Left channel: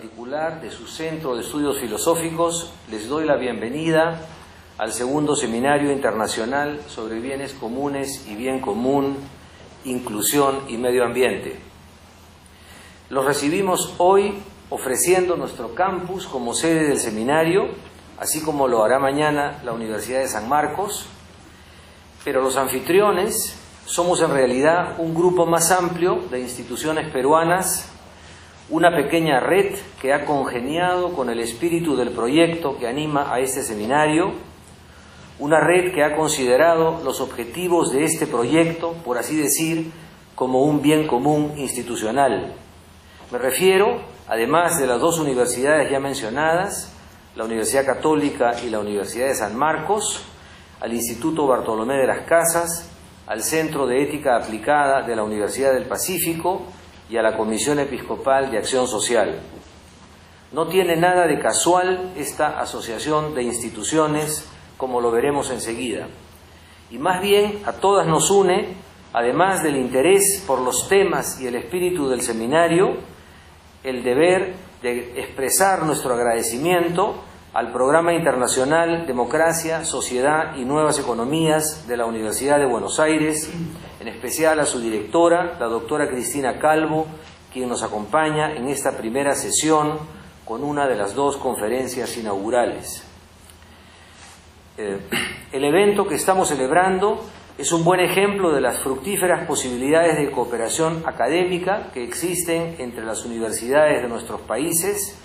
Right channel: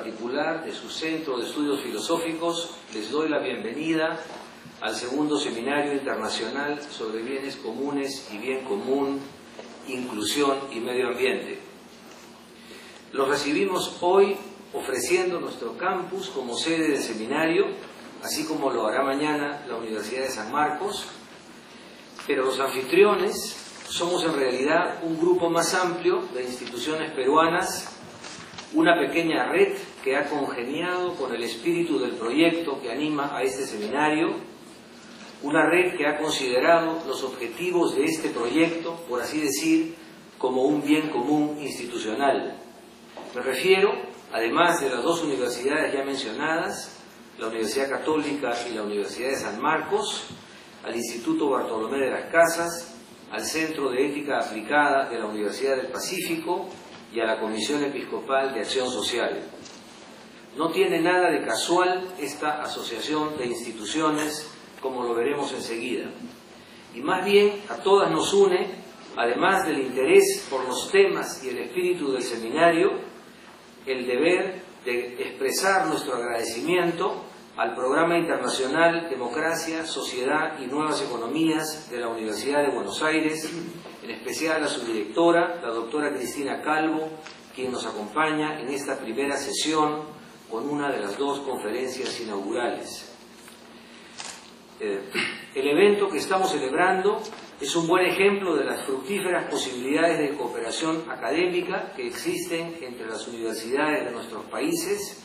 particular de su Centro de Estudios Filosóficos, les doy la bienvenida al segundo Seminario Internacional sobre Bienes Comunes y Bien Común, Inclusión y Medio Ambiente. Los recibimos hoy ofreciendo nuestro campus como sede del seminario, así como lo hará mañana la Universidad de San Marcos, pero los anfitriones somos en realidad un grupo más amplio de instituciones peruanas, una pequeña red que ha congeniado con el espíritu del proyecto que anima a este seminario, una red que ha considerado los objetivos de este proyecto, por así decir, como un bien común institucional. Me refiero, además de las dos universidades ya mencionadas, la Universidad Católica y la Universidad de San Marcos, al Instituto Bartolomé de las Casas, al Centro de Ética Aplicada de la Universidad del Pacífico y a la Comisión Episcopal de Acción Social. No tiene nada de casual esta asociación de instituciones, como lo veremos enseguida. Y más bien a todas nos une, además del interés por los temas y el espíritu del seminario, el deber de expresar nuestro agradecimiento al Programa Internacional Democracia, Sociedad y Nuevas Economías de la Universidad de Buenos Aires, en especial a su directora, la doctora Cristina Calvo, quien nos acompaña en esta primera sesión con una de las dos conferencias inaugurales. El evento que estamos celebrando es un buen ejemplo de las fructíferas posibilidades de cooperación académica que existen entre las universidades de nuestros países,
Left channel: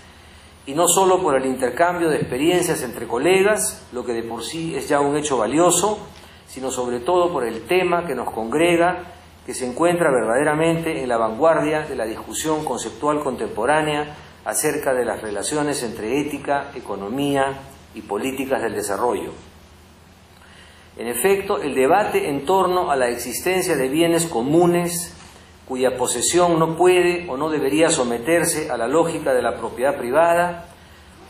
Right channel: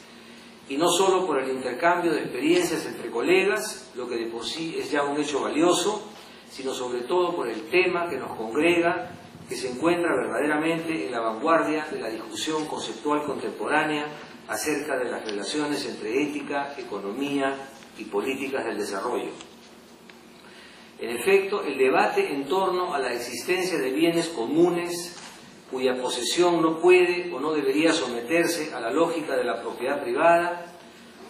y no solo por el intercambio de experiencias entre colegas, lo que de por sí es ya un hecho valioso, sino sobre todo por el tema que nos congrega, que se encuentra verdaderamente en la vanguardia de la discusión conceptual contemporánea acerca de las relaciones entre ética, economía y políticas del desarrollo. En efecto, el debate en torno a la existencia de bienes comunes cuya posesión no puede o no debería someterse a la lógica de la propiedad privada,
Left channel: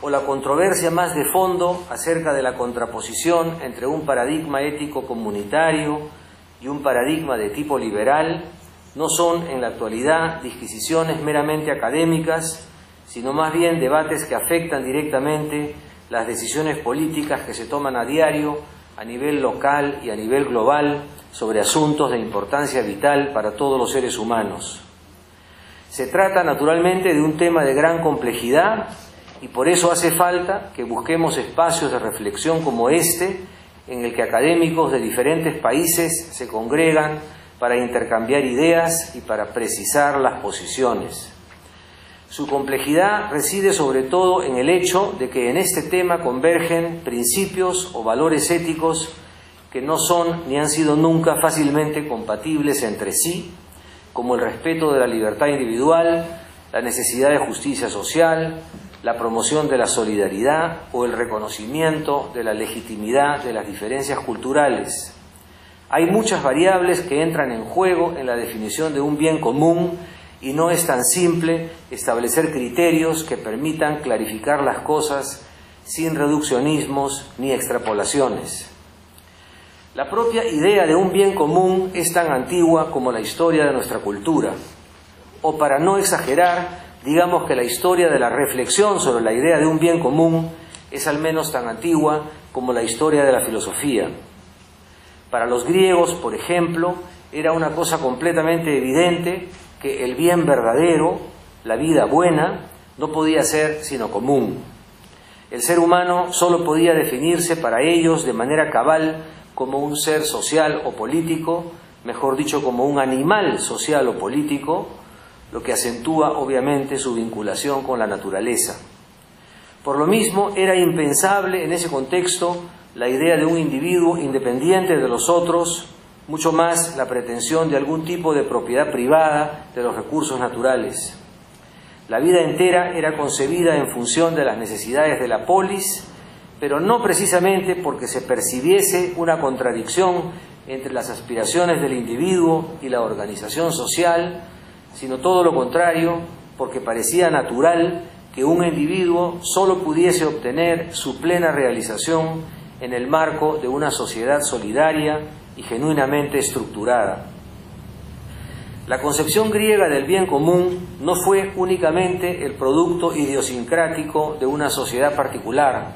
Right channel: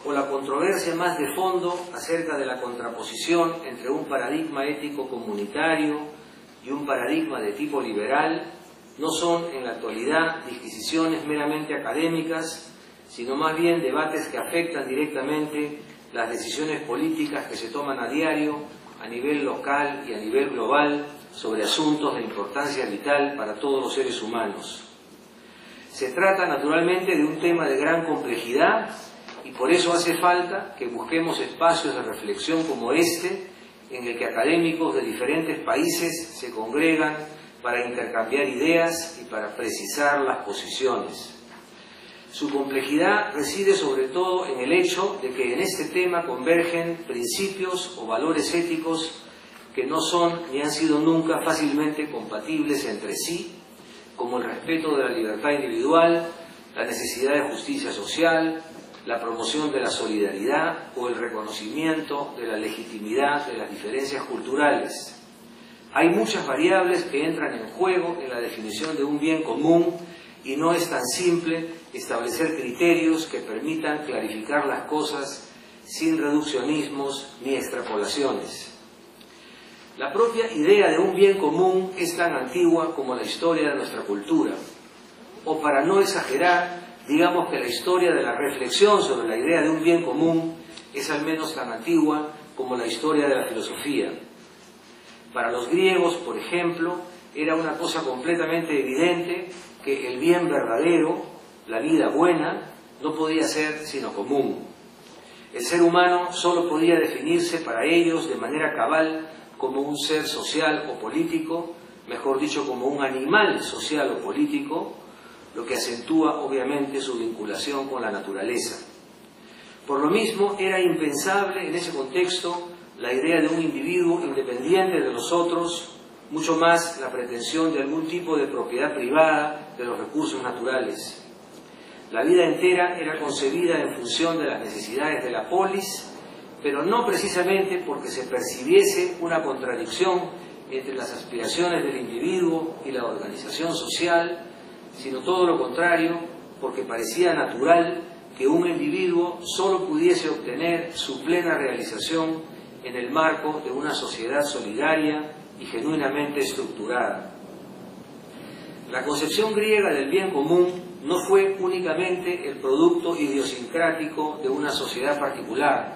o la controversia más de fondo acerca de la contraposición entre un paradigma ético comunitario y un paradigma de tipo liberal, no son en la actualidad disquisiciones meramente académicas, sino más bien debates que afectan directamente las decisiones políticas que se toman a diario a nivel local y a nivel global sobre asuntos de importancia vital para todos los seres humanos. Se trata naturalmente de un tema de gran complejidad y por eso hace falta que busquemos espacios de reflexión como este, en el que académicos de diferentes países se congregan para intercambiar ideas y para precisar las posiciones. Su complejidad reside sobre todo en el hecho de que en este tema convergen principios o valores éticos que no son ni han sido nunca fácilmente compatibles entre sí, como el respeto de la libertad individual, la necesidad de justicia social, la promoción de la solidaridad o el reconocimiento de la legitimidad de las diferencias culturales. Hay muchas variables que entran en juego en la definición de un bien común y no es tan simple establecer criterios que permitan clarificar las cosas sin reduccionismos ni extrapolaciones. La propia idea de un bien común es tan antigua como la historia de nuestra cultura. O para no exagerar, digamos que la historia de la reflexión sobre la idea de un bien común es al menos tan antigua como la historia de la filosofía. Para los griegos, por ejemplo, era una cosa completamente evidente que el bien verdadero, la vida buena, no podía ser sino común. El ser humano solo podía definirse para ellos de manera cabal como un ser social o político, mejor dicho, como un animal social o político, lo que acentúa obviamente su vinculación con la naturaleza. Por lo mismo, era impensable en ese contexto la idea de un individuo independiente de los otros, mucho más la pretensión de algún tipo de propiedad privada de los recursos naturales. La vida entera era concebida en función de las necesidades de la polis, pero no precisamente porque se percibiese una contradicción entre las aspiraciones del individuo y la organización social, sino todo lo contrario, porque parecía natural que un individuo solo pudiese obtener su plena realización en el marco de una sociedad solidaria y genuinamente estructurada. La concepción griega del bien común no fue únicamente el producto idiosincrático de una sociedad particular.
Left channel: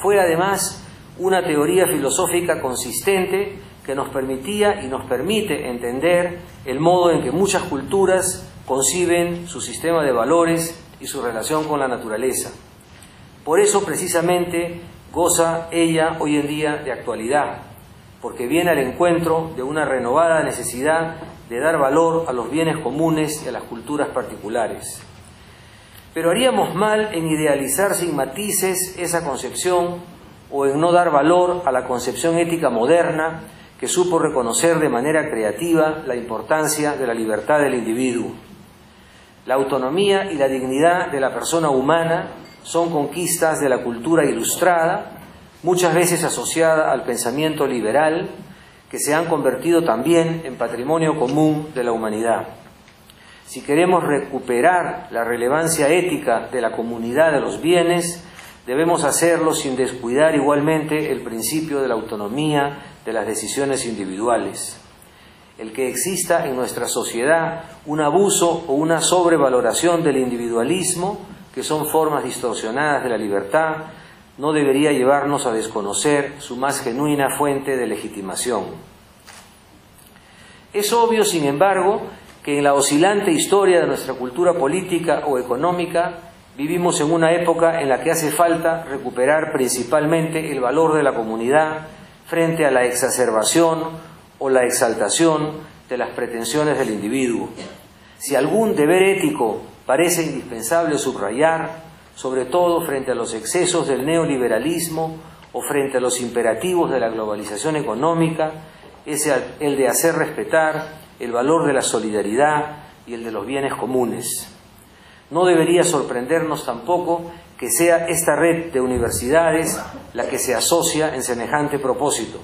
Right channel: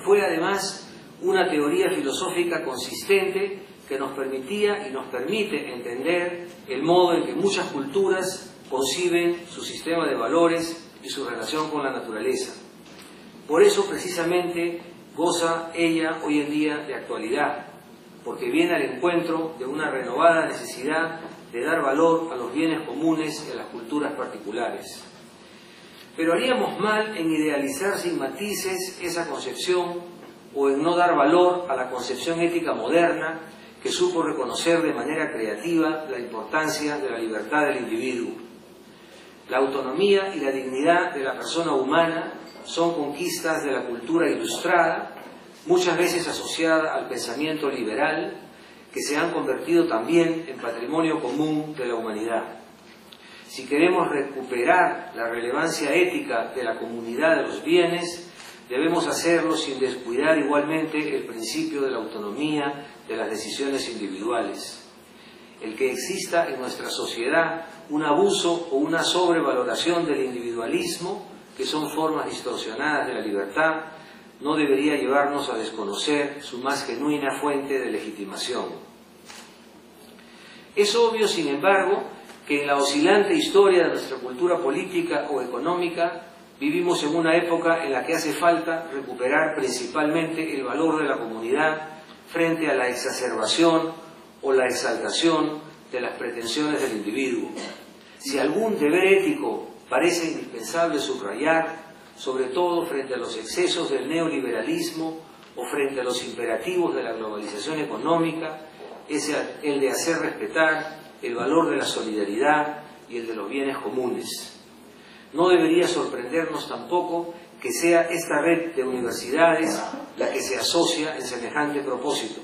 Fue además una teoría filosófica consistente que nos permitía y nos permite entender el modo en que muchas culturas conciben su sistema de valores y su relación con la naturaleza. Por eso, precisamente, goza ella hoy en día de actualidad, porque viene al encuentro de una renovada necesidad de dar valor a los bienes comunes y a las culturas particulares. Pero haríamos mal en idealizar sin matices esa concepción o en no dar valor a la concepción ética moderna que supo reconocer de manera creativa la importancia de la libertad del individuo. La autonomía y la dignidad de la persona humana son conquistas de la cultura ilustrada, muchas veces asociada al pensamiento liberal, que se han convertido también en patrimonio común de la humanidad. Si queremos recuperar la relevancia ética de la comunidad de los bienes, debemos hacerlo sin descuidar igualmente el principio de la autonomía de las decisiones individuales. El que exista en nuestra sociedad un abuso o una sobrevaloración del individualismo, que son formas distorsionadas de la libertad, no debería llevarnos a desconocer su más genuina fuente de legitimación. Es obvio, sin embargo, que en la oscilante historia de nuestra cultura política o económica vivimos en una época en la que hace falta recuperar principalmente el valor de la comunidad frente a la exacerbación o la exaltación de las pretensiones del individuo. Si algún deber ético parece indispensable subrayar, sobre todo frente a los excesos del neoliberalismo o frente a los imperativos de la globalización económica, es el de hacer respetar el valor de la solidaridad y el de los bienes comunes. No debería sorprendernos tampoco que sea esta red de universidades la que se asocia en semejante propósito,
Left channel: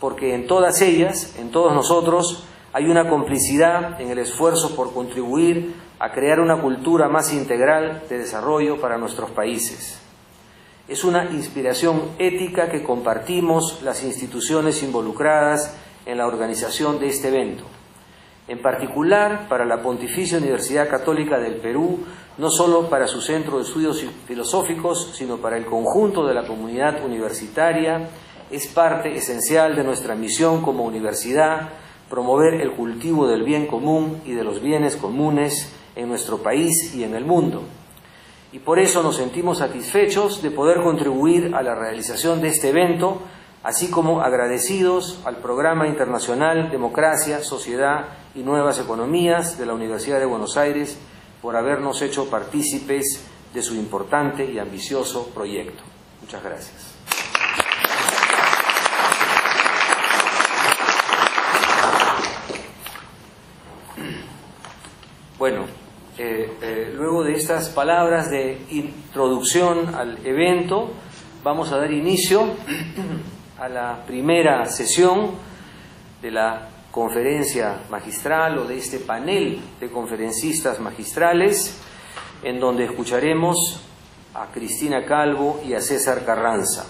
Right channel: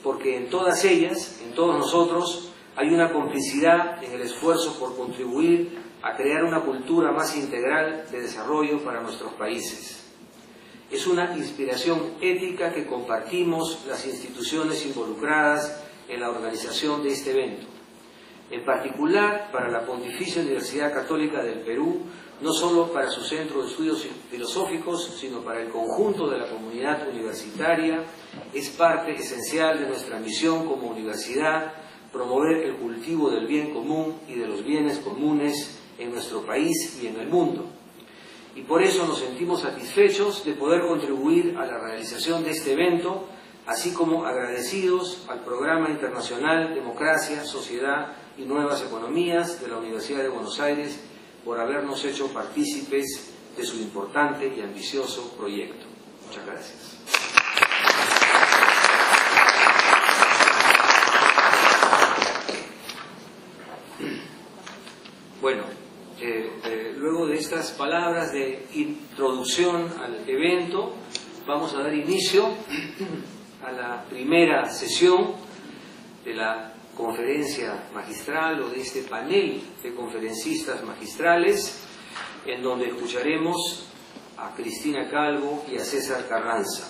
porque en todas ellas, en todos nosotros, hay una complicidad en el esfuerzo por contribuir a crear una cultura más integral de desarrollo para nuestros países. Es una inspiración ética que compartimos las instituciones involucradas en la organización de este evento. En particular, para la Pontificia Universidad Católica del Perú, no solo para su centro de estudios filosóficos, sino para el conjunto de la comunidad universitaria, es parte esencial de nuestra misión como universidad promover el cultivo del bien común y de los bienes comunes en nuestro país y en el mundo. Y por eso nos sentimos satisfechos de poder contribuir a la realización de este evento, así como agradecidos al Programa Internacional Democracia, Sociedad y Nuevas Economías de la Universidad de Buenos Aires por habernos hecho partícipes de su importante y ambicioso proyecto. Muchas gracias. Bueno, luego de estas palabras de introducción al evento, vamos a dar inicio a la primera sesión de la conferencia magistral o de este panel de conferencistas magistrales, en donde escucharemos a Cristina Calvo y a César Carranza.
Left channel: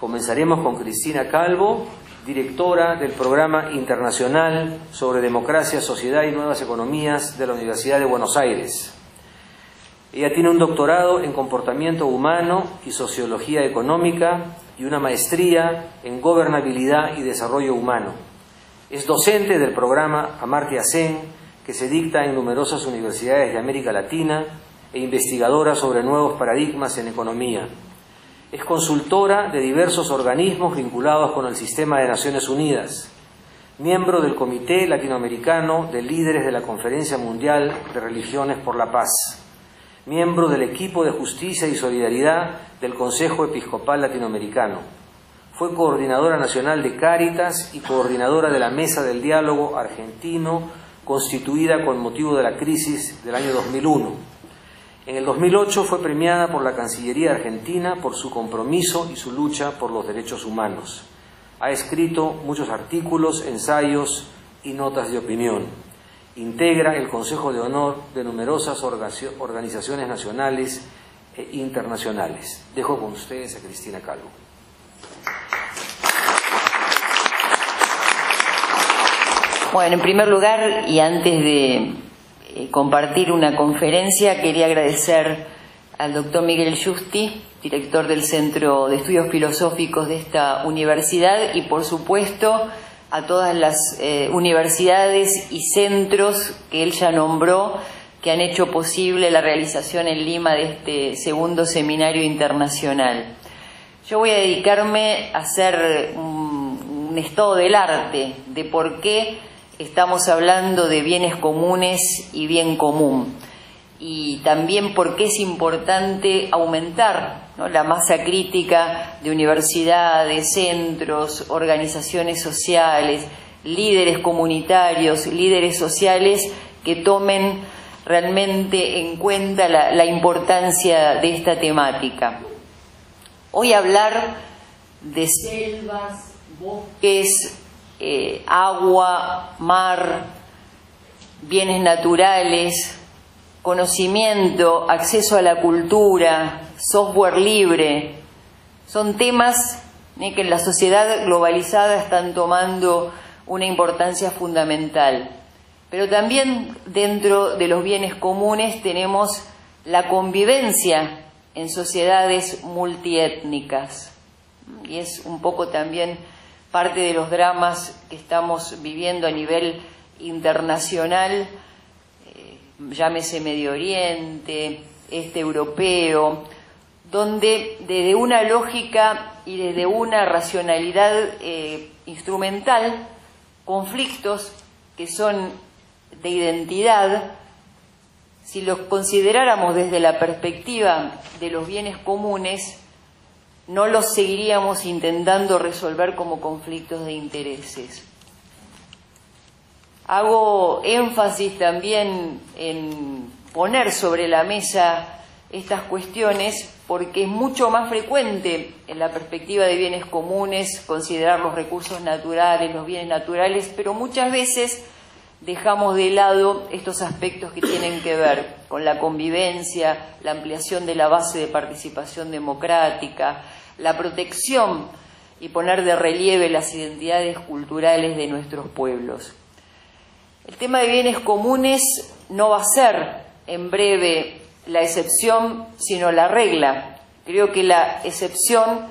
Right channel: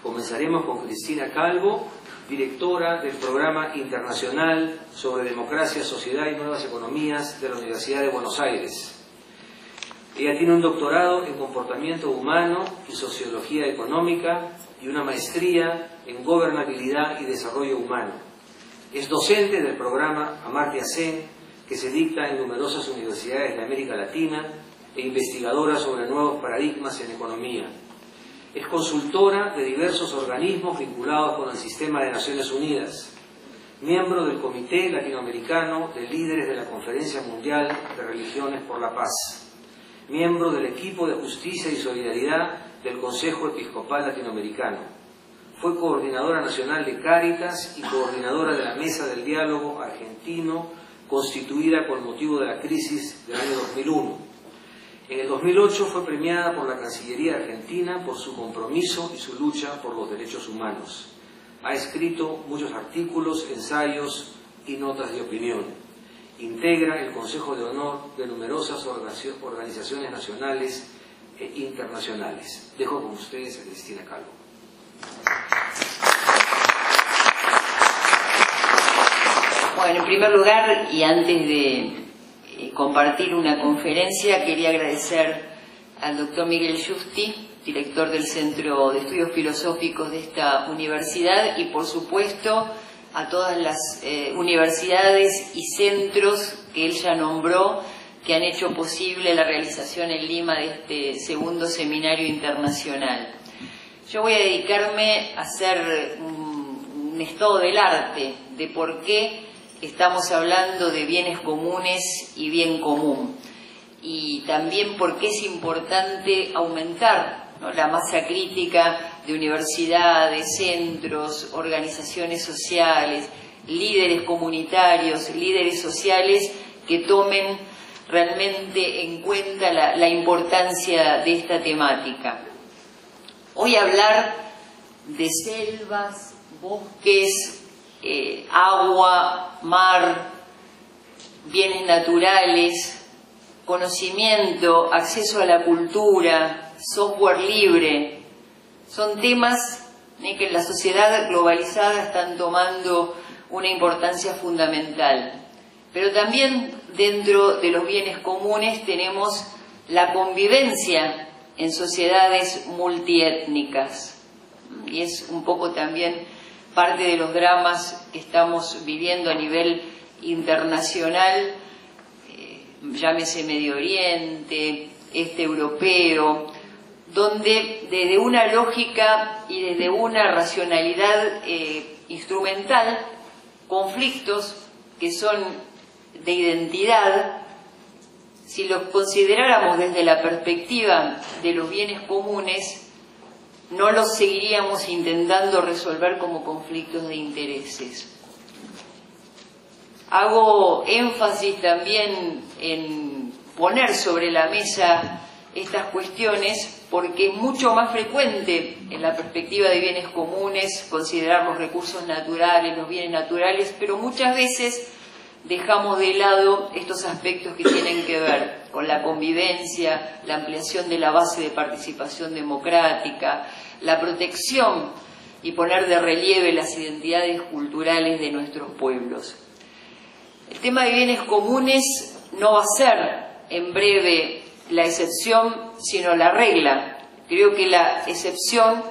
Comenzaremos con Cristina Calvo, directora del Programa Internacional sobre Democracia, Sociedad y Nuevas Economías de la Universidad de Buenos Aires. Ella tiene un doctorado en Comportamiento Humano y Sociología Económica y una maestría en Gobernabilidad y Desarrollo Humano. Es docente del programa Amartya Sen, que se dicta en numerosas universidades de América Latina, e investigadora sobre nuevos paradigmas en economía. Es consultora de diversos organismos vinculados con el sistema de Naciones Unidas, miembro del Comité Latinoamericano de Líderes de la Conferencia Mundial de Religiones por la Paz, miembro del equipo de Justicia y Solidaridad del Consejo Episcopal Latinoamericano. Fue coordinadora nacional de Cáritas y coordinadora de la Mesa del Diálogo Argentino, constituida con motivo de la crisis del año 2001. En el 2008 fue premiada por la Cancillería Argentina por su compromiso y su lucha por los derechos humanos. Ha escrito muchos artículos, ensayos y notas de opinión. Integra el Consejo de Honor de numerosas organizaciones nacionales e internacionales. Dejo con ustedes a Cristina Calvo. Bueno, en primer lugar, y antes de compartir una conferencia, quería agradecer al doctor Miguel Justi, director del Centro de Estudios Filosóficos de esta universidad, y por supuesto a todas las universidades y centros que él ya nombró, que han hecho posible la realización en Lima de este segundo seminario internacional. Yo voy a dedicarme a hacer un estado del arte de por qué estamos hablando de bienes comunes y bien común, y también por qué es importante aumentar, ¿no?, la masa crítica de universidades, centros, organizaciones sociales, líderes comunitarios, líderes sociales que tomen realmente en cuenta la importancia de esta temática. Hoy hablar de selvas, bosques, agua, mar, bienes naturales, conocimiento, acceso a la cultura, software libre, son temas que en la sociedad globalizada están tomando una importancia fundamental. Pero también dentro de los bienes comunes tenemos la convivencia en sociedades multiétnicas, y es un poco también parte de los dramas que estamos viviendo a nivel internacional, llámese Medio Oriente, este europeo, donde desde una lógica y desde una racionalidad instrumental, conflictos que son de identidad, si los consideráramos desde la perspectiva de los bienes comunes, no los seguiríamos intentando resolver como conflictos de intereses. Hago énfasis también en poner sobre la mesa estas cuestiones porque es mucho más frecuente en la perspectiva de bienes comunes considerar los recursos naturales, los bienes naturales, pero muchas veces dejamos de lado estos aspectos que tienen que ver con la convivencia, la ampliación de la base de participación democrática, la protección y poner de relieve las identidades culturales de nuestros pueblos. El tema de bienes comunes no va a ser en breve la excepción, sino la regla. Creo que la excepción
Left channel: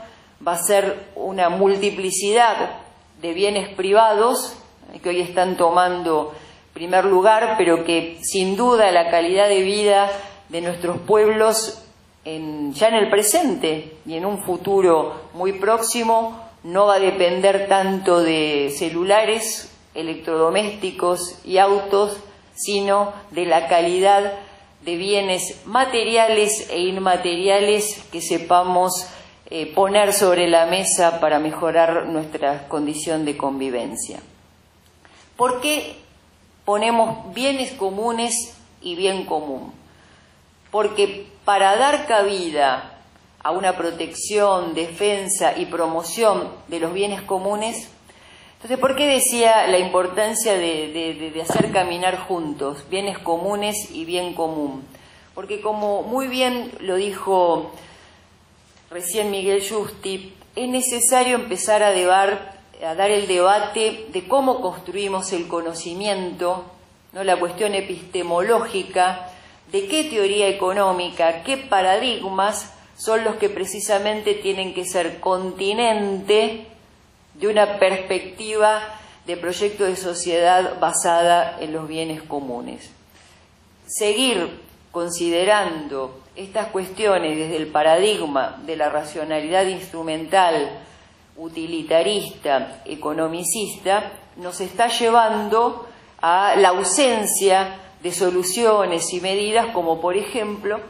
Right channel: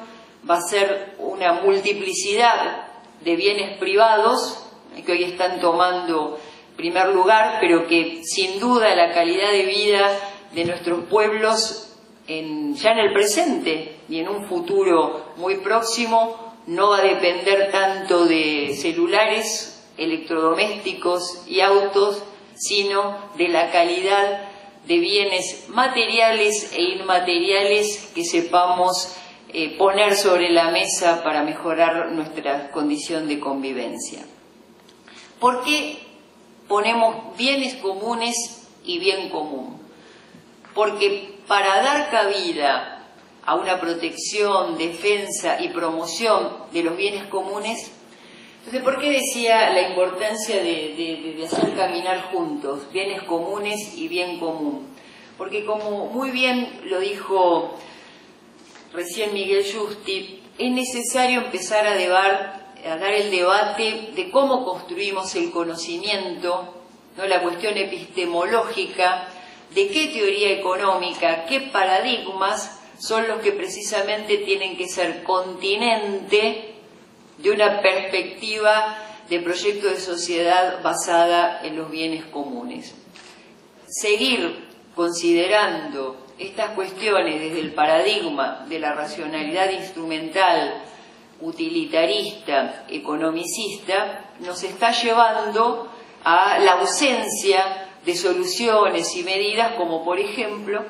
va a ser una multiplicidad de bienes privados que hoy están tomando primer lugar, pero que sin duda la calidad de vida de nuestros pueblos ya en el presente y en un futuro muy próximo no va a depender tanto de celulares, electrodomésticos y autos, sino de la calidad de bienes materiales e inmateriales que sepamos poner sobre la mesa para mejorar nuestra condición de convivencia. ¿Por qué ponemos bienes comunes y bien común? Porque para dar cabida a una protección, defensa y promoción de los bienes comunes, entonces, ¿por qué decía la importancia de hacer caminar juntos bienes comunes y bien común? Porque como muy bien lo dijo recién Miguel Justi, es necesario empezar a dar el debate de cómo construimos el conocimiento, ¿no?, la cuestión epistemológica, de qué teoría económica, qué paradigmas son los que precisamente tienen que ser continente de una perspectiva de proyecto de sociedad basada en los bienes comunes. Seguir considerando estas cuestiones desde el paradigma de la racionalidad instrumental, utilitarista, economicista, nos está llevando a la ausencia de soluciones y medidas como, por ejemplo,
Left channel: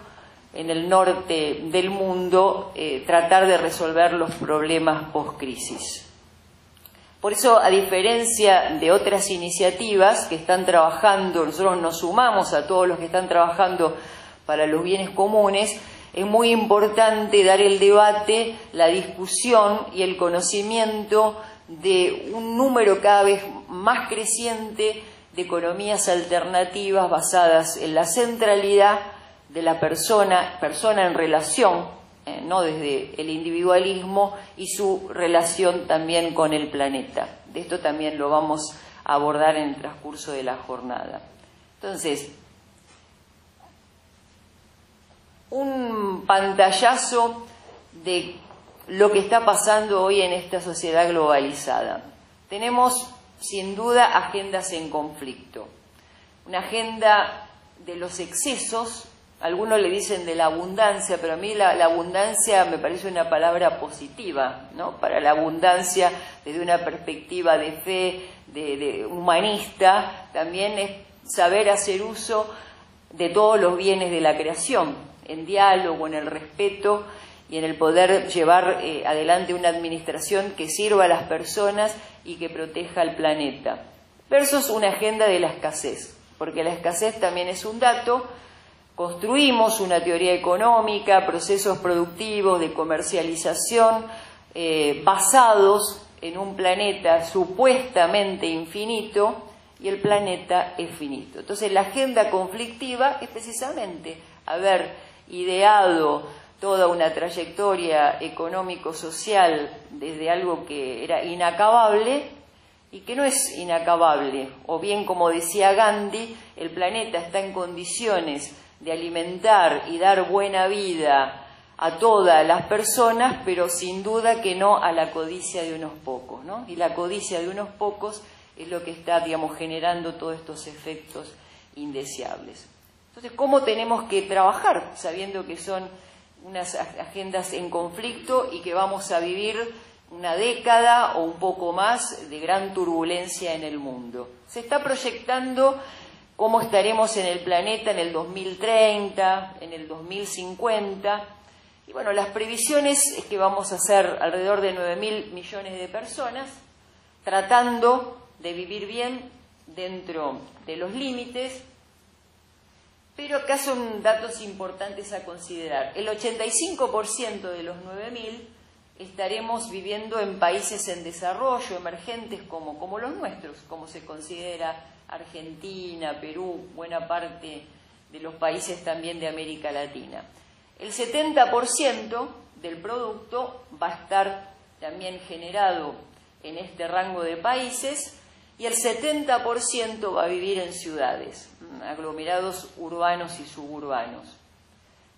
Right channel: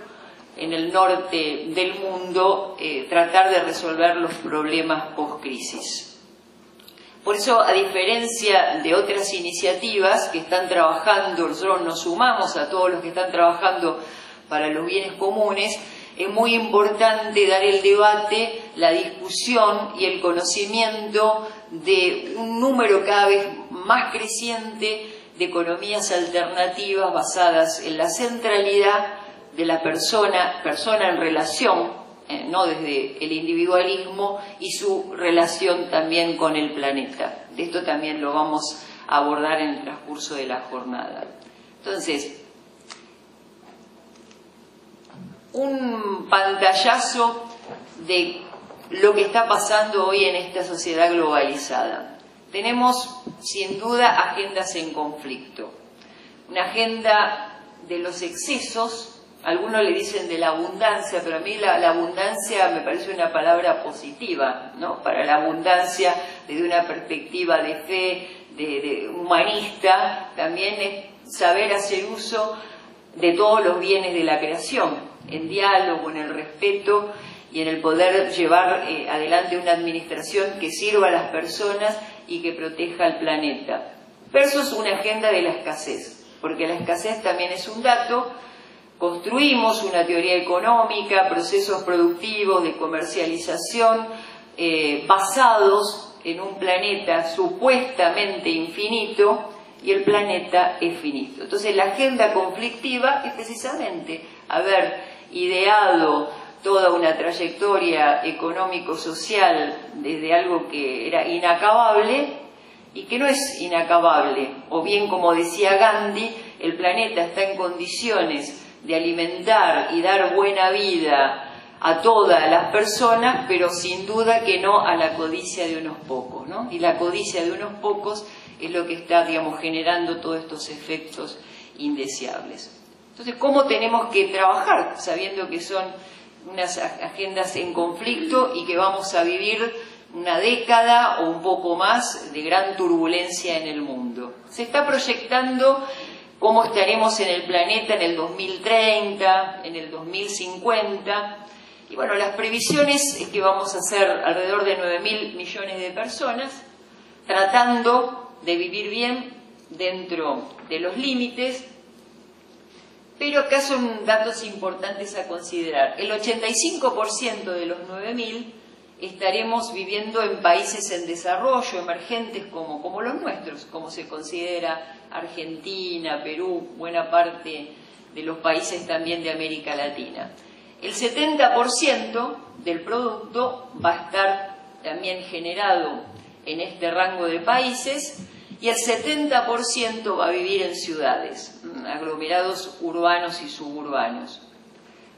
en el norte del mundo, tratar de resolver los problemas post-crisis. Por eso, a diferencia de otras iniciativas que están trabajando, nosotros nos sumamos a todos los que están trabajando para los bienes comunes, es muy importante dar el debate, la discusión y el conocimiento de un número cada vez más creciente de economías alternativas basadas en la centralidad de la persona en relación, no desde el individualismo, y su relación también con el planeta. De esto también lo vamos abordar en el transcurso de la jornada. Entonces, un pantallazo de lo que está pasando hoy en esta sociedad globalizada. Tenemos, sin duda, agendas en conflicto. Una agenda de los excesos, algunos le dicen de la abundancia, pero a mí la abundancia me parece una palabra positiva, ¿no? Para la abundancia, desde una perspectiva de fe, de humanista, también es saber hacer uso de todos los bienes de la creación, en diálogo, en el respeto y en el poder llevar adelante una administración que sirva a las personas y que proteja al planeta. Versus una agenda de la escasez, porque la escasez también es un dato. Construimos una teoría económica, procesos productivos de comercialización basados en un planeta supuestamente infinito, y el planeta es finito. Entonces la agenda conflictiva es precisamente haber ideado toda una trayectoria económico-social desde algo que era inacabable y que no es inacabable, o bien, como decía Gandhi, el planeta está en condiciones de alimentar y dar buena vida a todas las personas, pero sin duda que no a la codicia de unos pocos, ¿no? Y la codicia de unos pocos es lo que está, digamos, generando todos estos efectos indeseables. Entonces, ¿cómo tenemos que trabajar sabiendo que son unas agendas en conflicto y que vamos a vivir una década o un poco más de gran turbulencia en el mundo? Se está proyectando cómo estaremos en el planeta en el 2030, en el 2050, y bueno, las previsiones es que vamos a ser alrededor de 9.000 millones de personas tratando de vivir bien dentro de los límites, pero acá son datos importantes a considerar. El 85% de los 9.000 estaremos viviendo en países en desarrollo, emergentes como los nuestros, como se considera Argentina, Perú, buena parte de los países también de América Latina. El 70% del producto va a estar también generado en este rango de países y el 70% va a vivir en ciudades, aglomerados urbanos y suburbanos.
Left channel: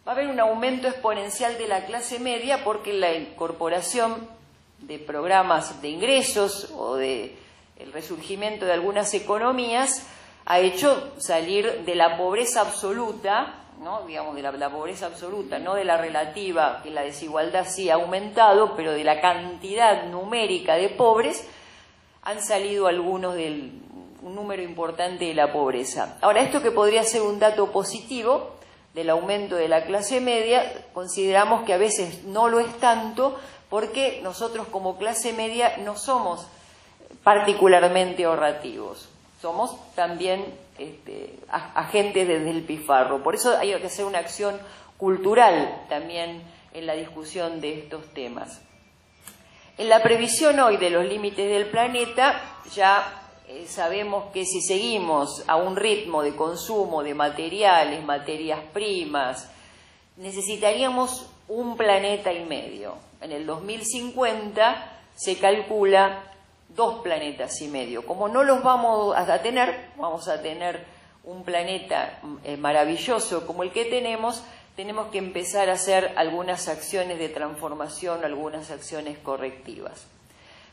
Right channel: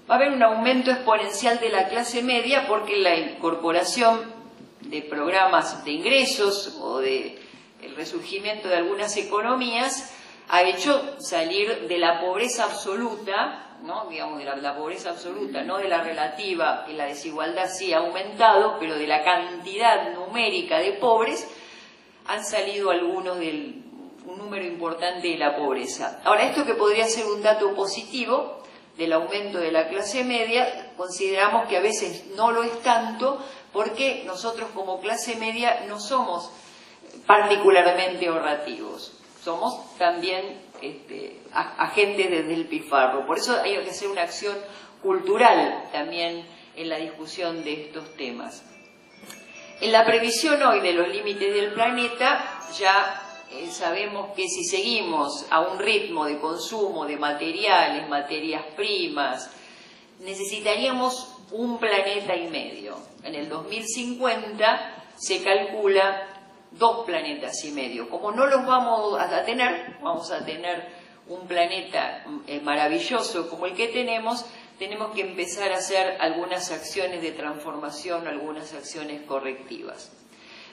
Va a haber un aumento exponencial de la clase media porque la incorporación de programas de ingresos o de el resurgimiento de algunas economías ha hecho salir de la pobreza absoluta, ¿no? Digamos, de la pobreza absoluta, no de la relativa, que la desigualdad sí ha aumentado, pero de la cantidad numérica de pobres han salido algunos un número importante de la pobreza. Ahora, esto que podría ser un dato positivo del aumento de la clase media, consideramos que a veces no lo es tanto, porque nosotros como clase media no somos particularmente ahorrativos, somos también agentes del despilfarro. Por eso hay que hacer una acción cultural también en la discusión de estos temas. En la previsión hoy de los límites del planeta, ya sabemos que si seguimos a un ritmo de consumo de materiales, materias primas, necesitaríamos 1,5 planetas. En el 2050 se calcula 2,5 planetas. Como no los vamos a tener, vamos a tener un planeta maravilloso como el que tenemos que empezar a hacer algunas acciones de transformación, algunas acciones correctivas.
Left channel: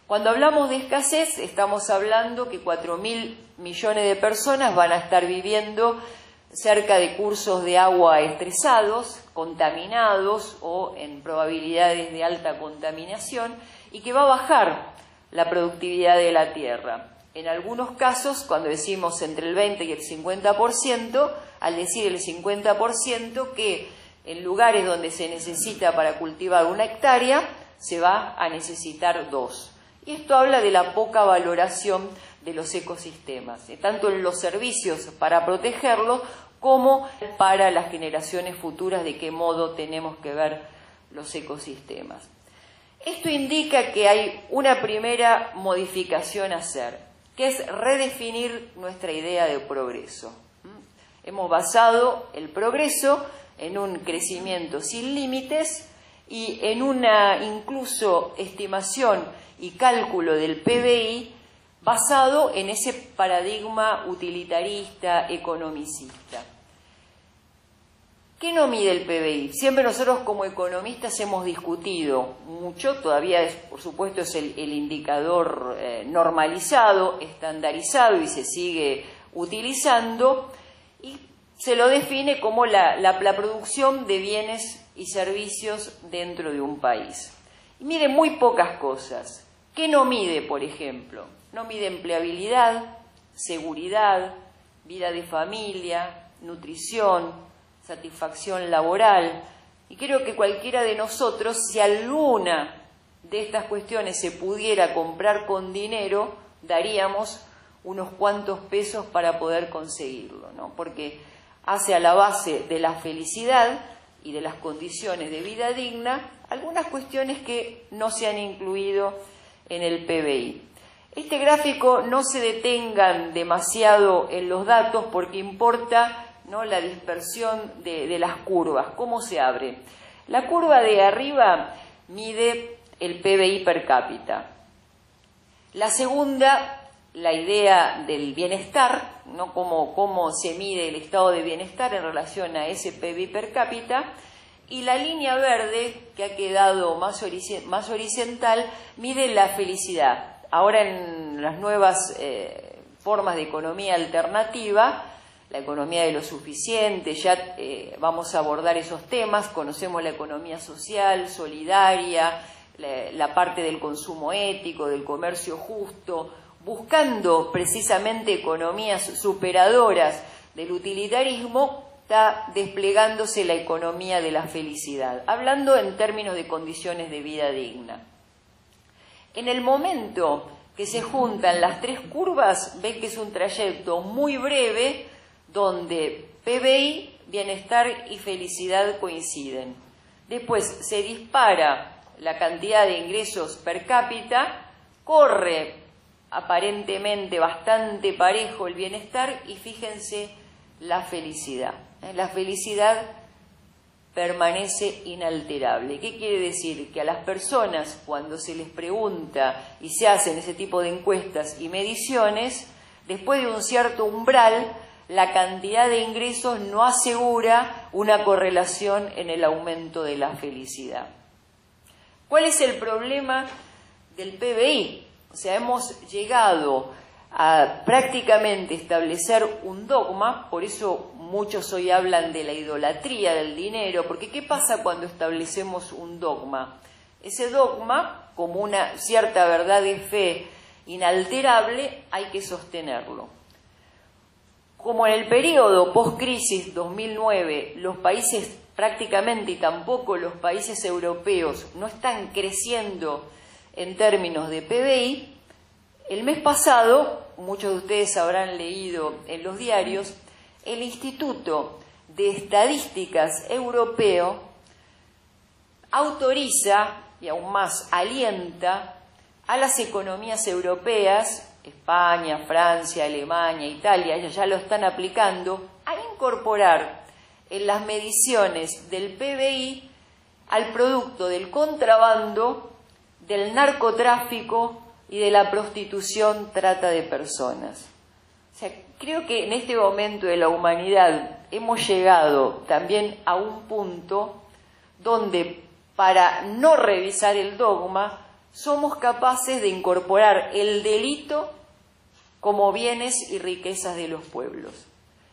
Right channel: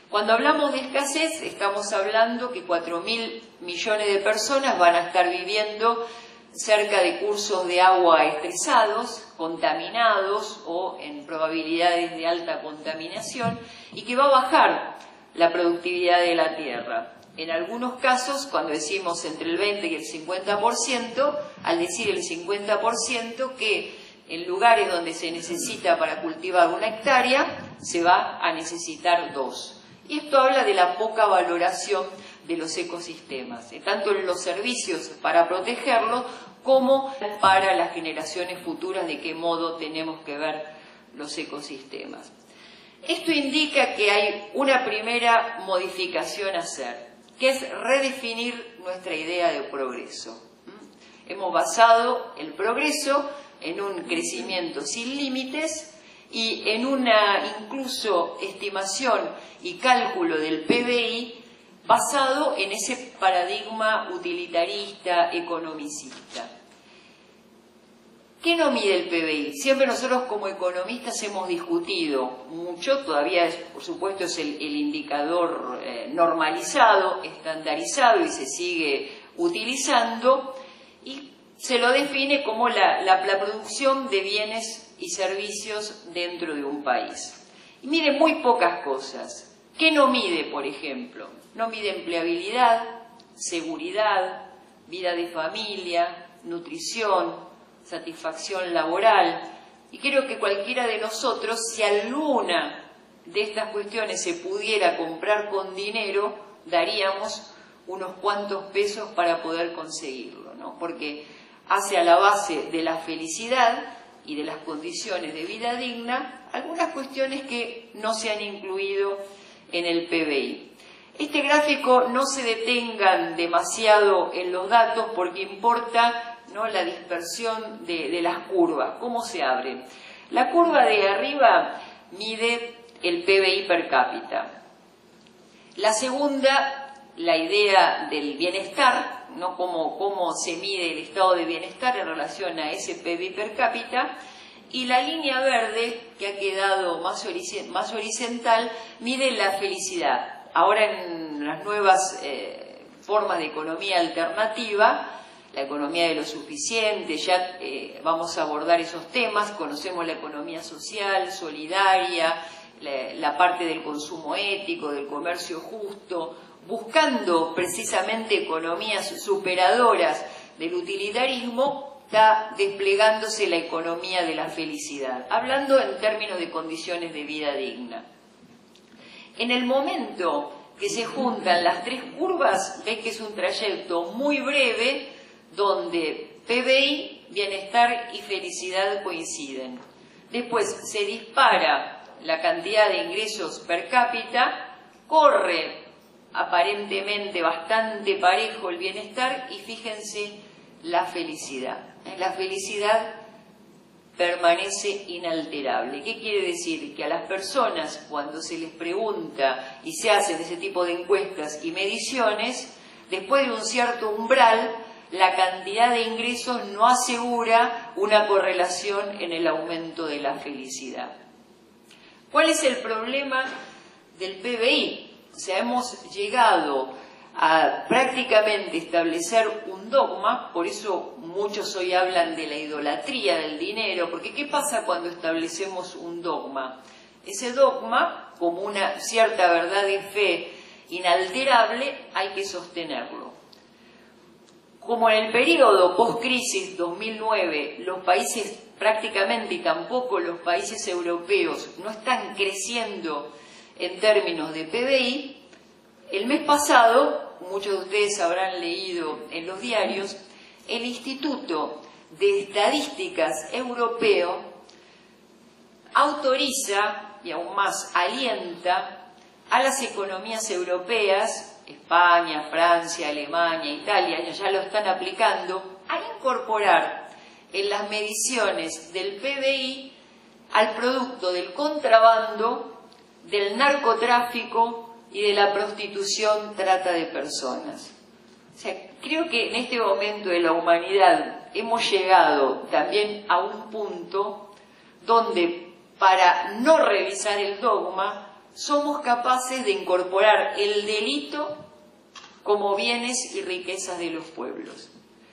Cuando hablamos de escasez, estamos hablando que 4.000 millones de personas van a estar viviendo cerca de cursos de agua estresados, contaminados o en probabilidades de alta contaminación, y que va a bajar la productividad de la tierra. En algunos casos, cuando decimos entre el 20 y el 50%, al decir el 50%, que en lugares donde se necesita para cultivar 1 hectárea, se va a necesitar 2. Y esto habla de la poca valoración de los ecosistemas, tanto en los servicios para protegerlos como para las generaciones futuras, de qué modo tenemos que ver los ecosistemas. Esto indica que hay una primera modificación a hacer, que es redefinir nuestra idea de progreso. Hemos basado el progreso en un crecimiento sin límites y en una incluso estimación y cálculo del PBI basado en ese paradigma utilitarista, economicista. ¿Qué no mide el PBI? Siempre nosotros como economistas hemos discutido mucho, todavía por supuesto es el indicador normalizado, estandarizado y se sigue utilizando, y se lo define como la producción de bienes y servicios dentro de un país. Y mide muy pocas cosas. ¿Qué no mide, por ejemplo? No mide empleabilidad, seguridad, vida de familia, nutrición, satisfacción laboral, y creo que cualquiera de nosotros, si alguna de estas cuestiones se pudiera comprar con dinero, daríamos unos cuantos pesos para poder conseguirlo, ¿no? Porque hace a la base de la felicidad y de las condiciones de vida digna algunas cuestiones que no se han incluido en el PBI. Este gráfico no se detengan demasiado en los datos porque importa, ¿no?, la dispersión de las curvas, cómo se abre. La curva de arriba mide el PBI per cápita. La segunda, la idea del bienestar, ¿no?, cómo se mide el estado de bienestar en relación a ese PBI per cápita. Y la línea verde, que ha quedado más horizontal, mide la felicidad. Ahora en las nuevas formas de economía alternativa, la economía de lo suficiente, ya vamos a abordar esos temas, conocemos la economía social, solidaria, la parte del consumo ético, del comercio justo, buscando precisamente economías superadoras del utilitarismo, está desplegándose la economía de la felicidad, hablando en términos de condiciones de vida digna. En el momento que se juntan las tres curvas, ven que es un trayecto muy breve, donde PBI, bienestar y felicidad coinciden. Después se dispara la cantidad de ingresos per cápita, corre aparentemente bastante parejo el bienestar y fíjense la felicidad. La felicidad permanece inalterable. ¿Qué quiere decir? Que a las personas, cuando se les pregunta y se hacen ese tipo de encuestas y mediciones, después de un cierto umbral, la cantidad de ingresos no asegura una correlación en el aumento de la felicidad. ¿Cuál es el problema del PBI? O sea, hemos llegado a prácticamente establecer un dogma, por eso muchos hoy hablan de la idolatría del dinero, porque ¿qué pasa cuando establecemos un dogma? Ese dogma, como una cierta verdad de fe inalterable, hay que sostenerlo. Como en el periodo post-crisis 2009, los países prácticamente, y tampoco los países europeos, no están creciendo en términos de PBI, el mes pasado, muchos de ustedes habrán leído en los diarios, el Instituto de Estadísticas Europeo autoriza, y aún más alienta, a las economías europeas, España, Francia, Alemania, Italia, ya lo están aplicando, a incorporar en las mediciones del PBI al producto del contrabando, del narcotráfico y de la prostitución, trata de personas. O sea, creo que en este momento de la humanidad hemos llegado también a un punto donde, para no revisar el dogma, somos capaces de incorporar el delito como bienes y riquezas de los pueblos.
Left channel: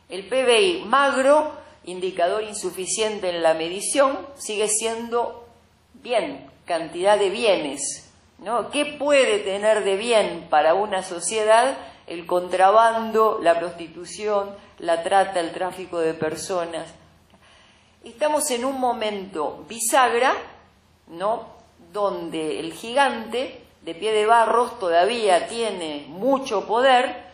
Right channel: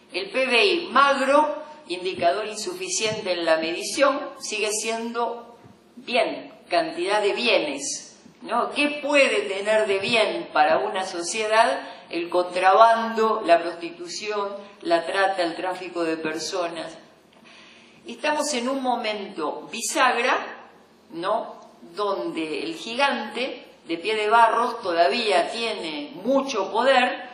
El PBI magro, indicador insuficiente en la medición, sigue siendo bien, cantidad de bienes, ¿no? ¿Qué puede tener de bien para una sociedad el contrabando, la prostitución, la trata, el tráfico de personas? Estamos en un momento bisagra, ¿no?, donde el gigante de pie de barros todavía tiene mucho poder,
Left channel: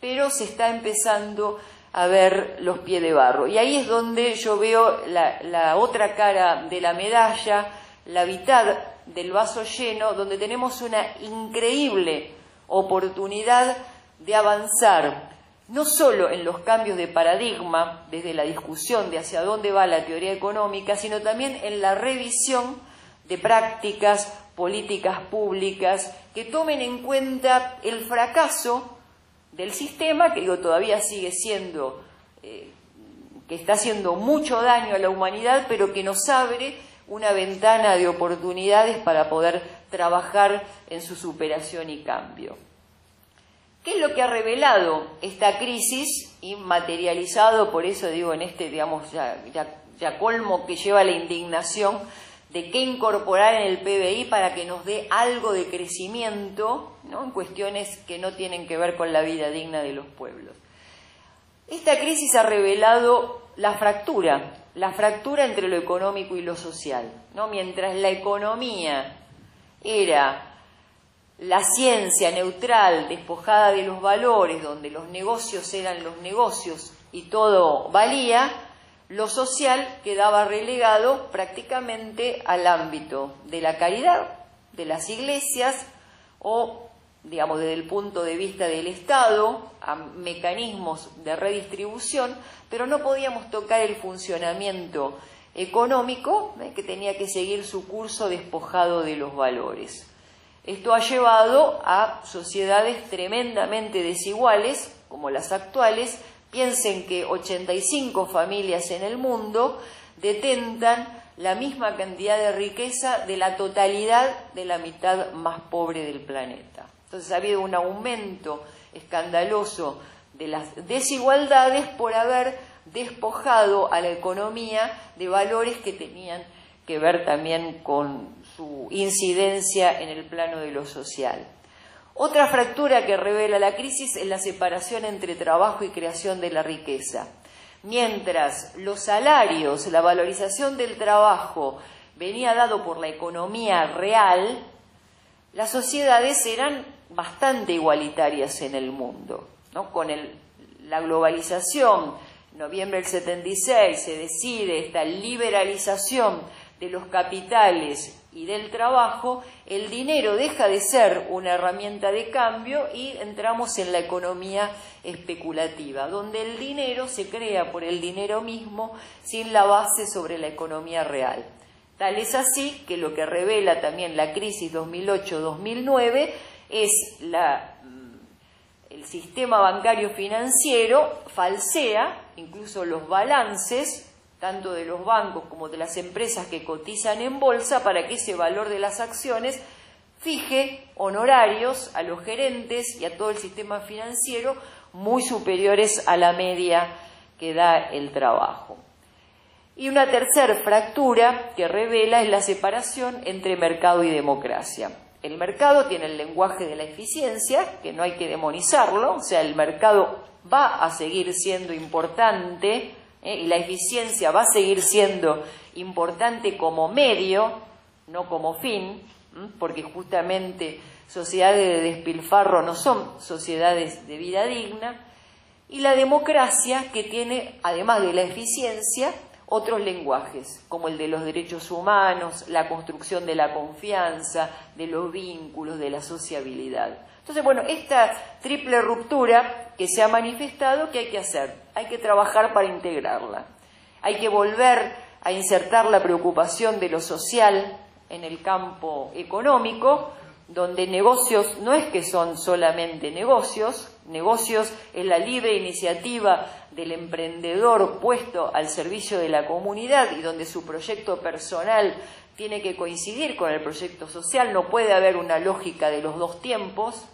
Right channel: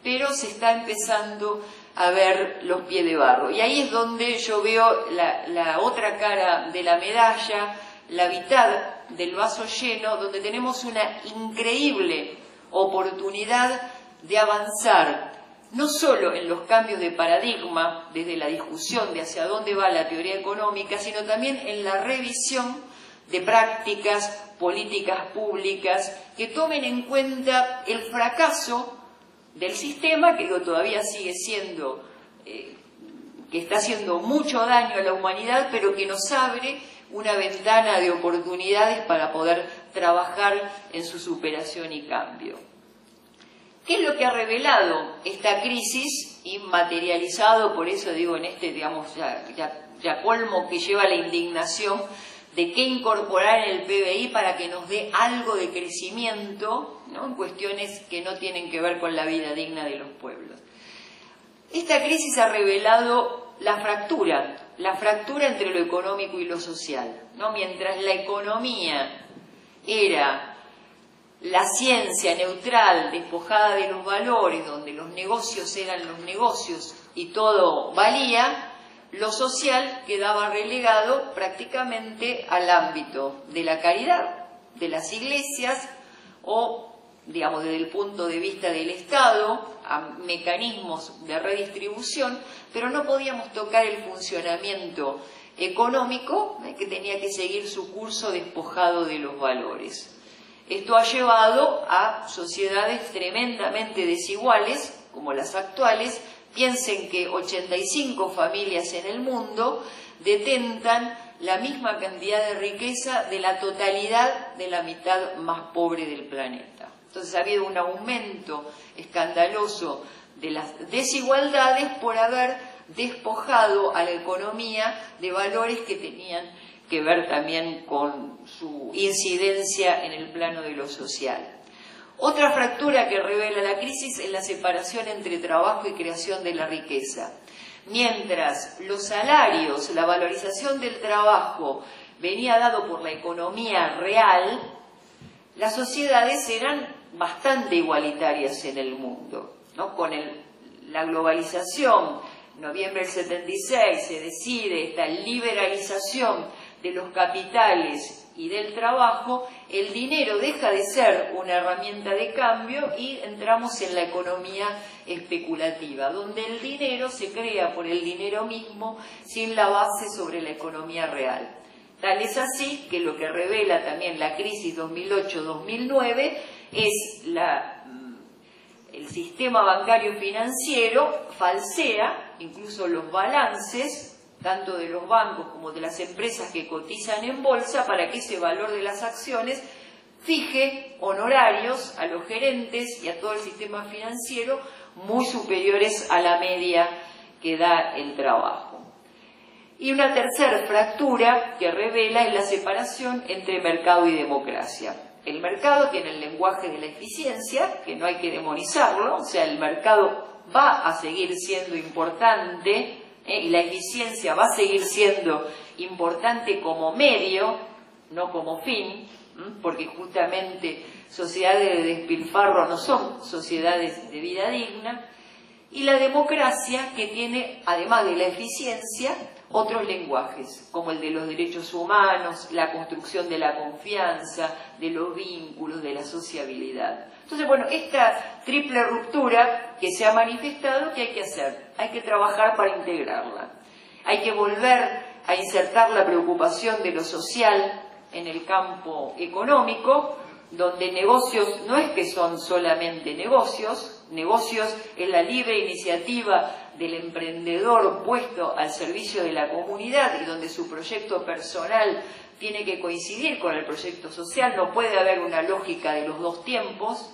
pero se está empezando a ver los pies de barro. Y ahí es donde yo veo la otra cara de la medalla, la mitad del vaso lleno, donde tenemos una increíble oportunidad de avanzar, no solo en los cambios de paradigma, desde la discusión de hacia dónde va la teoría económica, sino también en la revisión de prácticas, políticas públicas que tomen en cuenta el fracaso del sistema, que todavía sigue siendo, que está haciendo mucho daño a la humanidad, pero que nos abre una ventana de oportunidades para poder trabajar en su superación y cambio. ¿Qué es lo que ha revelado esta crisis y materializado, por eso digo, en este, digamos, ya colmo que lleva la indignación de qué incorporar en el PBI para que nos dé algo de crecimiento, ¿no?, en cuestiones que no tienen que ver con la vida digna de los pueblos? Esta crisis ha revelado la fractura entre lo económico y lo social, ¿no? Mientras la economía era la ciencia neutral, despojada de los valores, donde los negocios eran los negocios y todo valía, lo social quedaba relegado prácticamente al ámbito de la caridad, de las iglesias o, digamos, desde el punto de vista del Estado, a mecanismos de redistribución, pero no podíamos tocar el funcionamiento económico, que tenía que seguir su curso despojado de los valores. Esto ha llevado a sociedades tremendamente desiguales, como las actuales. Piensen que 85 familias en el mundo detentan la misma cantidad de riqueza de la totalidad de la mitad más pobre del planeta. Entonces ha habido un aumento escandaloso de las desigualdades por haber despojado a la economía de valores que tenían que ver también con su incidencia en el plano de lo social. Otra fractura que revela la crisis es la separación entre trabajo y creación de la riqueza. Mientras los salarios, la valorización del trabajo venía dado por la economía real, las sociedades eran bastante igualitarias en el mundo, ¿no? Con la globalización, noviembre del 76, se decide esta liberalización de los capitales y del trabajo. El dinero deja de ser una herramienta de cambio y entramos en la economía especulativa, donde el dinero se crea por el dinero mismo sin la base sobre la economía real. Tal es así que lo que revela también la crisis 2008-2009 es el sistema bancario financiero falsea incluso los balances tanto de los bancos como de las empresas que cotizan en bolsa, para que ese valor de las acciones fije honorarios a los gerentes y a todo el sistema financiero muy superiores a la media que da el trabajo. Y una tercera fractura que revela es la separación entre mercado y democracia. El mercado tiene el lenguaje de la eficiencia, que no hay que demonizarlo, o sea, el mercado va a seguir siendo importante, y la eficiencia va a seguir siendo importante como medio, no como fin, porque justamente sociedades de despilfarro no son sociedades de vida digna, y la democracia, que tiene, además de la eficiencia, otros lenguajes, como el de los derechos humanos, la construcción de la confianza, de los vínculos, de la sociabilidad. Entonces, bueno, esta triple ruptura que se ha manifestado, ¿qué hay que hacer? Hay que trabajar para integrarla. Hay que volver a insertar la preocupación de lo social en el campo económico, donde negocios no es que son solamente negocios es la libre iniciativa del emprendedor puesto al servicio de la comunidad y donde su proyecto personal tiene que coincidir con el proyecto social. No puede haber una lógica de los dos tiempos,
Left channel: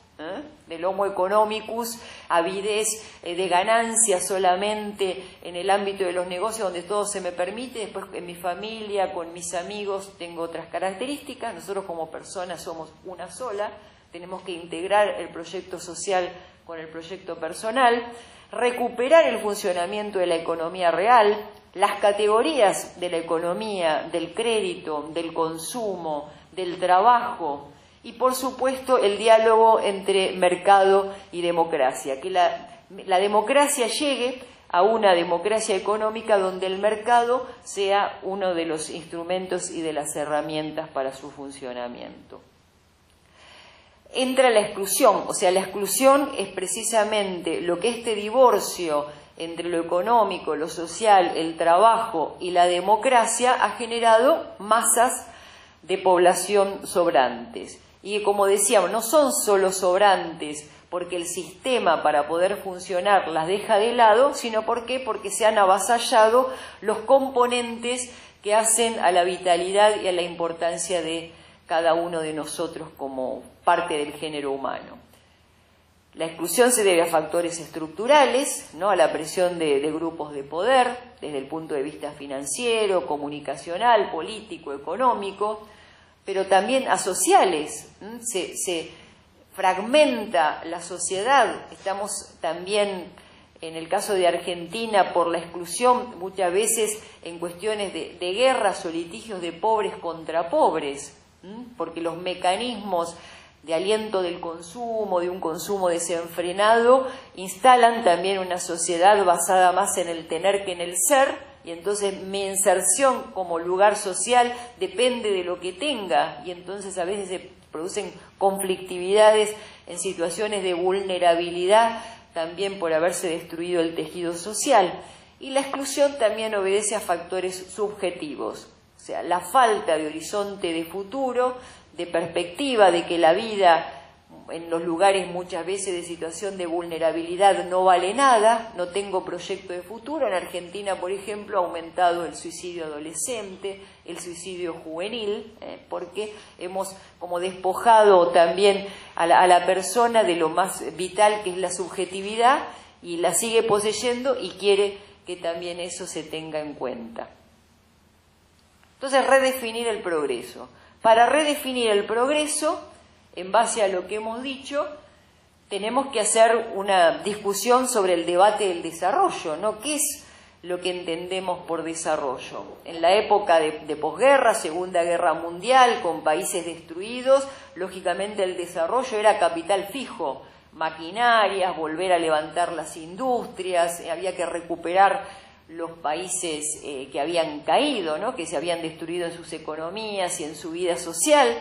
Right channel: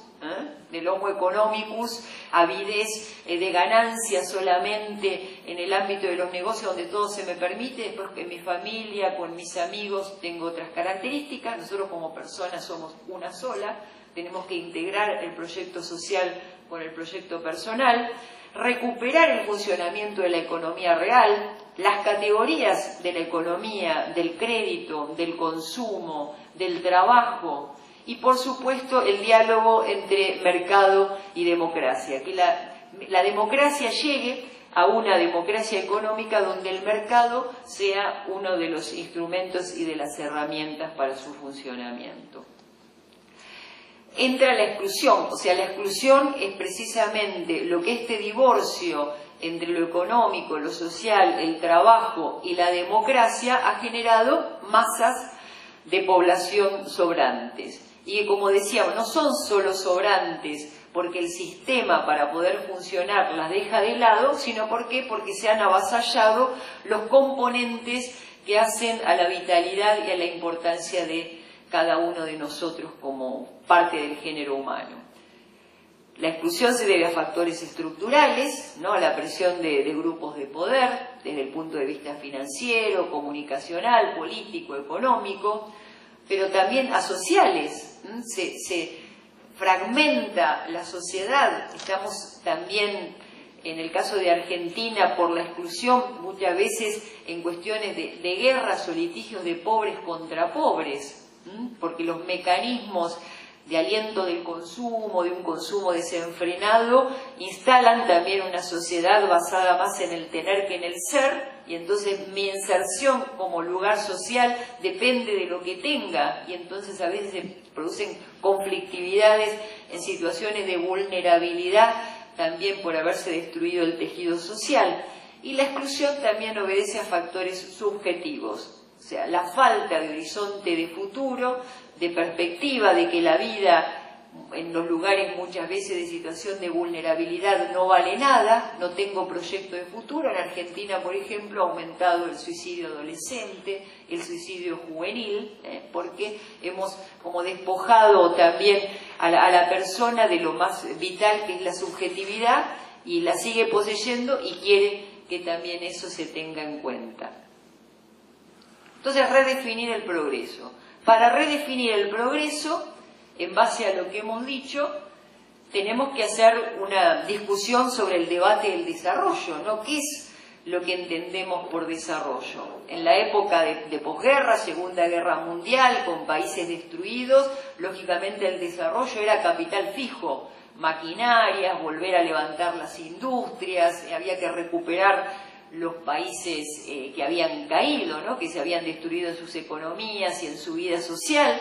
del homo economicus, avidez de ganancias solamente en el ámbito de los negocios donde todo se me permite, después en mi familia, con mis amigos tengo otras características. Nosotros como personas somos una sola, tenemos que integrar el proyecto social con el proyecto personal, recuperar el funcionamiento de la economía real, las categorías de la economía, del crédito, del consumo, del trabajo, y por supuesto el diálogo entre mercado y democracia, que la democracia llegue a una democracia económica donde el mercado sea uno de los instrumentos y de las herramientas para su funcionamiento. Entra la exclusión, o sea, la exclusión es precisamente lo que este divorcio entre lo económico, lo social, el trabajo y la democracia ha generado masas de población sobrantes. Y como decíamos, no son solo sobrantes porque el sistema para poder funcionar las deja de lado, sino porque se han avasallado los componentes que hacen a la vitalidad y a la importancia de cada uno de nosotros como parte del género humano. La exclusión se debe a factores estructurales, ¿no? A la presión de grupos de poder, desde el punto de vista financiero, comunicacional, político, económico, pero también a sociales. Se fragmenta la sociedad. Estamos también, en el caso de Argentina, por la exclusión, muchas veces en cuestiones de guerras o litigios de pobres contra pobres, porque los mecanismos de aliento del consumo, de un consumo desenfrenado, instalan también una sociedad basada más en el tener que en el ser, y entonces mi inserción como lugar social depende de lo que tenga, y entonces a veces se producen conflictividades en situaciones de vulnerabilidad, también por haberse destruido el tejido social. Y la exclusión también obedece a factores subjetivos, o sea, la falta de horizonte de futuro, de perspectiva, de que la vida en los lugares muchas veces de situación de vulnerabilidad no vale nada, no tengo proyecto de futuro. En Argentina, por ejemplo, ha aumentado el suicidio adolescente, el suicidio juvenil, porque hemos como despojado también a la persona de lo más vital, que es la subjetividad, y la sigue poseyendo y quiere que también eso se tenga en cuenta. Entonces, redefinir el progreso. Para redefinir el progreso, en base a lo que hemos dicho, tenemos que hacer una discusión sobre el debate del desarrollo, ¿no? ¿Qué es lo que entendemos por desarrollo? En la época de posguerra, Segunda Guerra Mundial, con países destruidos, lógicamente el desarrollo era capital fijo, maquinarias, volver a levantar las industrias, había que recuperar los países que habían caído, ¿no? Que se habían destruido en sus economías y en su vida social.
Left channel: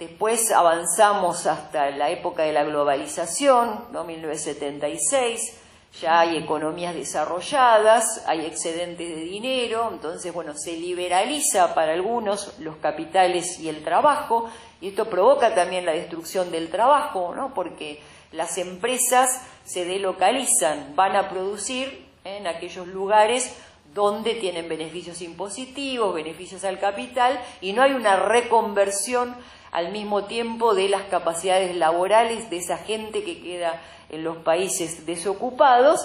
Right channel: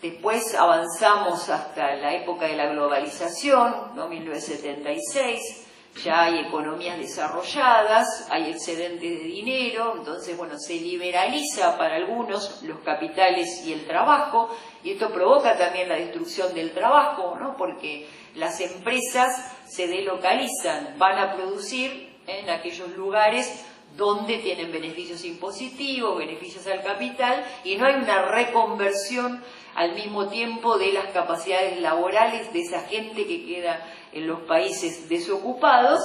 Después avanzamos hasta la época de la globalización, ¿no? 1976, ya hay economías desarrolladas, hay excedentes de dinero, entonces, bueno, se liberaliza para algunos los capitales y el trabajo, y esto provoca también la destrucción del trabajo, ¿no? Porque las empresas se delocalizan, van a producir en aquellos lugares donde tienen beneficios impositivos, beneficios al capital, y no hay una reconversión al mismo tiempo de las capacidades laborales de esa gente que queda en los países desocupados,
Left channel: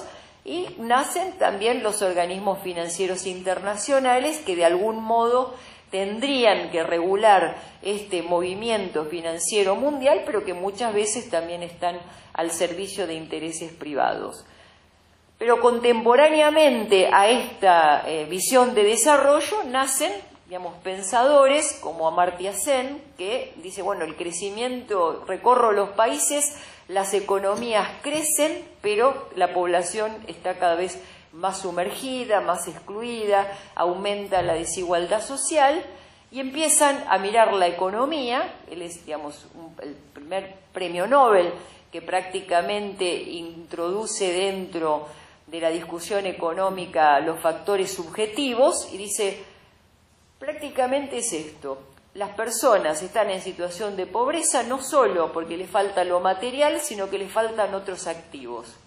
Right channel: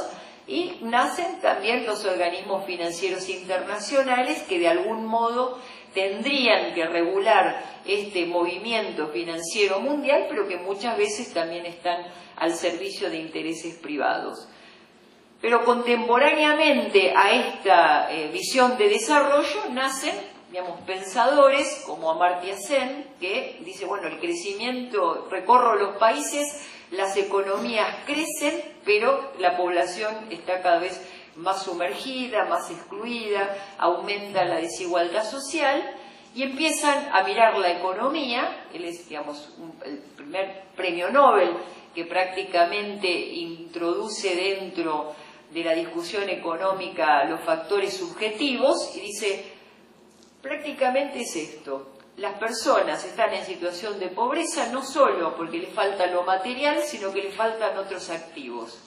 y nacen también los organismos financieros internacionales que de algún modo tendrían que regular este movimiento financiero mundial, pero que muchas veces también están al servicio de intereses privados. Pero contemporáneamente a esta visión de desarrollo nacen, digamos, pensadores como Amartya Sen, que dice, bueno, el crecimiento, recorro los países, las economías crecen, pero la población está cada vez más sumergida, más excluida, aumenta la desigualdad social, y empiezan a mirar la economía. Él es, digamos, el primer premio Nobel que prácticamente introduce dentro de la discusión económica los factores subjetivos, y dice, prácticamente es esto: las personas están en situación de pobreza no solo porque les falta lo material, sino que les faltan otros activos.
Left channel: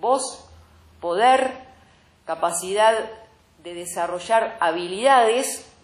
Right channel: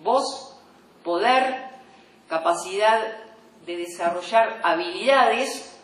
Voz, poder, capacidad de desarrollar habilidades,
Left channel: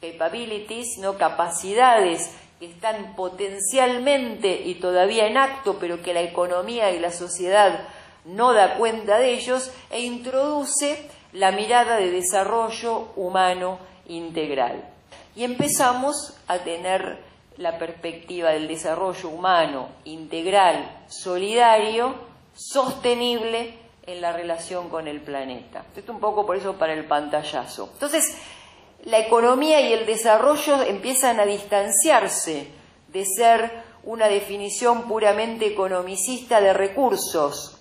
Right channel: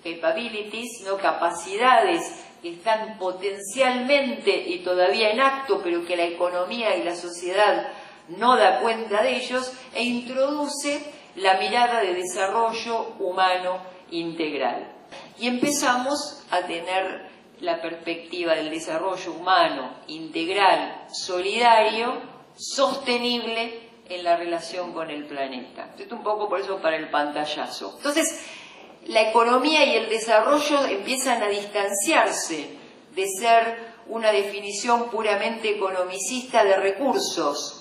capabilities, no capacidades que están potencialmente y todavía en acto, pero que la economía y la sociedad no da cuenta de ellos, e introduce la mirada de desarrollo humano integral. Y empezamos a tener la perspectiva del desarrollo humano integral, solidario, sostenible en la relación con el planeta. Esto un poco por eso para el pantallazo. Entonces, la economía y el desarrollo empiezan a distanciarse de ser una definición puramente economicista de recursos,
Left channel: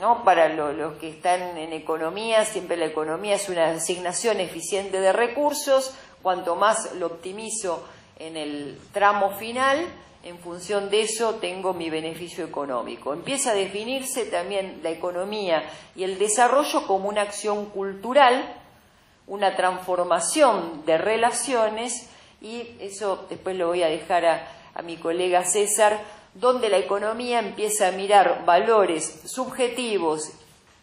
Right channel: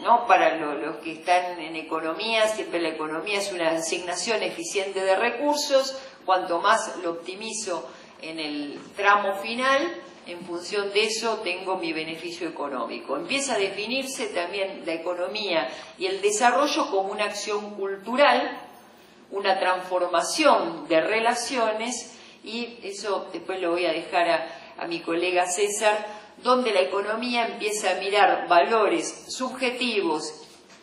¿no? Para los que están en economía, siempre la economía es una asignación eficiente de recursos. Cuanto más lo optimizo en el tramo final, en función de eso tengo mi beneficio económico. Empieza a definirse también la economía y el desarrollo como una acción cultural, una transformación de relaciones y eso después lo voy a dejar a mi colega César, donde la economía empieza a mirar valores subjetivos,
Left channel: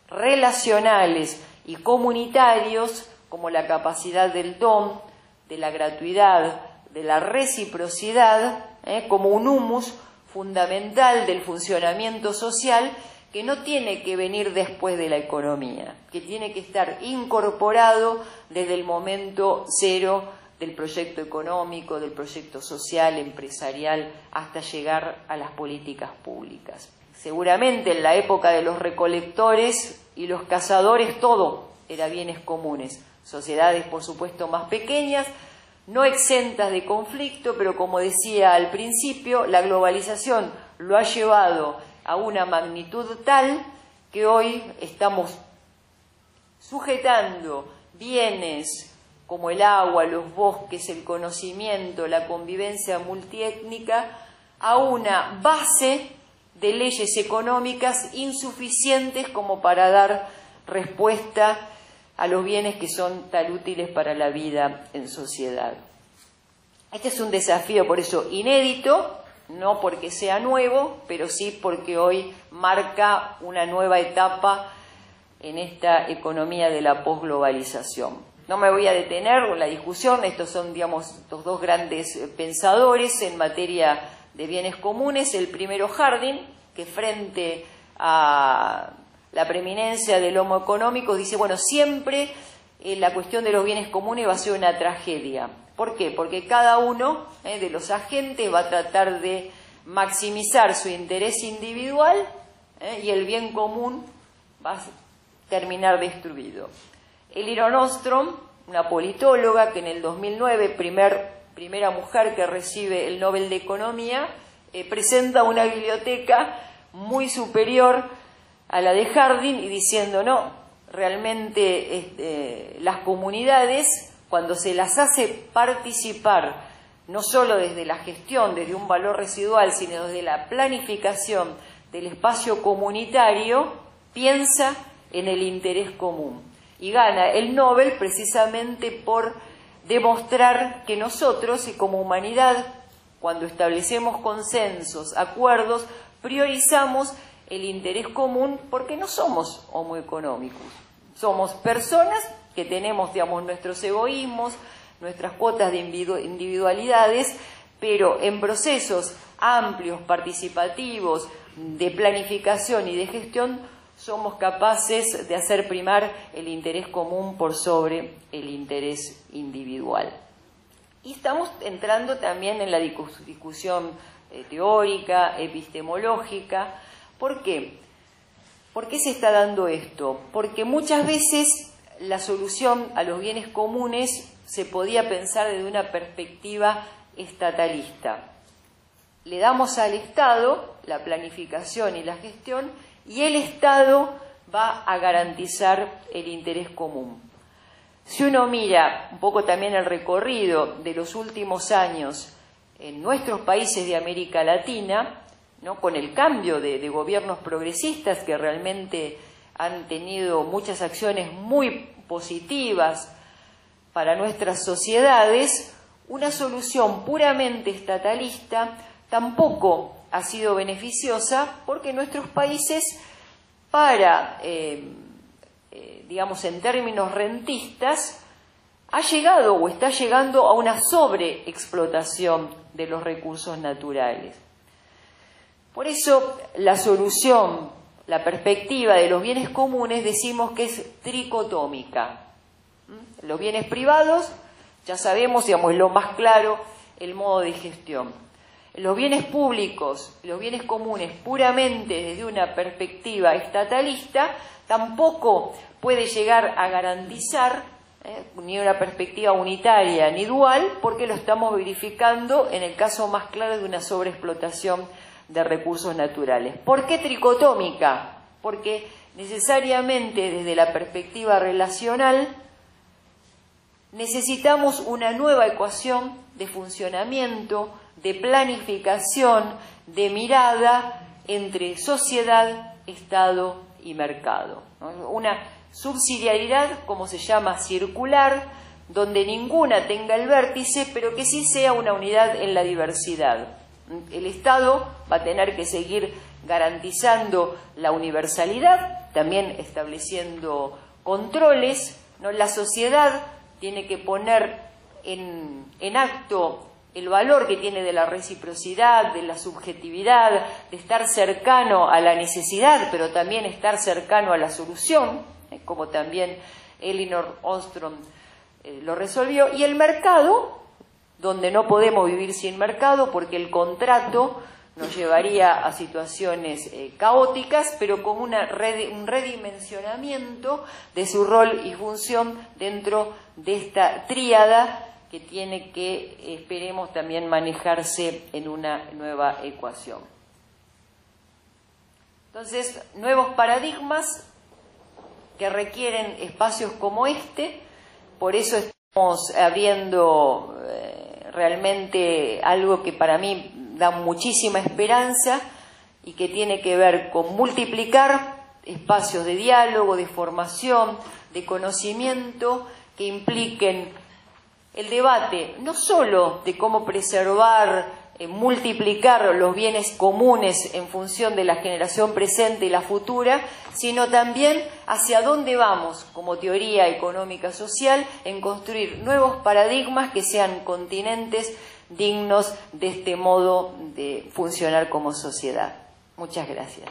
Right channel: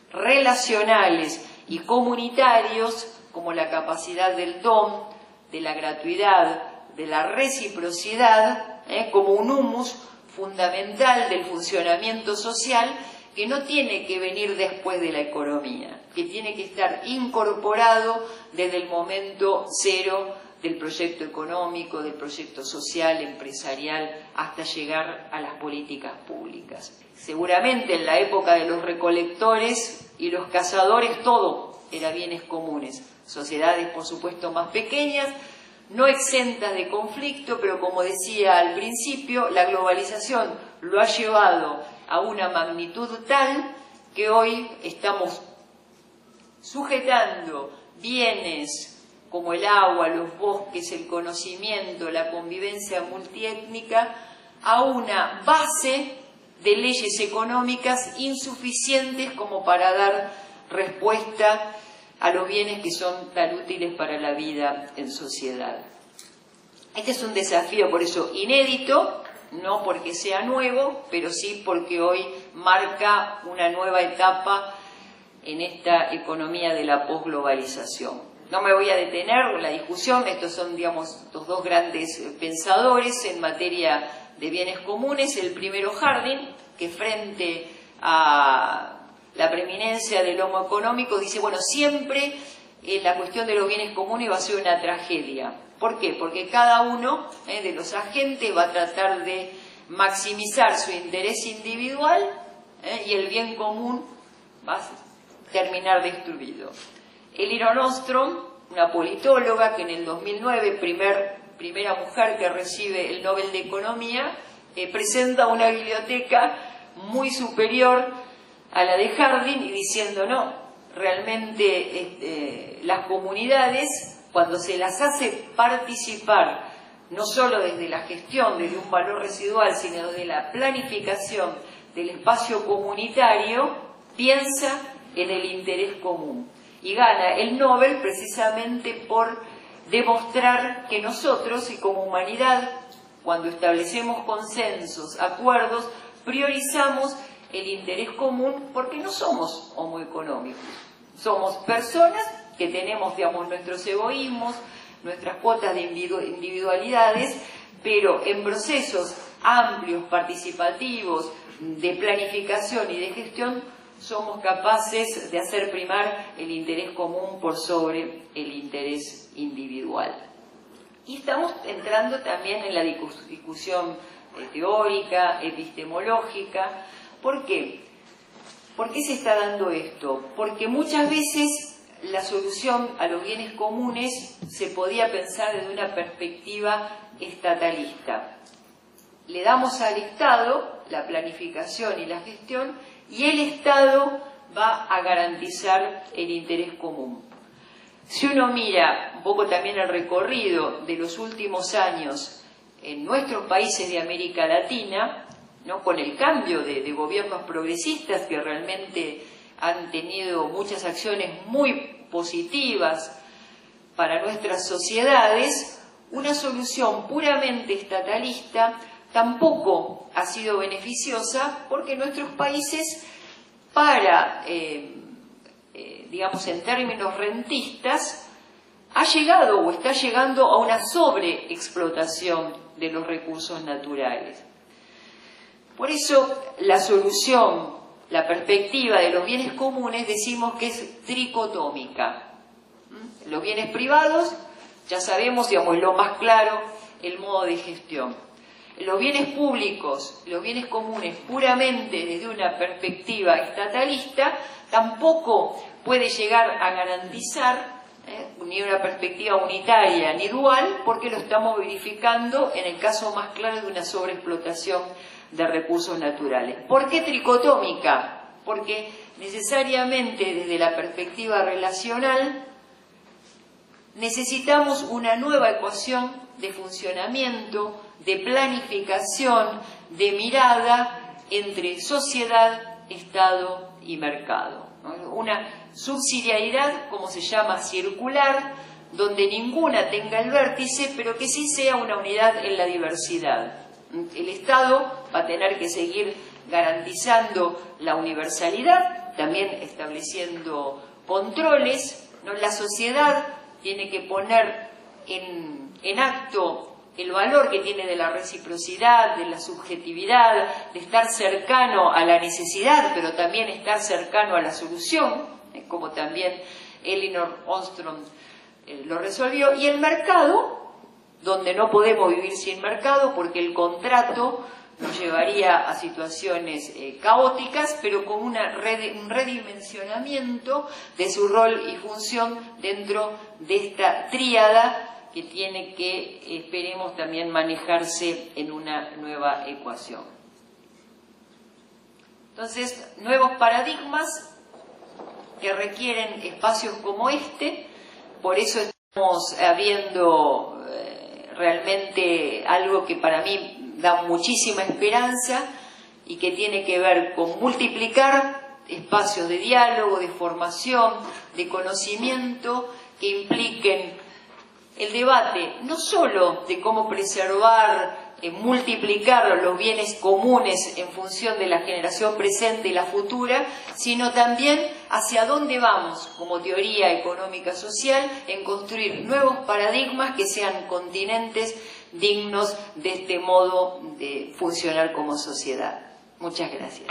relacionales y comunitarios, como la capacidad del don, de la gratuidad, de la reciprocidad, como un humus fundamental del funcionamiento social, que no tiene que venir después de la economía, que tiene que estar incorporado desde el momento cero del proyecto económico, del proyecto social, empresarial, hasta llegar a las políticas públicas. Seguramente en la época de los recolectores y los cazadores todo era bienes comunes. Sociedades, por supuesto, más pequeñas, no exentas de conflicto, pero como decía al principio, la globalización lo ha llevado a una magnitud tal que hoy estamos sujetando bienes como el agua, los bosques, el conocimiento, la convivencia multiétnica, a una base de leyes económicas insuficientes como para dar respuesta a los bienes que son tan útiles para la vida en sociedad. Este es un desafío, por eso, inédito, no porque sea nuevo, pero sí porque hoy marca una nueva etapa en esta economía de la posglobalización. No me voy a detener en la discusión, estos son, digamos, los dos grandes pensadores en materia de bienes comunes. El primero, Harding, que frente a la preeminencia del homo económico dice, bueno, siempre la cuestión de los bienes comunes va a ser una tragedia. ¿Por qué? Porque cada uno de los agentes va a tratar de maximizar su interés individual y el bien común va a terminar destruido. Elinor Ostrom, una politóloga que en el 2009, primera mujer que recibe el Nobel de Economía, presenta una biblioteca muy superior a la de Harding y diciendo, no, realmente las comunidades, cuando se las hace participar, no solo desde la gestión, desde un valor residual, sino desde la planificación del espacio comunitario, piensa en el interés común. Y gana el Nobel precisamente por demostrar que nosotros, y como humanidad, cuando establecemos consensos, acuerdos, priorizamos el interés común porque no somos homo económicos. Somos personas que tenemos, digamos, nuestros egoísmos, nuestras cuotas de individualidades, pero en procesos amplios, participativos, de planificación y de gestión, somos capaces de hacer primar el interés común por sobre el interés individual. Y estamos entrando también en la discusión teórica, epistemológica. ¿Por qué? ¿Por qué se está dando esto? Porque muchas veces la solución a los bienes comunes se podía pensar desde una perspectiva estatalista. Le damos al Estado la planificación y la gestión y el Estado va a garantizar el interés común. Si uno mira un poco también el recorrido de los últimos años en nuestros países de América Latina, ¿no?, con el cambio de gobiernos progresistas que realmente han tenido muchas acciones muy positivas para nuestras sociedades, una solución puramente estatalista tampoco ha sido beneficiosa porque nuestros países, para, digamos, en términos rentistas, ha llegado o está llegando a una sobreexplotación de los recursos naturales. Por eso la solución, la perspectiva de los bienes comunes, decimos que es tricotómica. Los bienes privados, ya sabemos, digamos, es lo más claro, el modo de gestión. Los bienes públicos, los bienes comunes, puramente desde una perspectiva estatalista, tampoco puede llegar a garantizar ni una perspectiva unitaria ni dual, porque lo estamos verificando en el caso más claro de una sobreexplotación de recursos naturales. ¿Por qué tricotómica? Porque necesariamente desde la perspectiva relacional necesitamos una nueva ecuación de funcionamiento, de planificación, de mirada entre sociedad, Estado y mercado, ¿no? Una subsidiariedad, como se llama, circular, donde ninguna tenga el vértice, pero que sí sea una unidad en la diversidad. El Estado va a tener que seguir garantizando la universalidad, también estableciendo controles, ¿no? La sociedad tiene que poner en acto el valor que tiene de la reciprocidad, de la subjetividad, de estar cercano a la necesidad, pero también estar cercano a la solución, como también Elinor Ostrom lo resolvió. Y el mercado, donde no podemos vivir sin mercado, porque el contrato nos llevaría a situaciones caóticas, pero con un redimensionamiento de su rol y función dentro de esta tríada que tiene que, esperemos, también manejarse en una nueva ecuación. Entonces, nuevos paradigmas que requieren espacios como este, por eso estamos abriendo realmente algo que para mí da muchísima esperanza y que tiene que ver con multiplicar espacios de diálogo, de formación, de conocimiento que impliquen el debate no solo de cómo preservar, multiplicar los bienes comunes en función de la generación presente y la futura, sino también hacia dónde vamos como teoría económica social en construir nuevos paradigmas que sean continentes dignos de este modo de funcionar como sociedad. Muchas gracias.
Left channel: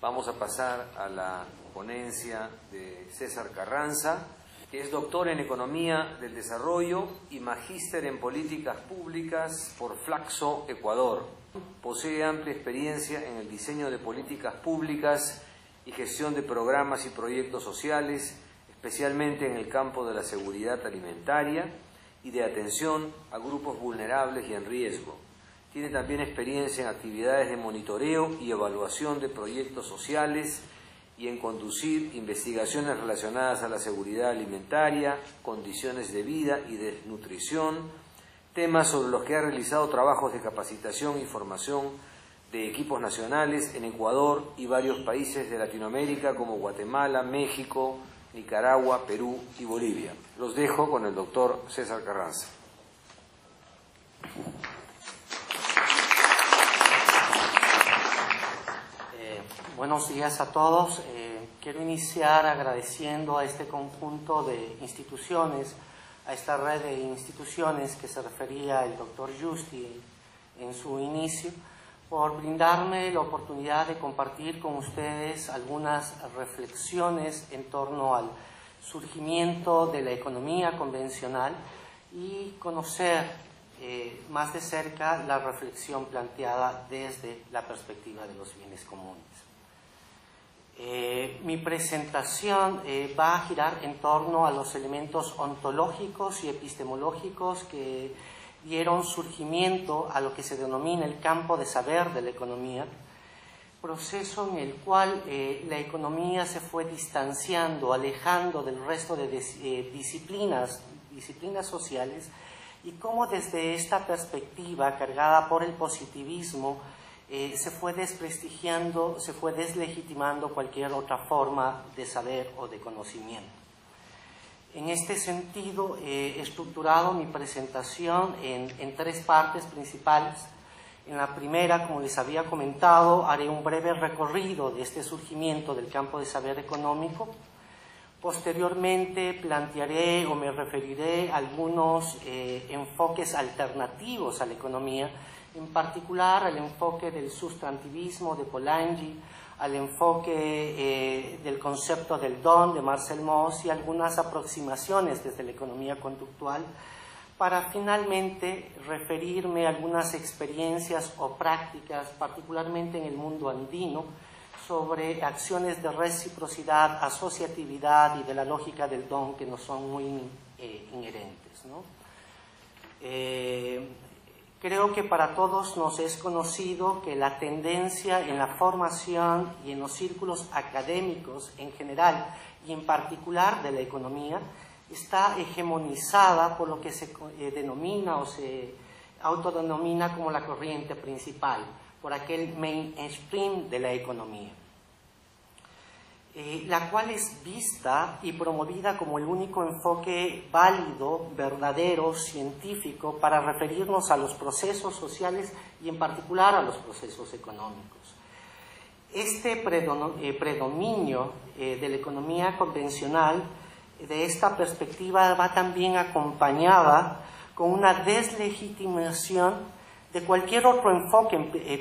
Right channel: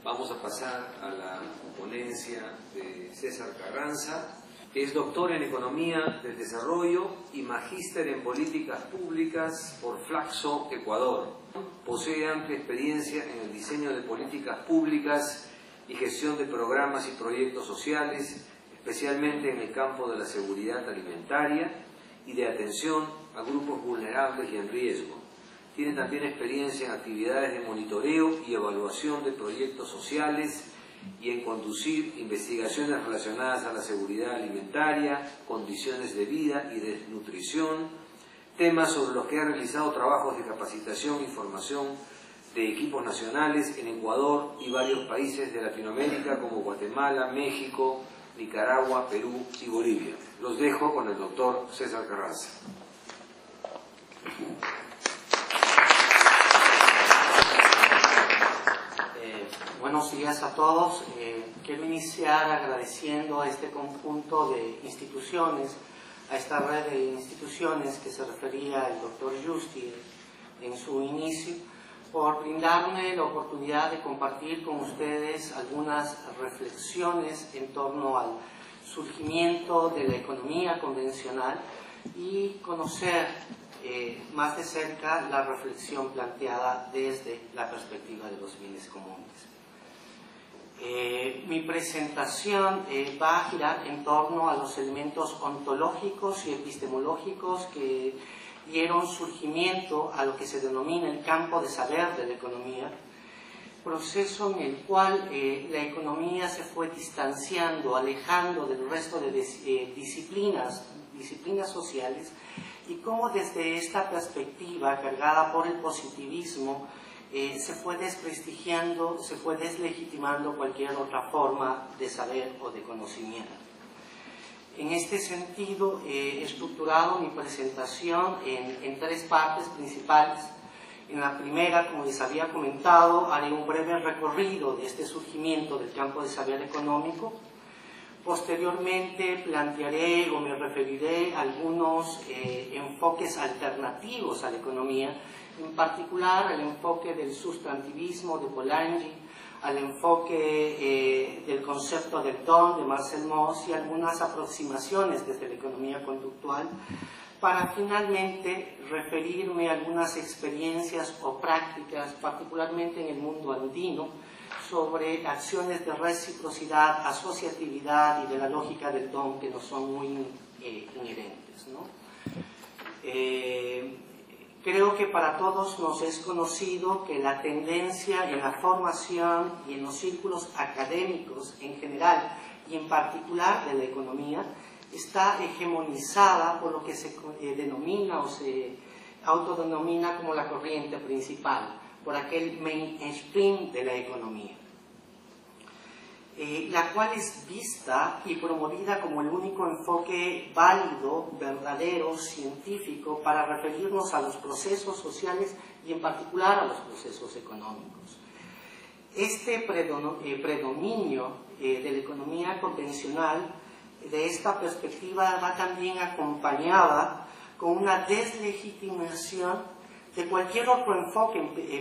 Vamos a pasar a la ponencia de César Carranza, que es doctor en Economía del Desarrollo y magíster en Políticas Públicas por Flaxo, Ecuador. Posee amplia experiencia en el diseño de políticas públicas y gestión de programas y proyectos sociales, especialmente en el campo de la seguridad alimentaria y de atención a grupos vulnerables y en riesgo. Tiene también experiencia en actividades de monitoreo y evaluación de proyectos sociales y en conducir investigaciones relacionadas a la seguridad alimentaria, condiciones de vida y de nutrición, temas sobre los que ha realizado trabajos de capacitación y formación de equipos nacionales en Ecuador y varios países de Latinoamérica como Guatemala, México, Nicaragua, Perú y Bolivia. Los dejo con el doctor César Carranza. Buenos días a todos. Quiero iniciar agradeciendo a este conjunto de instituciones, a esta red de instituciones que se refería el doctor Justi en su inicio, por brindarme la oportunidad de compartir con ustedes algunas reflexiones en torno al surgimiento de la economía convencional y conocer más de cerca la reflexión planteada desde la perspectiva de los bienes comunes. Mi presentación va a girar en torno a los elementos ontológicos y epistemológicos que dieron surgimiento a lo que se denomina el campo de saber de la economía, proceso en el cual la economía se fue distanciando, alejando del resto de disciplinas sociales, y cómo desde esta perspectiva cargada por el positivismo se fue desprestigiando, se fue deslegitimando cualquier otra forma de saber o de conocimiento. En este sentido, he estructurado mi presentación en tres partes principales. En la primera, como les había comentado, haré un breve recorrido de este surgimiento del campo de saber económico. Posteriormente plantearé o me referiré a algunos enfoques alternativos a la economía, en particular al enfoque del sustantivismo de Polanyi, al enfoque del concepto del don de Marcel Mauss y algunas aproximaciones desde la economía conductual, para finalmente referirme a algunas experiencias o prácticas, particularmente en el mundo andino, sobre acciones de reciprocidad, asociatividad y de la lógica del don que nos son muy inherentes, ¿no? Creo que para todos nos es conocido que la tendencia en la formación y en los círculos académicos en general y en particular de la economía está hegemonizada por lo que se denomina o se autodenomina como la corriente principal, por aquel mainstream de la economía. la cual es vista y promovida como el único enfoque válido, verdadero, científico para referirnos a los procesos sociales y en particular a los procesos económicos. Este predominio de la economía convencional, de esta perspectiva, va también acompañada con una deslegitimación de cualquier otro enfoque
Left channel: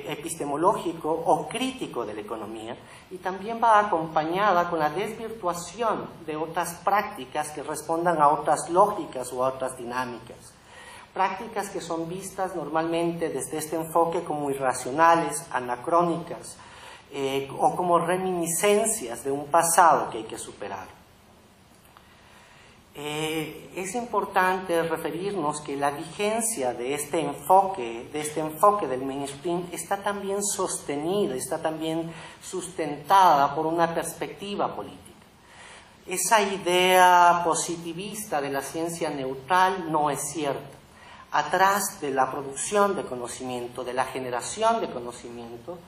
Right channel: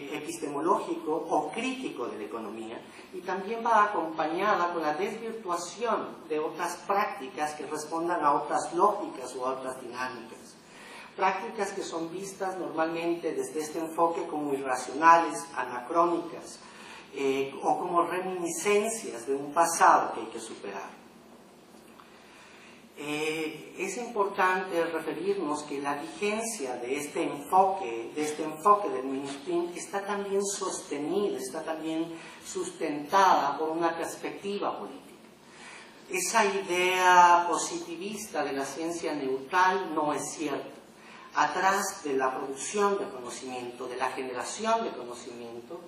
epistemológico o crítico de la economía, y también va acompañada con la desvirtuación de otras prácticas que respondan a otras lógicas o a otras dinámicas. Prácticas que son vistas normalmente desde este enfoque como irracionales, anacrónicas, o como reminiscencias de un pasado que hay que superar. Es importante referirnos que la vigencia de este enfoque del mainstream está también sostenida, está también sustentada por una perspectiva política. Esa idea positivista de la ciencia neutral no es cierta. Atrás de la producción de conocimiento, de la generación de conocimiento,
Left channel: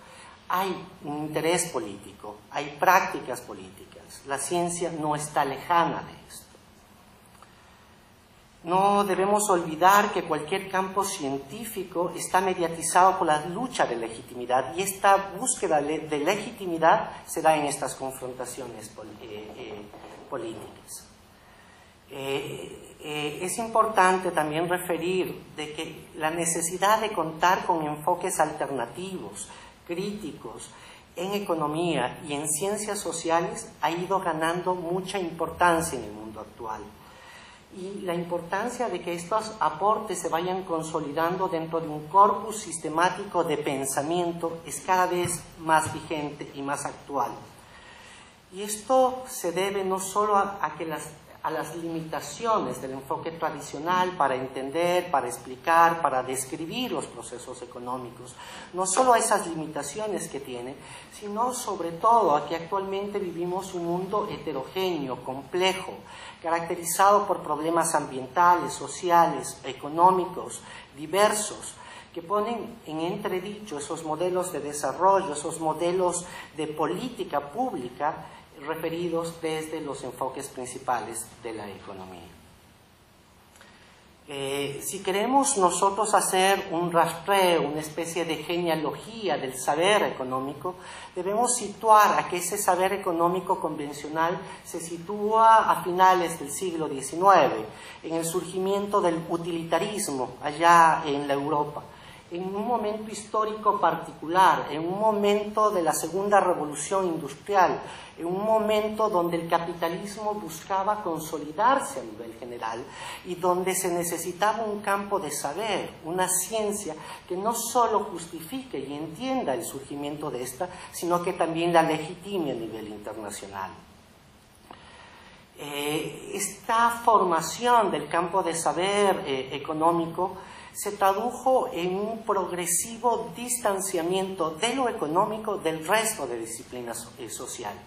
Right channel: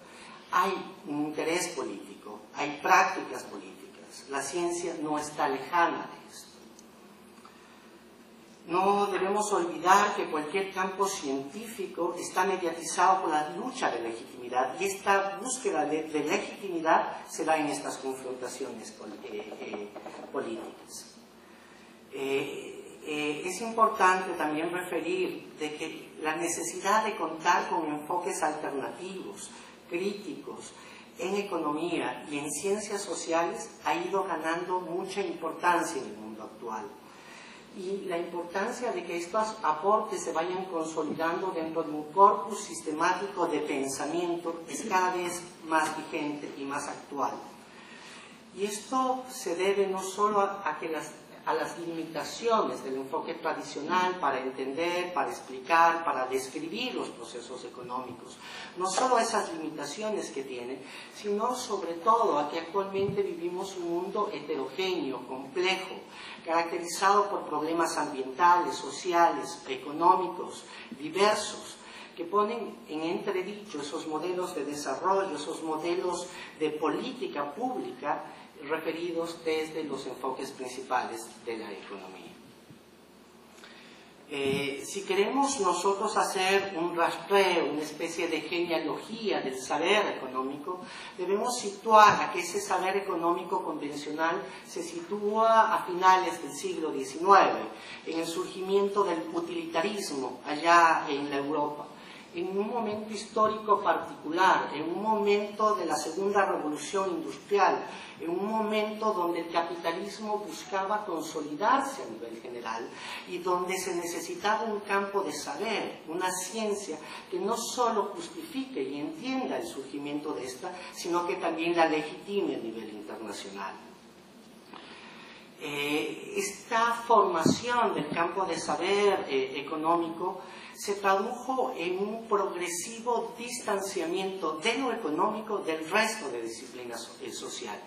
hay un interés político, hay prácticas políticas. La ciencia no está lejana de esto. No debemos olvidar que cualquier campo científico está mediatizado por la lucha de legitimidad, y esta búsqueda de legitimidad se da en estas confrontaciones políticas. Es importante también referir de que la necesidad de contar con enfoques alternativos, críticos, en economía y en ciencias sociales ha ido ganando mucha importancia en el mundo actual. Y la importancia de que estos aportes se vayan consolidando dentro de un corpus sistemático de pensamiento es cada vez más vigente y más actual. Y esto se debe no solo a las limitaciones del enfoque tradicional para entender, para explicar, para describir los procesos económicos, no solo a esas limitaciones que tienen, sino sobre todo a que actualmente vivimos un mundo heterogéneo, complejo, caracterizado por problemas ambientales, sociales, económicos, diversos, que ponen en entredicho esos modelos de desarrollo, esos modelos de política pública referidos desde los enfoques principales de la economía. Si queremos nosotros hacer un rastreo, una especie de genealogía del saber económico, debemos situar a que ese saber económico convencional se sitúa a finales del siglo XIX, en el surgimiento del utilitarismo allá en la Europa, en un momento histórico particular, en un momento de la Segunda Revolución Industrial, en un momento donde el capitalismo buscaba consolidarse a nivel general y donde se necesitaba un campo de saber, una ciencia que no solo justifique y entienda el surgimiento de esta, sino que también la legitime a nivel internacional. Esta formación del campo de saber económico se tradujo en un progresivo distanciamiento de lo económico del resto de disciplinas sociales.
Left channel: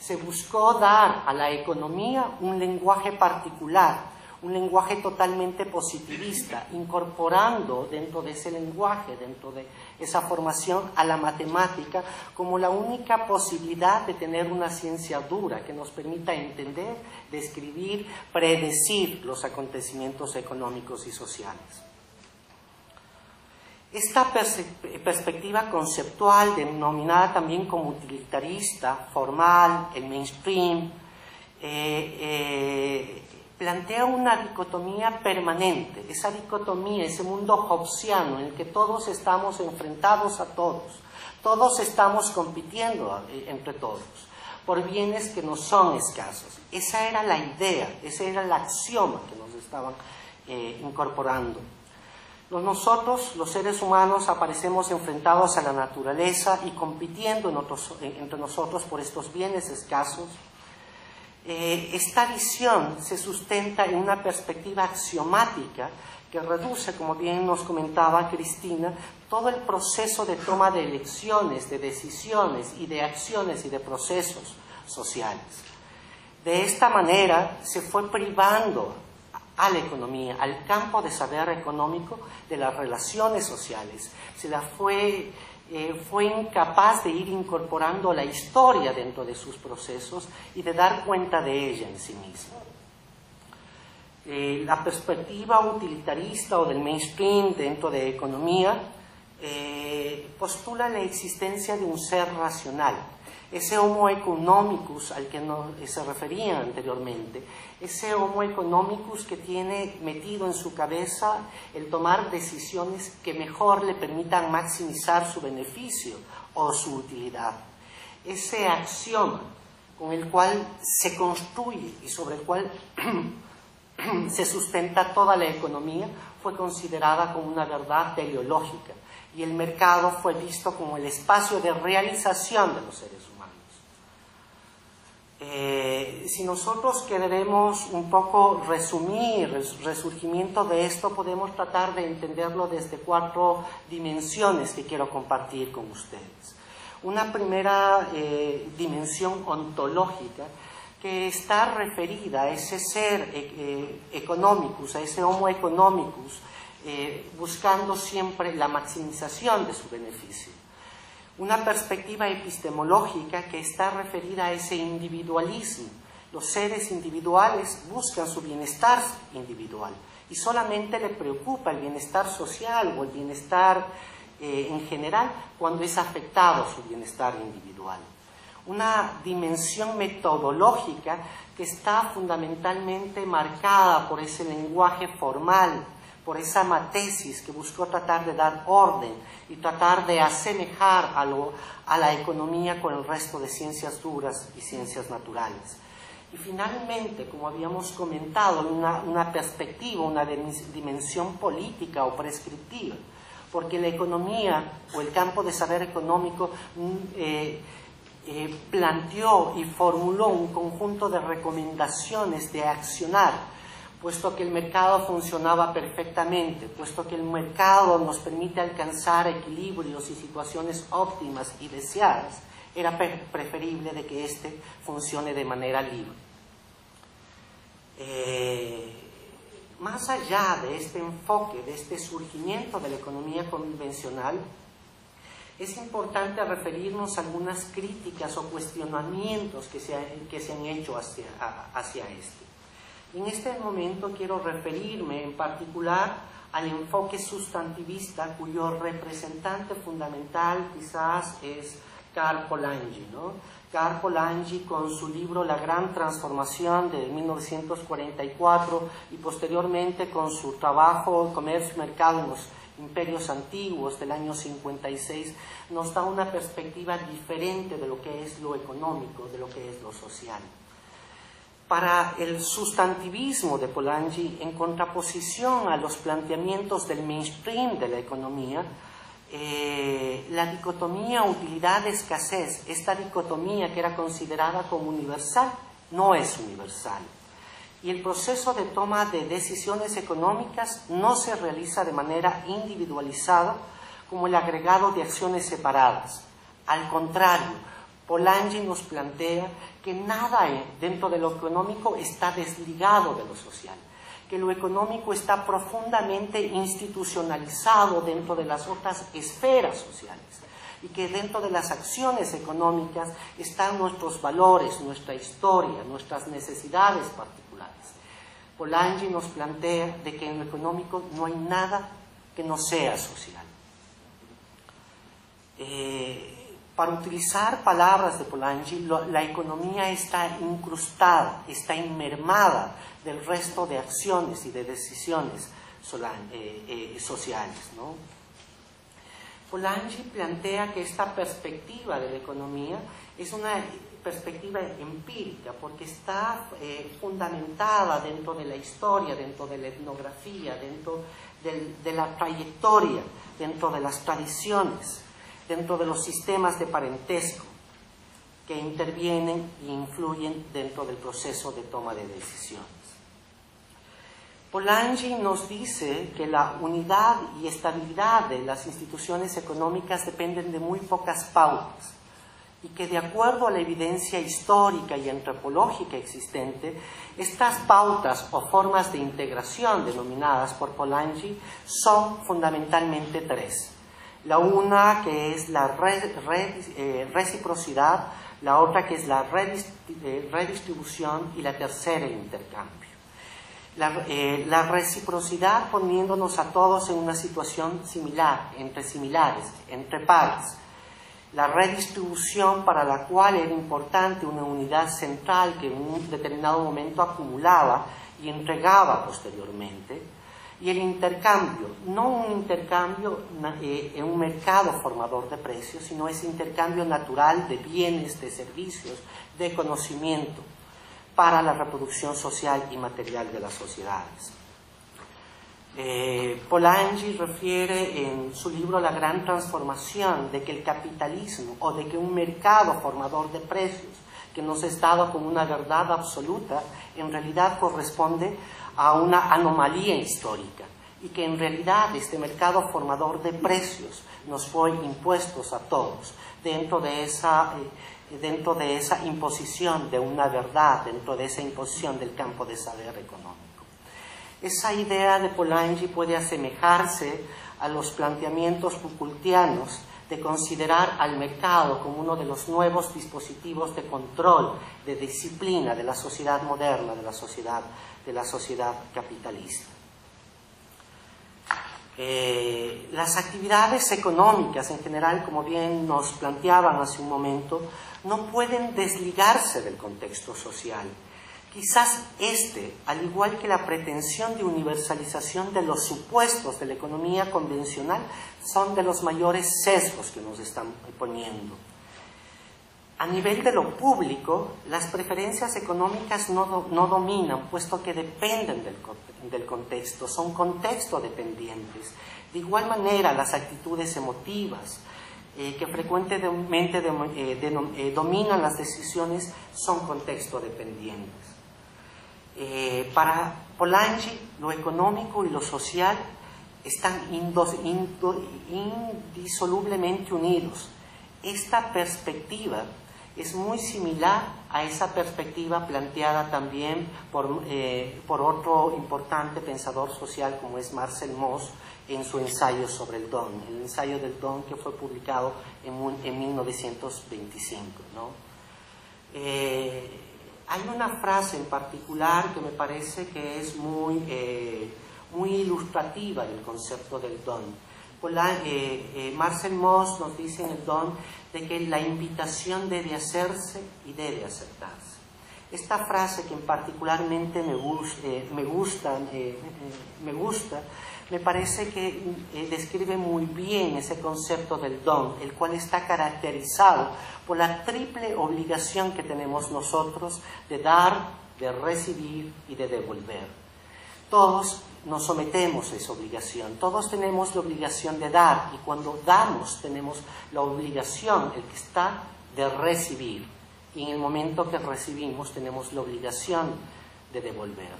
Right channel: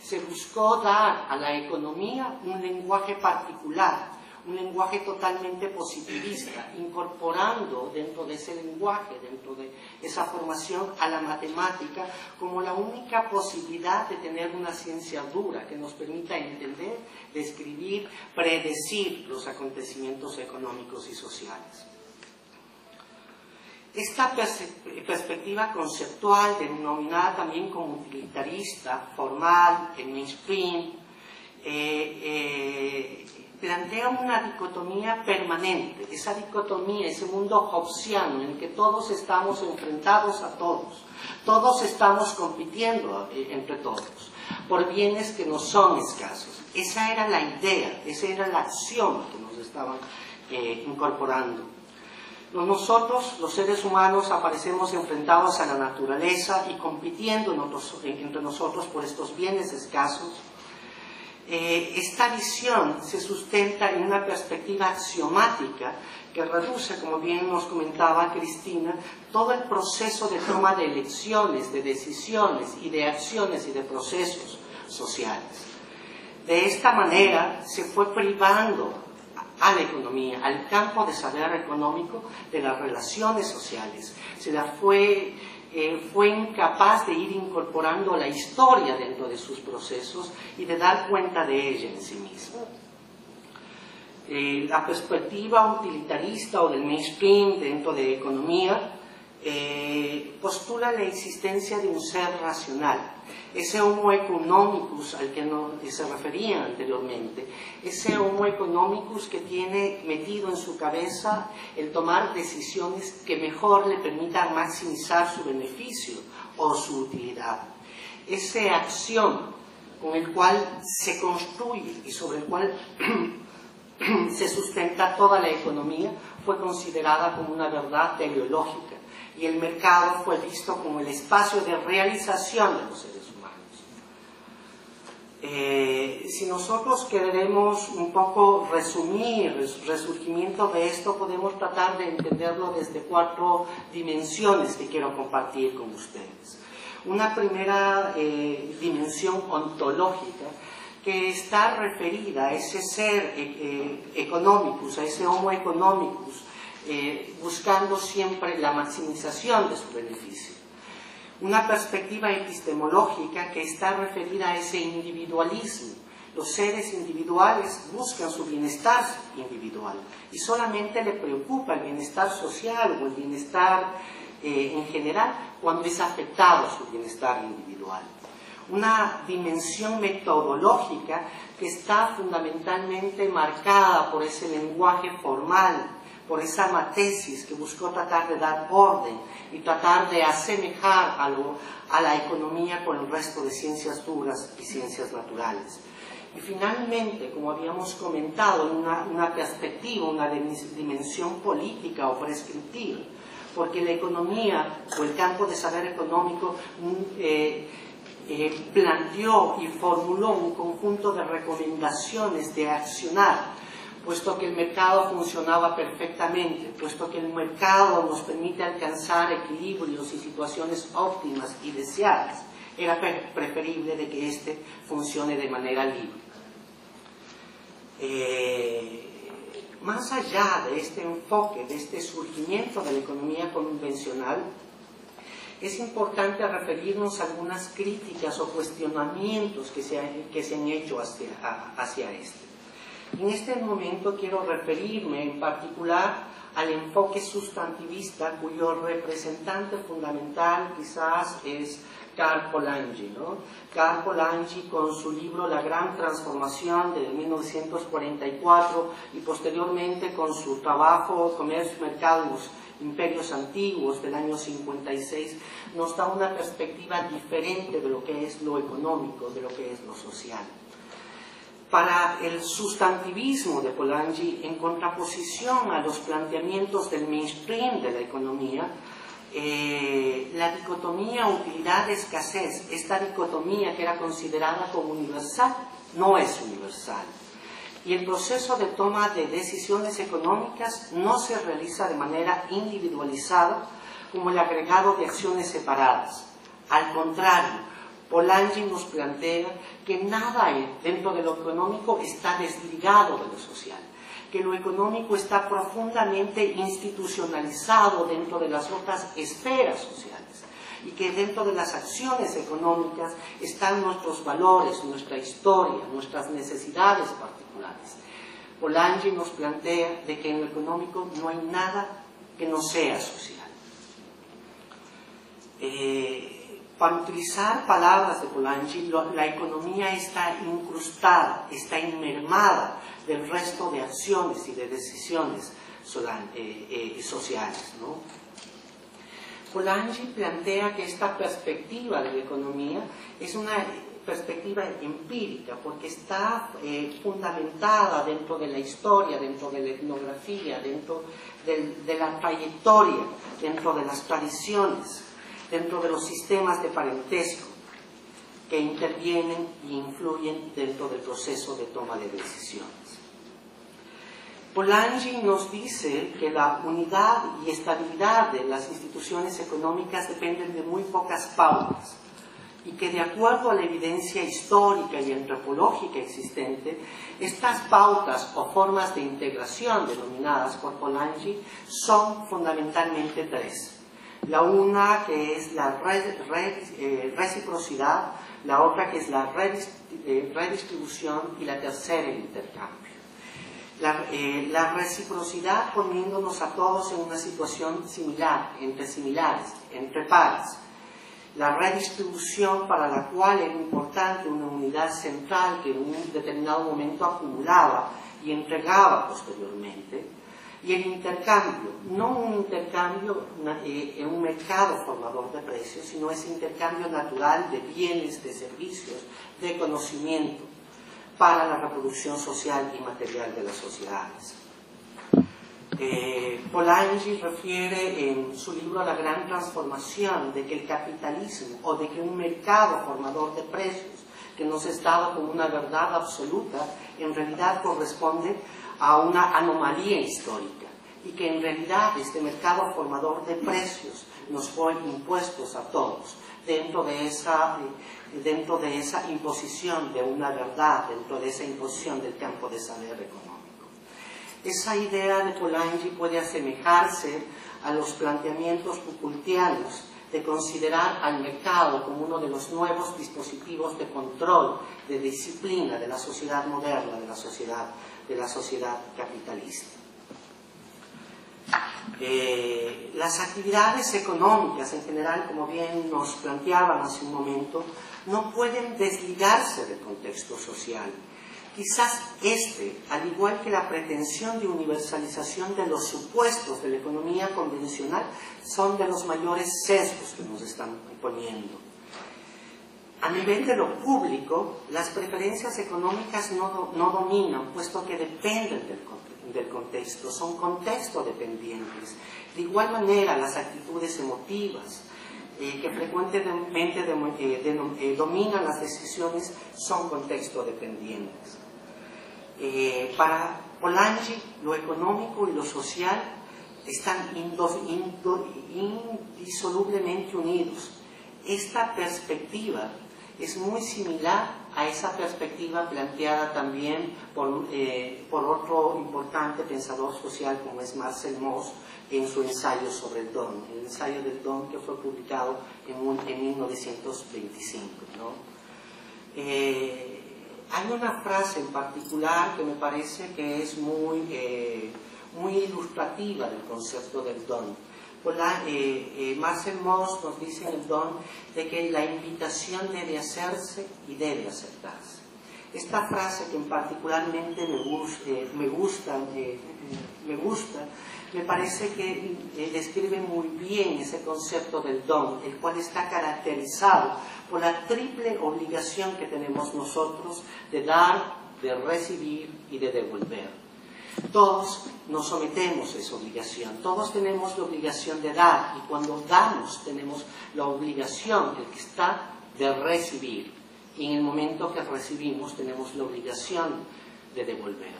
Se buscó dar a la economía un lenguaje particular, un lenguaje totalmente positivista, incorporando dentro de ese lenguaje, dentro de esa formación, a la matemática como la única posibilidad de tener una ciencia dura que nos permita entender, describir, predecir los acontecimientos económicos y sociales. Esta perspectiva conceptual, denominada también como utilitarista, formal, el mainstream, plantea una dicotomía permanente. Esa dicotomía, ese mundo hobbesiano en que todos estamos enfrentados a todos, todos estamos compitiendo entre todos, por bienes que nos son escasos. Esa era la idea, ese era el axioma que nos estaban incorporando. Nosotros, los seres humanos, aparecemos enfrentados a la naturaleza y compitiendo entre nosotros por estos bienes escasos. Esta visión se sustenta en una perspectiva axiomática que reduce, como bien nos comentaba Cristina, todo el proceso de toma de elecciones, de decisiones y de acciones y de procesos sociales. De esta manera se fue privando a la economía, al campo de saber económico, de las relaciones sociales. Se la fue fue incapaz de ir incorporando la historia dentro de sus procesos y de dar cuenta de ella en sí mismo. La perspectiva utilitarista o del mainstream dentro de economía postula la existencia de un ser racional, ese homo economicus al que se refería anteriormente, ese homo economicus que tiene metido en su cabeza el tomar decisiones que mejor le permitan maximizar su beneficio o su utilidad, esa acción con el cual se construye y sobre el cual se sustenta toda la economía, fue considerada como una verdad teleológica, y el mercado fue visto como el espacio de realización de los seres humanos. Si nosotros queremos un poco resumir el resurgimiento de esto, podemos tratar de entenderlo desde 4 dimensiones que quiero compartir con ustedes. Una primera dimensión ontológica, que está referida a ese ser economicus, a ese homo economicus, buscando siempre la maximización de su beneficio. Una perspectiva epistemológica que está referida a ese individualismo. Los seres individuales buscan su bienestar individual y solamente le preocupa el bienestar social o el bienestar en general cuando es afectado su bienestar individual. Una dimensión metodológica que está fundamentalmente marcada por ese lenguaje formal, por esa matesis que buscó tratar de dar orden y tratar de asemejar a la economía con el resto de ciencias duras y ciencias naturales. Y finalmente, como habíamos comentado, una perspectiva, una dimensión política o prescriptiva, porque la economía o el campo de saber económico planteó y formuló un conjunto de recomendaciones de accionar, puesto que el mercado funcionaba perfectamente, puesto que el mercado nos permite alcanzar equilibrios y situaciones óptimas y deseadas, era preferible de que éste funcione de manera libre. Más allá de este enfoque, de este surgimiento de la economía convencional, es importante referirnos a algunas críticas o cuestionamientos que se han hecho hacia este. En este momento quiero referirme en particular al enfoque sustantivista, cuyo representante fundamental quizás es Karl Polanyi, ¿no? Karl Polanyi, con su libro La Gran Transformación de 1944 y posteriormente con su trabajo Comercio y Mercado en los Imperios Antiguos del año 56, nos da una perspectiva diferente de lo que es lo económico, de lo que es lo social. Para el sustantivismo de Polanyi, en contraposición a los planteamientos del mainstream de la economía, la dicotomía utilidad-escasez, esta dicotomía que era considerada como universal, no es universal. Y el proceso de toma de decisiones económicas no se realiza de manera individualizada como el agregado de acciones separadas. Al contrario, Polanyi nos plantea que nada dentro de lo económico está desligado de lo social, que lo económico está profundamente institucionalizado dentro de las otras esferas sociales y que dentro de las acciones económicas están nuestros valores, nuestra historia, nuestras necesidades particulares. Polanyi nos plantea de que en lo económico no hay nada que no sea social. Para utilizar palabras de Polanyi, la economía está incrustada, está inmermada del resto de acciones y de decisiones sociales, ¿no? Polanyi plantea que esta perspectiva de la economía es una perspectiva empírica, porque está fundamentada dentro de la historia, dentro de la etnografía, dentro de la trayectoria, dentro de las tradiciones, dentro de los sistemas de parentesco que intervienen e influyen dentro del proceso de toma de decisiones. Polanyi nos dice que la unidad y estabilidad de las instituciones económicas dependen de muy pocas pautas y que de acuerdo a la evidencia histórica y antropológica existente, estas pautas o formas de integración denominadas por Polanyi son fundamentalmente tres. La una que es la reciprocidad, la otra que es la redistribución y la tercera el intercambio. La reciprocidad poniéndonos a todos en una situación similar, entre pares. La redistribución para la cual era importante una unidad central que en un determinado momento acumulaba y entregaba posteriormente. Y el intercambio, no un intercambio en un mercado formador de precios, sino ese intercambio natural de bienes, de servicios, de conocimiento para la reproducción social y material de las sociedades. Polanyi refiere en su libro La Gran Transformación de que el capitalismo o de que un mercado formador de precios que nos ha dado como una verdad absoluta en realidad corresponde a una anomalía histórica y que en realidad este mercado formador de precios nos fue impuesto a todos dentro de esa imposición de una verdad, dentro de esa imposición del campo de saber económico. Esa idea de Polanyi puede asemejarse a los planteamientos Foucaultianos de considerar al mercado como uno de los nuevos dispositivos de control, de disciplina de la sociedad moderna, de la sociedad capitalista. Las actividades económicas en general, como bien nos planteaban hace un momento, no pueden desligarse del contexto social. Quizás al igual que la pretensión de universalización de los supuestos de la economía convencional, son de los mayores sesgos que nos están imponiendo. A nivel de lo público, las preferencias económicas no dominan, puesto que dependen del contexto, son contexto dependientes. De igual manera, las actitudes emotivas, que frecuentemente dominan las decisiones, son contexto dependientes. Para Polanyi, lo económico y lo social están indisolublemente unidos. Esta perspectiva es muy similar a esa perspectiva planteada también por otro importante pensador social como es Marcel Mauss en su ensayo sobre el don, el ensayo del don que fue publicado en 1925, ¿no? Hay una frase en particular que me parece que es muy ilustrativa del concepto del don. Marcel Mauss nos dice en el don de que la invitación debe hacerse y debe aceptarse. Esta frase que particularmente me gusta, me parece que describe muy bien ese concepto del don, el cual está caracterizado por la triple obligación que tenemos nosotros de dar, de recibir y de devolver. Todos nos sometemos a esa obligación, todos tenemos la obligación de dar, y cuando damos tenemos la obligación, el que está, de recibir, y en el momento que recibimos tenemos la obligación de devolver.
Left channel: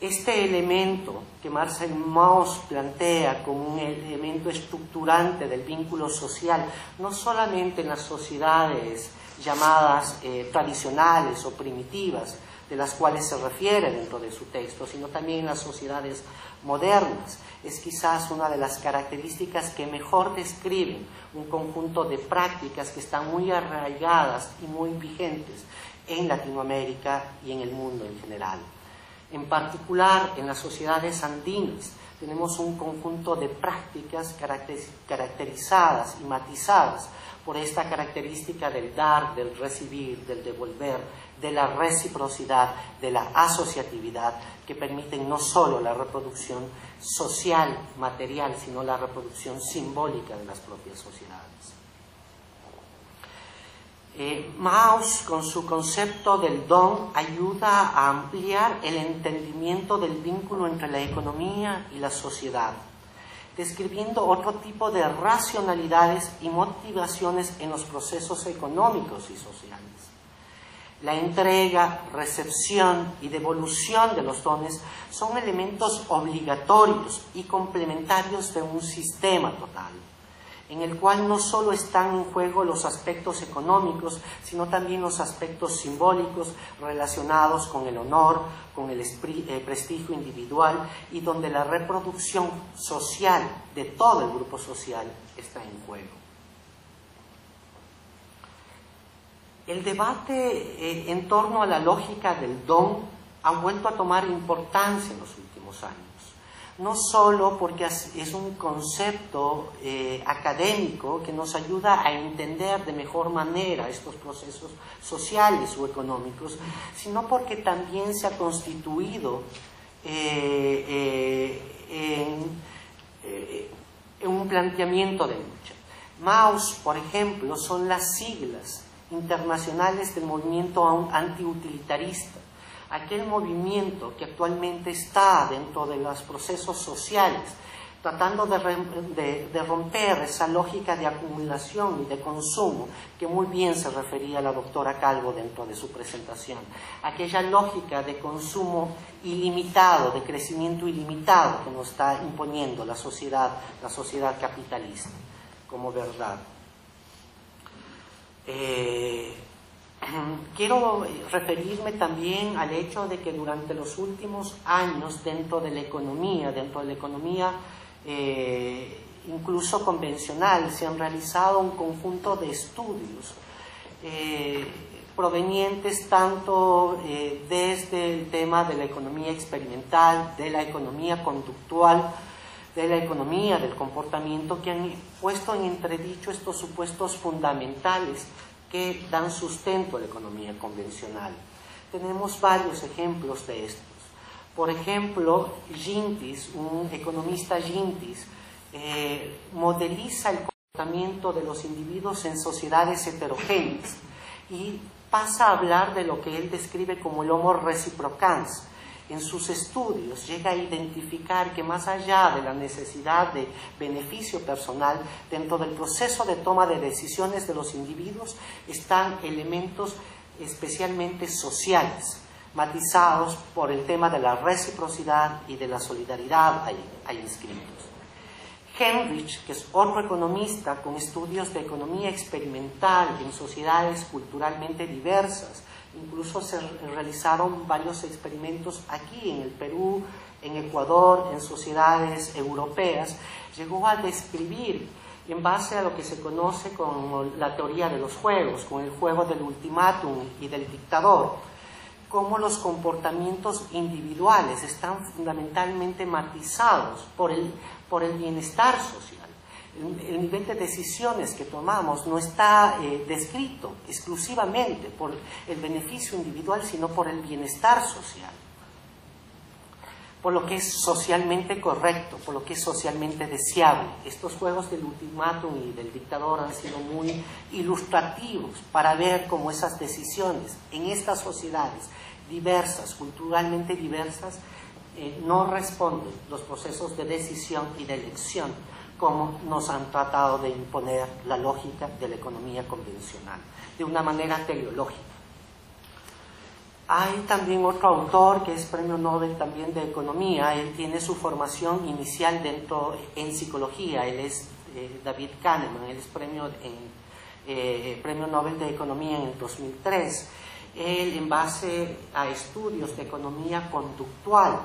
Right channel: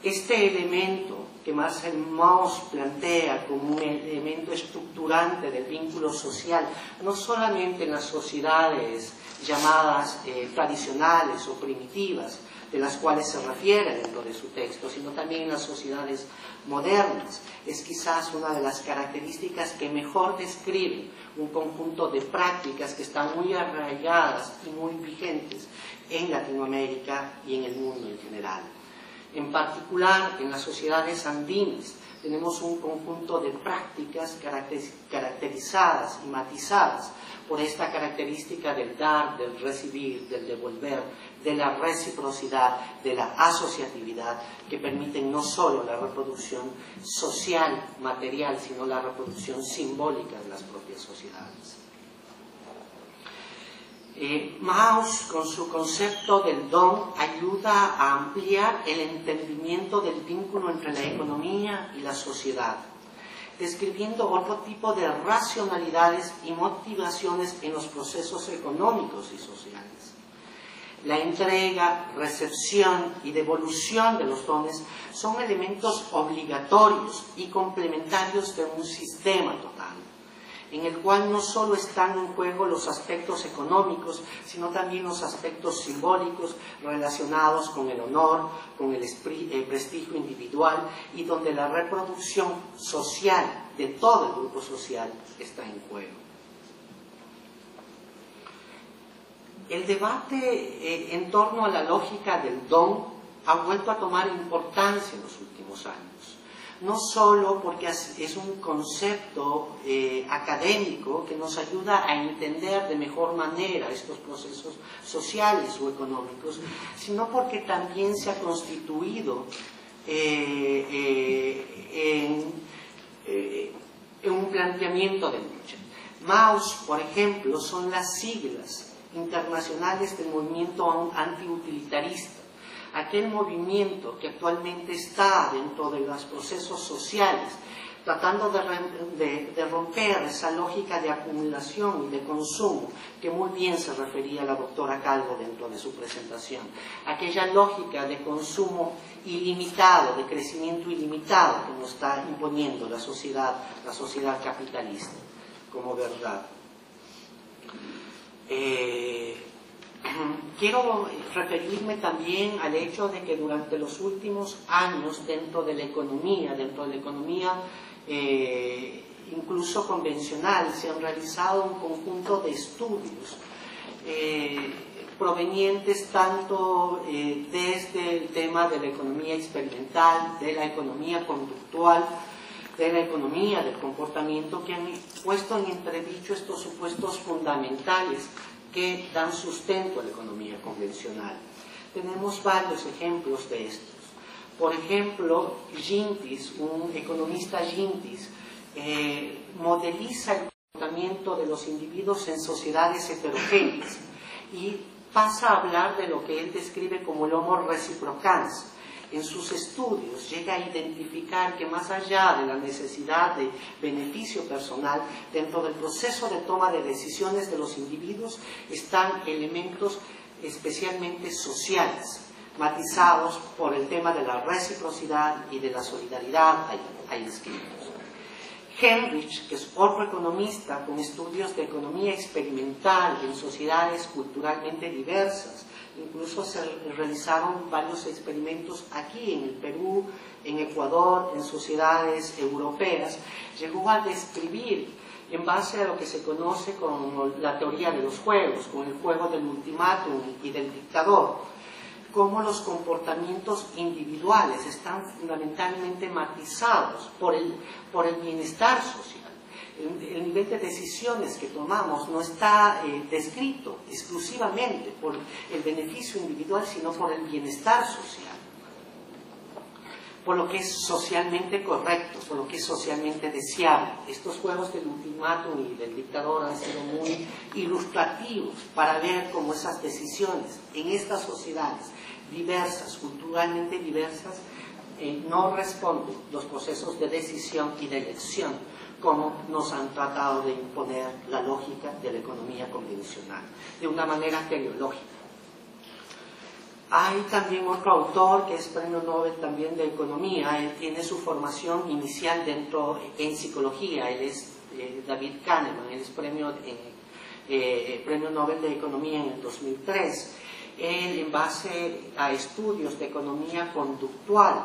Este elemento que Marcel Mauss plantea como un elemento estructurante del vínculo social, no solamente en las sociedades llamadas tradicionales o primitivas, de las cuales se refiere dentro de su texto, sino también en las sociedades modernas. Es quizás una de las características que mejor describen un conjunto de prácticas que están muy arraigadas y muy vigentes en Latinoamérica y en el mundo en general. En particular, en las sociedades andinas tenemos un conjunto de prácticas caracterizadas y matizadas por esta característica del dar, del recibir, del devolver, de la reciprocidad, de la asociatividad, que permiten no solo la reproducción social, material, sino la reproducción simbólica de las propias sociedades. Mauss, con su concepto del don, ayuda a ampliar el entendimiento del vínculo entre la economía y la sociedad, describiendo otro tipo de racionalidades y motivaciones en los procesos económicos y sociales. La entrega, recepción y devolución de los dones son elementos obligatorios y complementarios de un sistema total, en el cual no solo están en juego los aspectos económicos, sino también los aspectos simbólicos relacionados con el honor, con el prestigio individual, y donde la reproducción social de todo el grupo social está en juego. El debate en torno a la lógica del don ha vuelto a tomar importancia en los últimos años. No solo porque es un concepto académico que nos ayuda a entender de mejor manera estos procesos sociales o económicos, sino porque también se ha constituido en un planteamiento de lucha. MAUS, por ejemplo, son las siglas internacionales del movimiento antiutilitarista, aquel movimiento que actualmente está dentro de los procesos sociales, tratando de romper esa lógica de acumulación y de consumo, que muy bien se refería la doctora Calvo dentro de su presentación. Aquella lógica de consumo ilimitado, de crecimiento ilimitado que nos está imponiendo la sociedad capitalista como verdad. Quiero referirme también al hecho de que durante los últimos años dentro de la economía incluso convencional, se han realizado un conjunto de estudios provenientes tanto desde el tema de la economía experimental, de la economía conductual, de la economía del comportamiento, que han puesto en entredicho estos supuestos fundamentales que dan sustento a la economía convencional. Tenemos varios ejemplos de estos. Por ejemplo, Gintis, un economista Gintis, modeliza el comportamiento de los individuos en sociedades heterogéneas y pasa a hablar de lo que él describe como el homo reciprocans. En sus estudios llega a identificar que más allá de la necesidad de beneficio personal, dentro del proceso de toma de decisiones de los individuos están elementos especialmente sociales, matizados por el tema de la reciprocidad y de la solidaridad ahí escritos. Heinrich, que es otro economista con estudios de economía experimental en sociedades culturalmente diversas, incluso se realizaron varios experimentos aquí en el Perú, en Ecuador, en sociedades europeas, llegó a describir, en base a lo que se conoce como la teoría de los juegos, con el juego del ultimátum y del dictador, cómo los comportamientos individuales están fundamentalmente matizados por el bienestar social. El nivel de decisiones que tomamos no está descrito exclusivamente por el beneficio individual, sino por el bienestar social, por lo que es socialmente correcto, por lo que es socialmente deseable. Estos juegos del ultimátum y del dictador han sido muy ilustrativos para ver cómo esas decisiones en estas sociedades diversas, culturalmente diversas, no responden los procesos de decisión y de elección como nos han tratado de imponer la lógica de la economía convencional, de una manera teleológica. Hay también otro autor que es premio Nobel también de Economía. Él tiene su formación inicial en psicología. Él es David Kahneman. Él es premio Nobel de Economía en el 2003. Él, en base a estudios de economía conductual,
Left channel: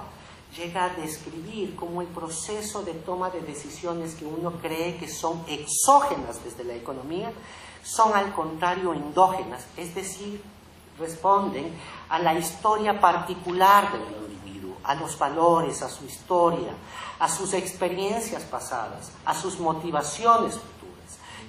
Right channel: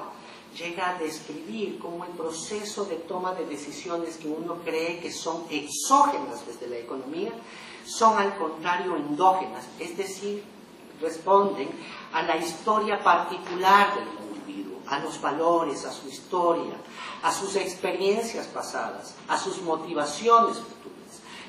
llega a describir cómo el proceso de toma de decisiones que uno cree que son exógenas desde la economía son al contrario endógenas, es decir, responden a la historia particular del individuo, a los valores, a su historia, a sus experiencias pasadas, a sus motivaciones futuras,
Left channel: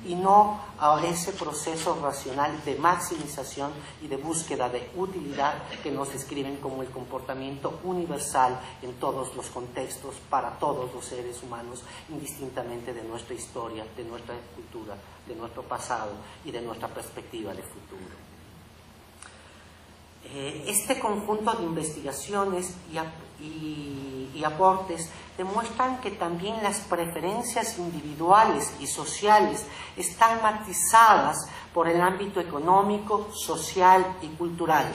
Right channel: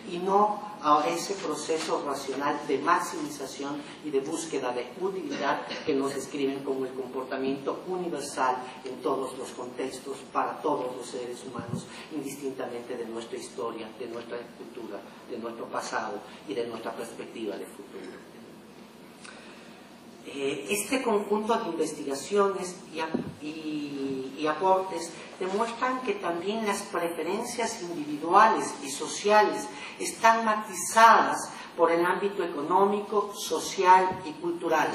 y no a ese proceso racional de maximización y de búsqueda de utilidad que nos describen como el comportamiento universal en todos los contextos para todos los seres humanos, indistintamente de nuestra historia, de nuestra cultura, de nuestro pasado y de nuestra perspectiva de futuro. Este conjunto de investigaciones y aportes demuestran que también las preferencias individuales y sociales están matizadas por el ámbito económico, social y cultural.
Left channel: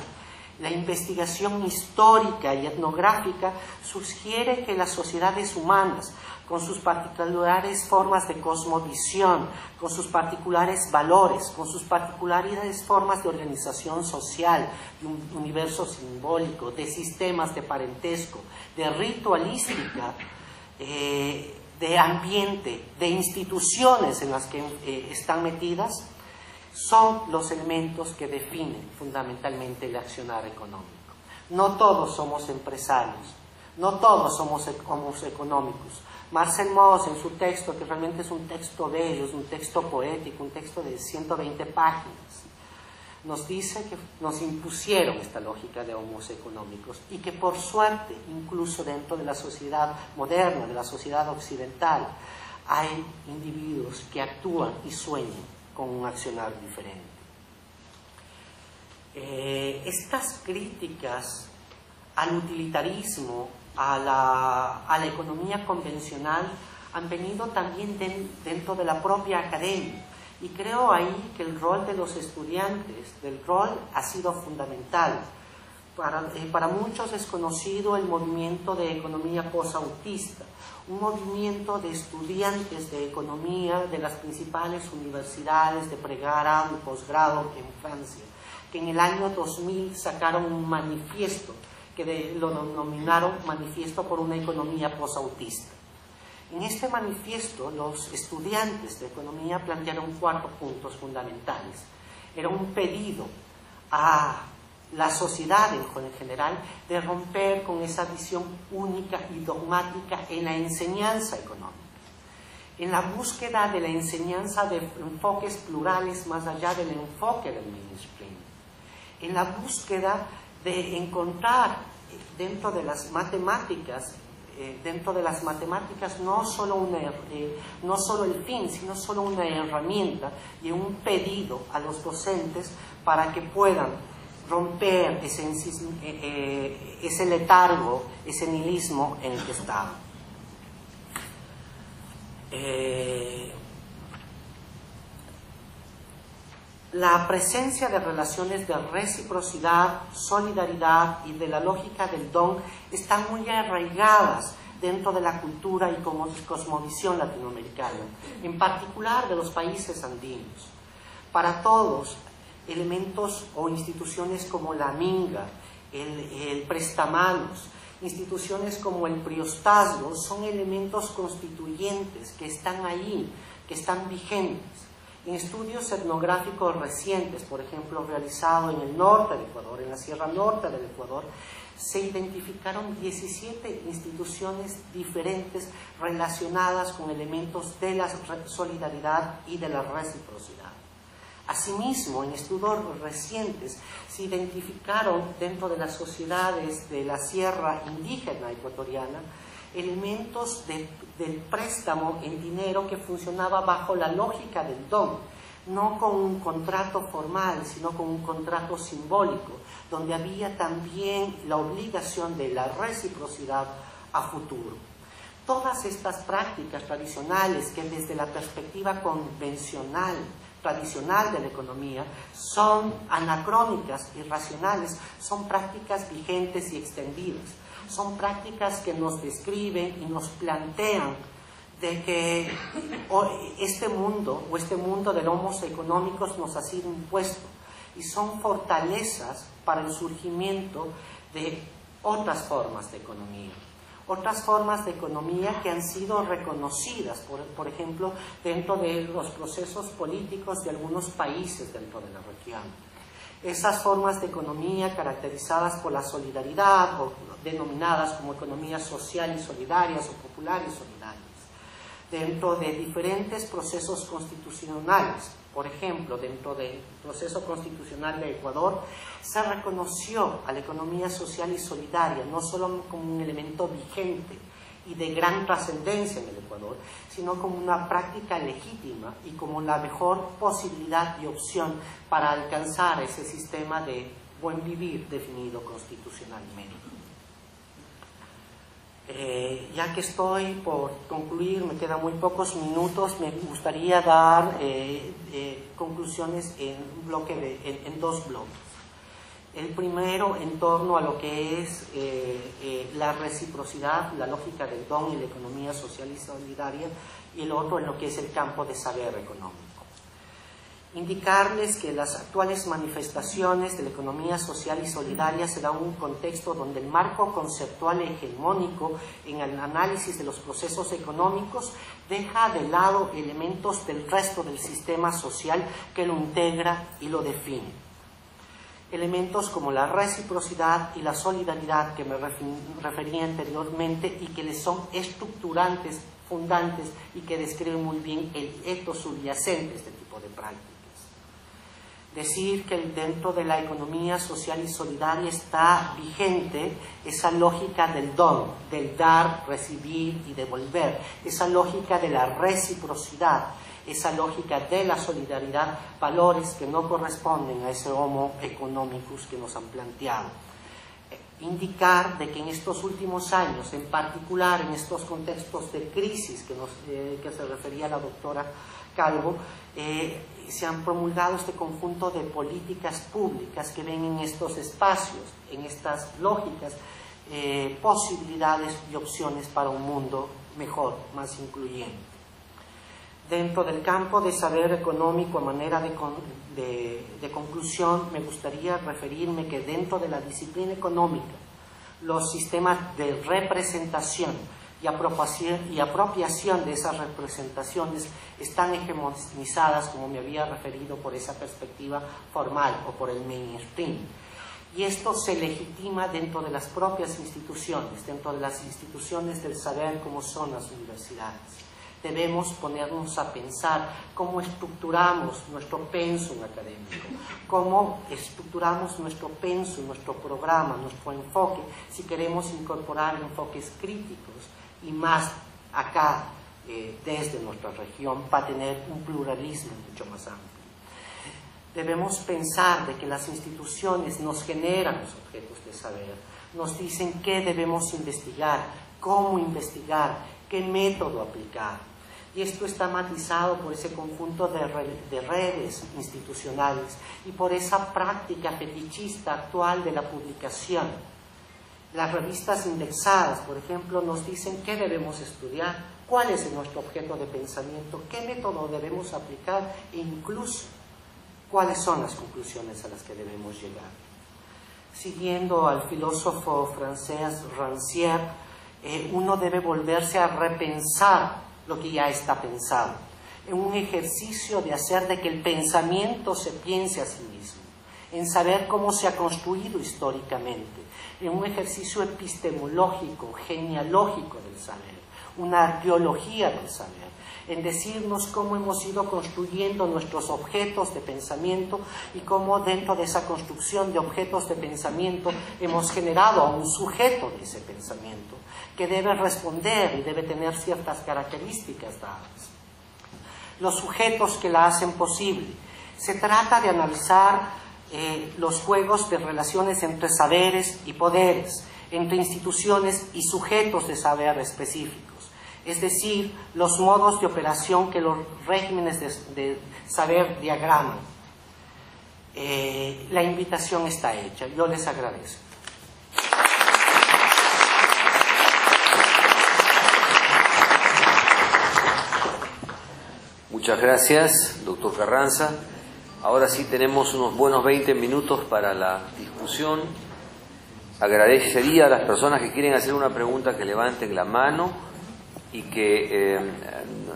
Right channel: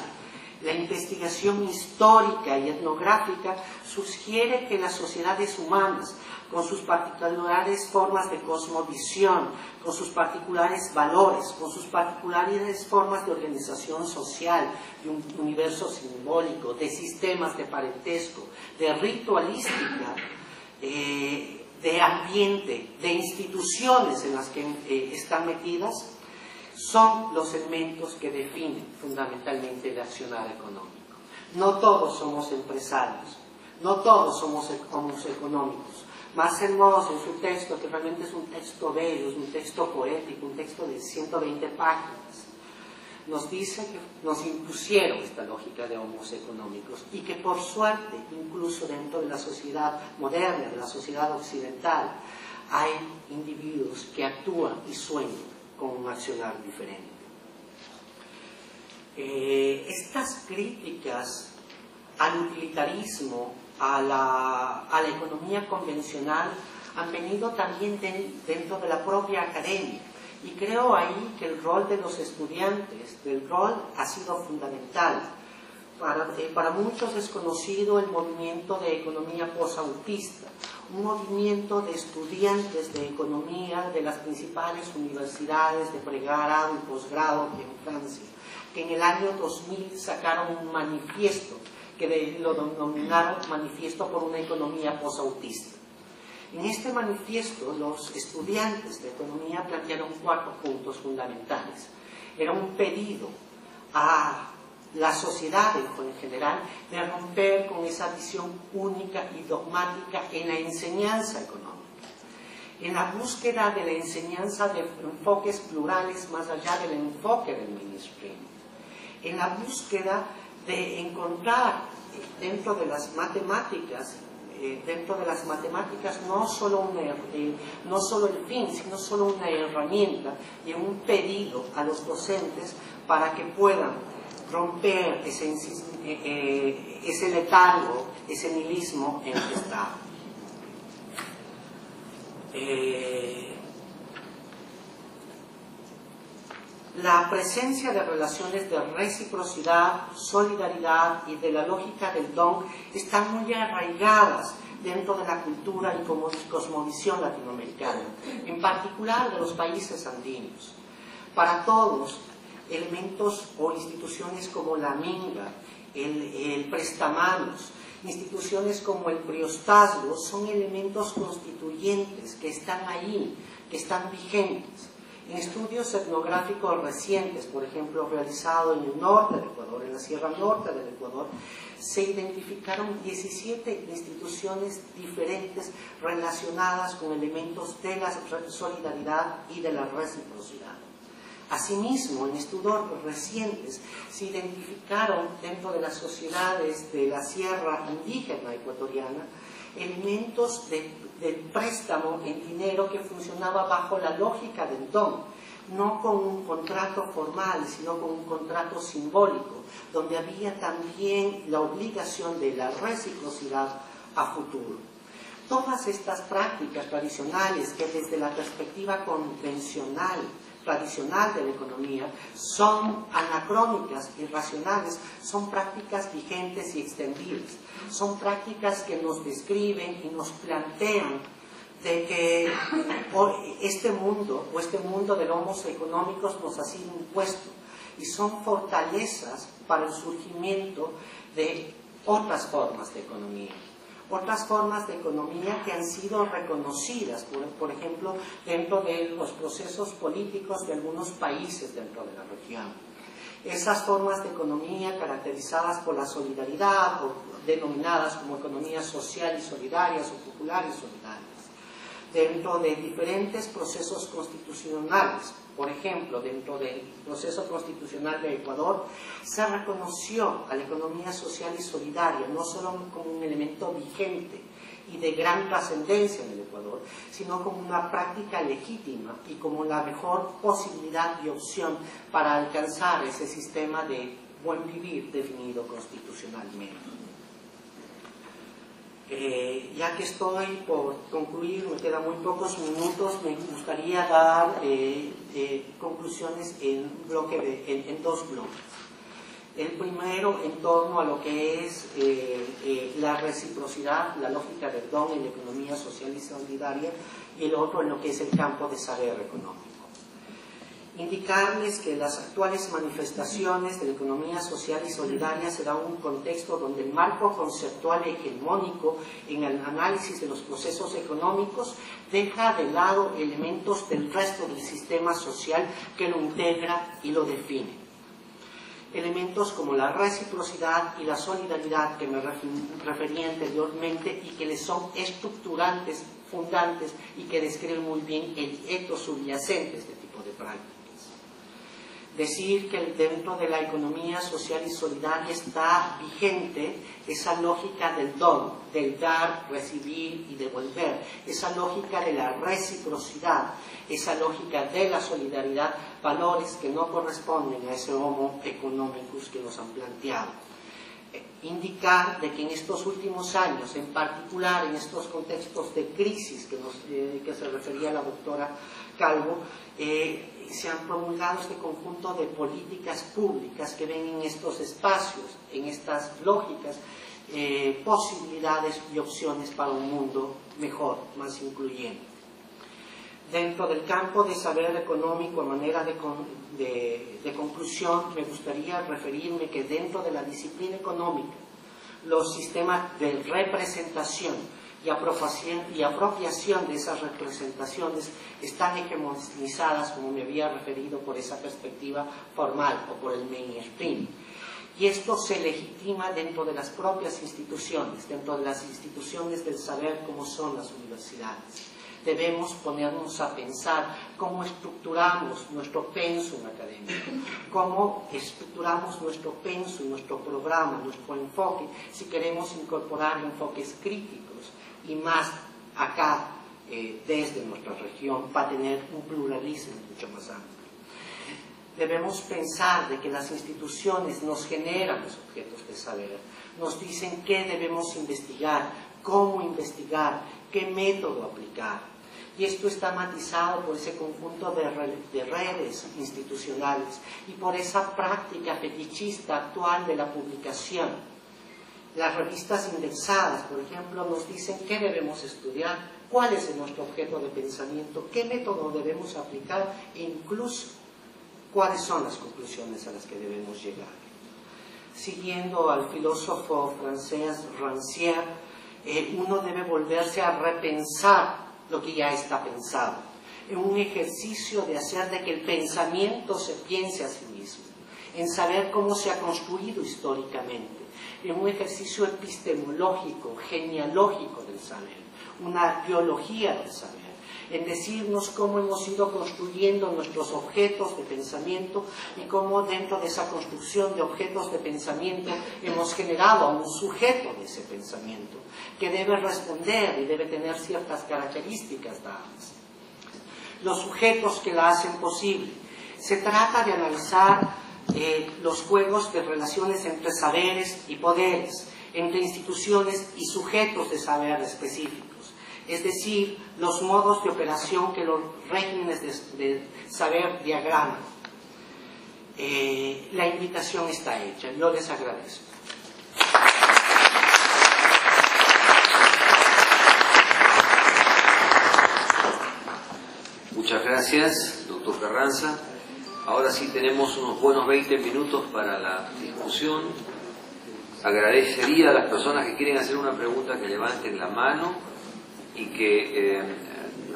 La investigación histórica y etnográfica sugiere que las sociedades humanas, con sus particulares formas de cosmovisión, con sus particulares valores, con sus particulares formas de organización social, de un universo simbólico, de sistemas de parentesco, de ritualística, de ambiente, de instituciones en las que están metidas, son los elementos que definen fundamentalmente el accionar económico. No todos somos empresarios, no todos somos económicos. Marcel Mauss, en su texto, que realmente es un texto bello, es un texto poético, un texto de 120 páginas, nos dice que nos impusieron esta lógica de homos económicos y que por suerte, incluso dentro de la sociedad moderna, de la sociedad occidental, hay individuos que actúan y sueñan con un accionar diferente. Estas críticas al utilitarismo, a la economía convencional, han venido también dentro de la propia academia. Y creo ahí que el rol de los estudiantes, el rol ha sido fundamental. Para muchos es conocido el movimiento de economía posautista, un movimiento de estudiantes de economía de las principales universidades de pregrado y posgrado en Francia, que en el año 2000 sacaron un manifiesto que lo denominaron Manifiesto por una Economía Posautista. En este manifiesto, los estudiantes de economía plantearon 4 puntos fundamentales. Era un pedido a la sociedad en general de romper con esa visión única y dogmática en la enseñanza económica, en la búsqueda de la enseñanza de enfoques plurales más allá del enfoque del mainstream, en la búsqueda de encontrar dentro de las matemáticas no solo el fin, sino solo una herramienta y un pedido a los docentes para que puedan romper ese letargo, ese nihilismo en el que está. La presencia de relaciones de reciprocidad, solidaridad y de la lógica del don están muy arraigadas dentro de la cultura y cosmovisión latinoamericana, en particular de los países andinos. Para todos, elementos o instituciones como la minga, el prestamanos, instituciones como el priostazgo son elementos constituyentes que están ahí, que están vigentes. En estudios etnográficos recientes, por ejemplo, realizados en el norte del Ecuador, en la Sierra Norte del Ecuador, se identificaron 17 instituciones diferentes relacionadas con elementos de la solidaridad y de la reciprocidad. Asimismo, en estudios recientes se identificaron dentro de las sociedades de la Sierra Indígena Ecuatoriana elementos del préstamo en dinero que funcionaba bajo la lógica del don, no con un contrato formal, sino con un contrato simbólico, donde había también la obligación de la reciprocidad a futuro. Todas estas prácticas tradicionales que desde la perspectiva convencional, tradicional de la economía, son anacrónicas, irracionales, son prácticas vigentes y extendibles. Son prácticas que nos describen y nos plantean de que este mundo de los homos económicos nos ha sido impuesto y son fortalezas para el surgimiento de otras formas de economía. Otras formas de economía que han sido reconocidas, por ejemplo, dentro de los procesos políticos de algunos países dentro de la región. Esas formas de economía caracterizadas por la solidaridad o denominadas como economías sociales solidarias o populares solidarias, dentro de diferentes procesos constitucionales. Por ejemplo, dentro del proceso constitucional de Ecuador, se reconoció a la economía social y solidaria no solo como un elemento vigente y de gran trascendencia en el Ecuador, sino como una práctica legítima y como la mejor posibilidad y opción para alcanzar ese sistema de buen vivir definido constitucionalmente. Ya que estoy por concluir, me quedan muy pocos minutos, me gustaría dar conclusiones en dos bloques. El primero en torno a lo que es la reciprocidad, la lógica del don en la economía social y solidaria, y el otro en lo que es el campo de saber económico. Indicarles que las actuales manifestaciones de la economía social y solidaria se dan en un contexto donde el marco conceptual hegemónico en el análisis de los procesos económicos deja de lado elementos del resto del sistema social que lo integra y lo define. Elementos como la reciprocidad y la solidaridad que me referí anteriormente y que les son estructurantes, fundantes y que describen muy bien el etos subyacente de este tipo de prácticas. Decir que dentro de la economía social y solidaria está vigente esa lógica del don, del dar, recibir y devolver, esa lógica de la reciprocidad, esa lógica de la solidaridad, valores que no corresponden a ese homo economicus que nos han planteado. Indicar de que en estos últimos años, en particular en estos contextos de crisis que se refería la doctora Calvo, se han promulgado este conjunto de políticas públicas que ven en estos espacios, en estas lógicas, posibilidades y opciones para un mundo mejor, más incluyente. Dentro del campo de saber económico, a manera de conclusión, me gustaría referirme que dentro de la disciplina económica, los sistemas de representación y apropiación de esas representaciones están hegemonizadas, como me había referido, por esa perspectiva formal o por el mainstream. Y esto se legitima dentro de las propias instituciones, dentro de las instituciones del saber como son las universidades. Debemos ponernos a pensar cómo estructuramos nuestro pensum académico, cómo estructuramos nuestro pensum, nuestro programa, nuestro enfoque, si queremos incorporar enfoques críticos y más acá, desde nuestra región, para tener un pluralismo mucho más amplio. Debemos pensar de que las instituciones nos generan los objetos de saber, nos dicen qué debemos investigar, cómo investigar, qué método aplicar. Y esto está matizado por ese conjunto de redes institucionales y por esa práctica fetichista actual de la publicación. Las revistas indexadas, por ejemplo, nos dicen qué debemos estudiar, cuál es nuestro objeto de pensamiento, qué método debemos aplicar e incluso cuáles son las conclusiones a las que debemos llegar. Siguiendo al filósofo francés Rancière, uno debe volverse a repensar lo que ya está pensado, en un ejercicio de hacer de que el pensamiento se piense a sí mismo, en saber cómo se ha construido históricamente, en un ejercicio epistemológico, genealógico del saber, una arqueología del saber, en decirnos cómo hemos ido construyendo nuestros objetos de pensamiento y cómo dentro de esa construcción de objetos de pensamiento hemos generado a un sujeto de ese pensamiento, que debe responder y debe tener ciertas características dadas. Los sujetos que la hacen posible. Se trata de analizar los juegos de relaciones entre saberes y poderes, entre instituciones y sujetos de saber específicos, es decir, los modos de operación que los regímenes de saber diagraman. La invitación está hecha, yo les agradezco. Muchas gracias, doctor Carranza. Ahora sí tenemos unos buenos 20 minutos para la discusión. Agradecería a las personas que quieren hacer una pregunta que levanten la mano y que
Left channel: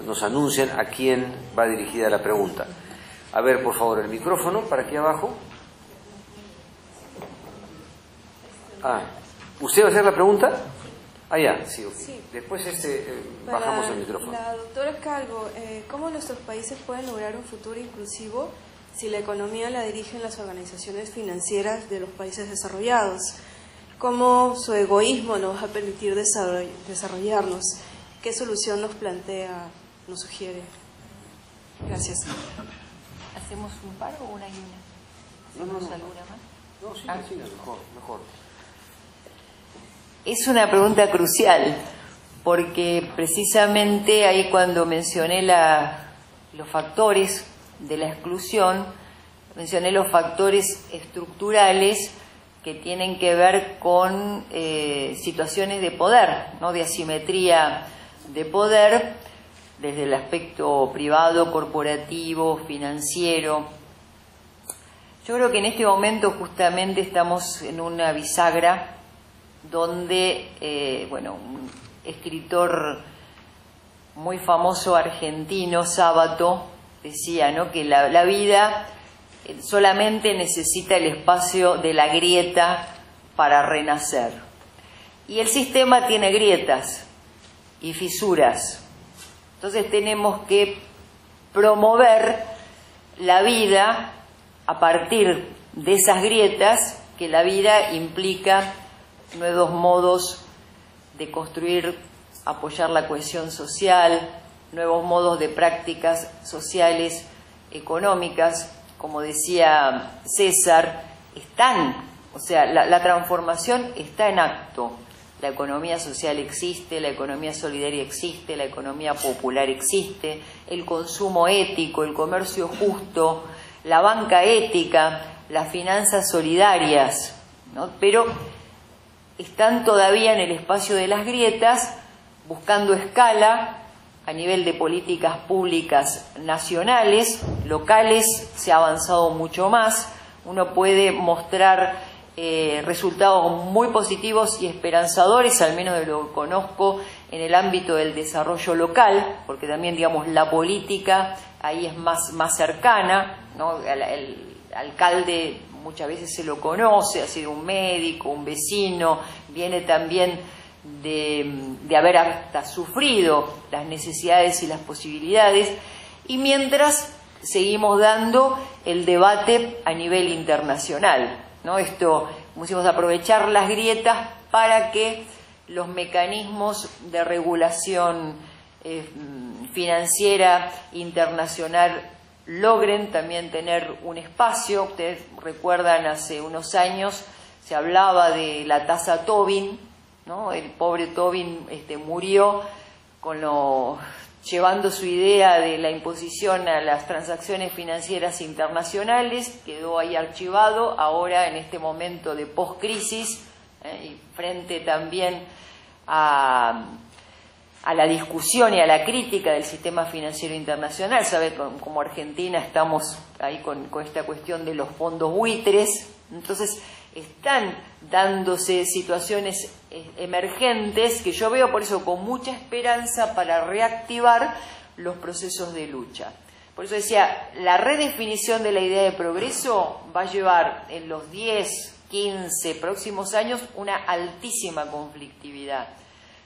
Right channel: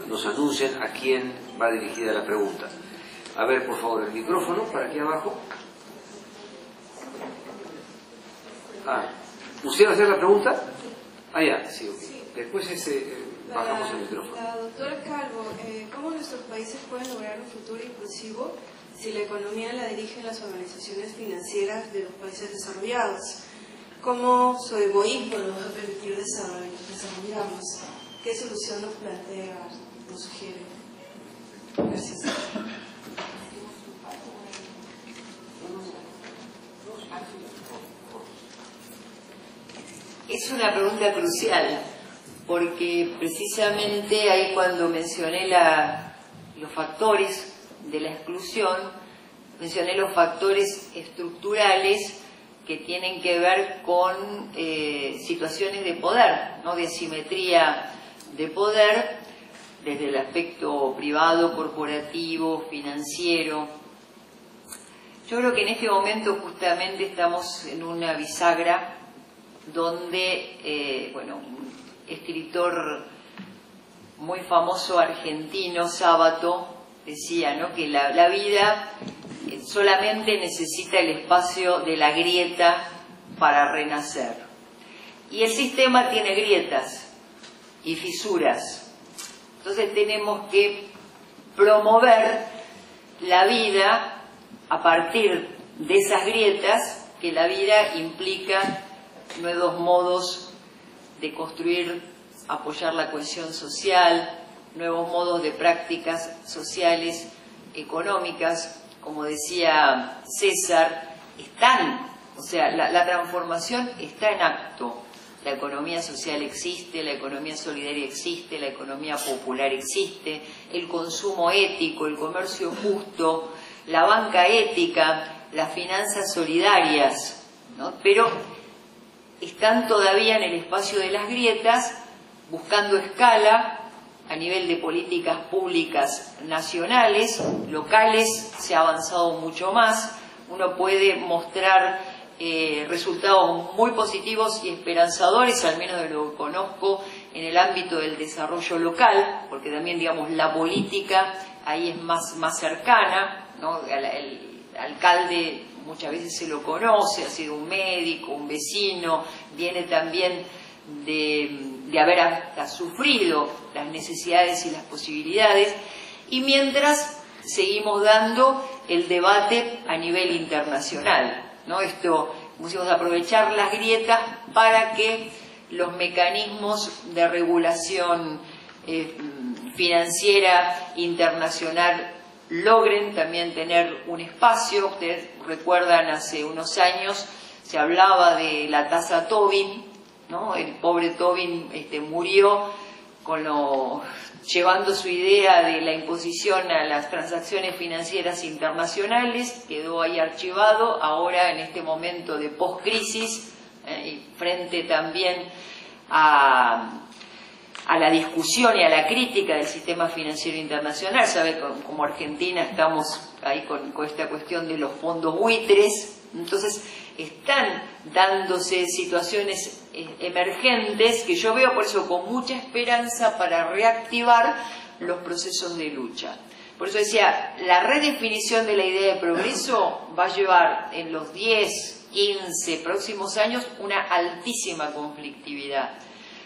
nos anuncien a quién va dirigida la pregunta. A ver, por favor, el micrófono para aquí abajo. ¿Usted va a hacer la pregunta? Ya, sí. Después bajamos el micrófono. La doctora Calvo, ¿cómo nuestros países pueden lograr un futuro inclusivo si la economía la dirigen las organizaciones financieras de los países desarrollados? ¿Cómo su egoísmo nos va a permitir desarrollarnos? ¿Qué solución nos plantea, nos sugiere? Gracias. ¿Hacemos un paro o una idea? ¿Tenemos alguna más? Mejor. Es una pregunta crucial, porque precisamente ahí cuando mencioné los factores de la exclusión, mencioné los factores estructurales que tienen que ver con situaciones de poder, ¿no? De asimetría de poder, desde el aspecto privado, corporativo, financiero. Yo creo que en este momento justamente estamos en una bisagra donde, bueno, un escritor muy famoso argentino, Sábato, decía, ¿no?, que la vida solamente necesita el espacio de la grieta para renacer. Y el sistema tiene grietas y fisuras. Entonces tenemos que promover la vida a partir de esas grietas, que la vida implica nuevos modos de construir, apoyar la cohesión social, nuevos modos de prácticas sociales, económicas. Como decía César, o sea, la transformación está en acto. La economía social existe, la economía solidaria existe, la economía popular existe, el consumo ético, el comercio justo, la banca ética, las finanzas solidarias, ¿no? Pero están todavía en el espacio de las grietas, buscando escala a nivel de políticas públicas nacionales. Locales se ha avanzado mucho más. Uno puede mostrar resultados muy positivos y esperanzadores, al menos de lo que conozco, en el ámbito del desarrollo local, porque también, digamos, la política ahí es más cercana, ¿no? El alcalde muchas veces se lo conoce, ha sido un médico, un vecino, viene también de haber hasta sufrido las necesidades y las posibilidades, y mientras seguimos dando el debate a nivel internacional, ¿no? Esto, pusimos a aprovechar las grietas para que los mecanismos de regulación financiera internacional logren también tener un espacio. Ustedes recuerdan, hace unos años se hablaba de la tasa Tobin, ¿no? El pobre Tobin murió llevando su idea de la imposición a las transacciones financieras internacionales, quedó ahí archivado. Ahora, en este momento de post-crisis, y frente también a la discusión y a la crítica del sistema financiero internacional, sabe, como Argentina estamos ahí con esta cuestión de los fondos buitres. Entonces están dándose situaciones emergentes que yo veo por eso con mucha esperanza para reactivar los procesos de lucha. Por eso decía, la redefinición de la idea de progreso va a llevar en los 10, 15 próximos años una altísima conflictividad,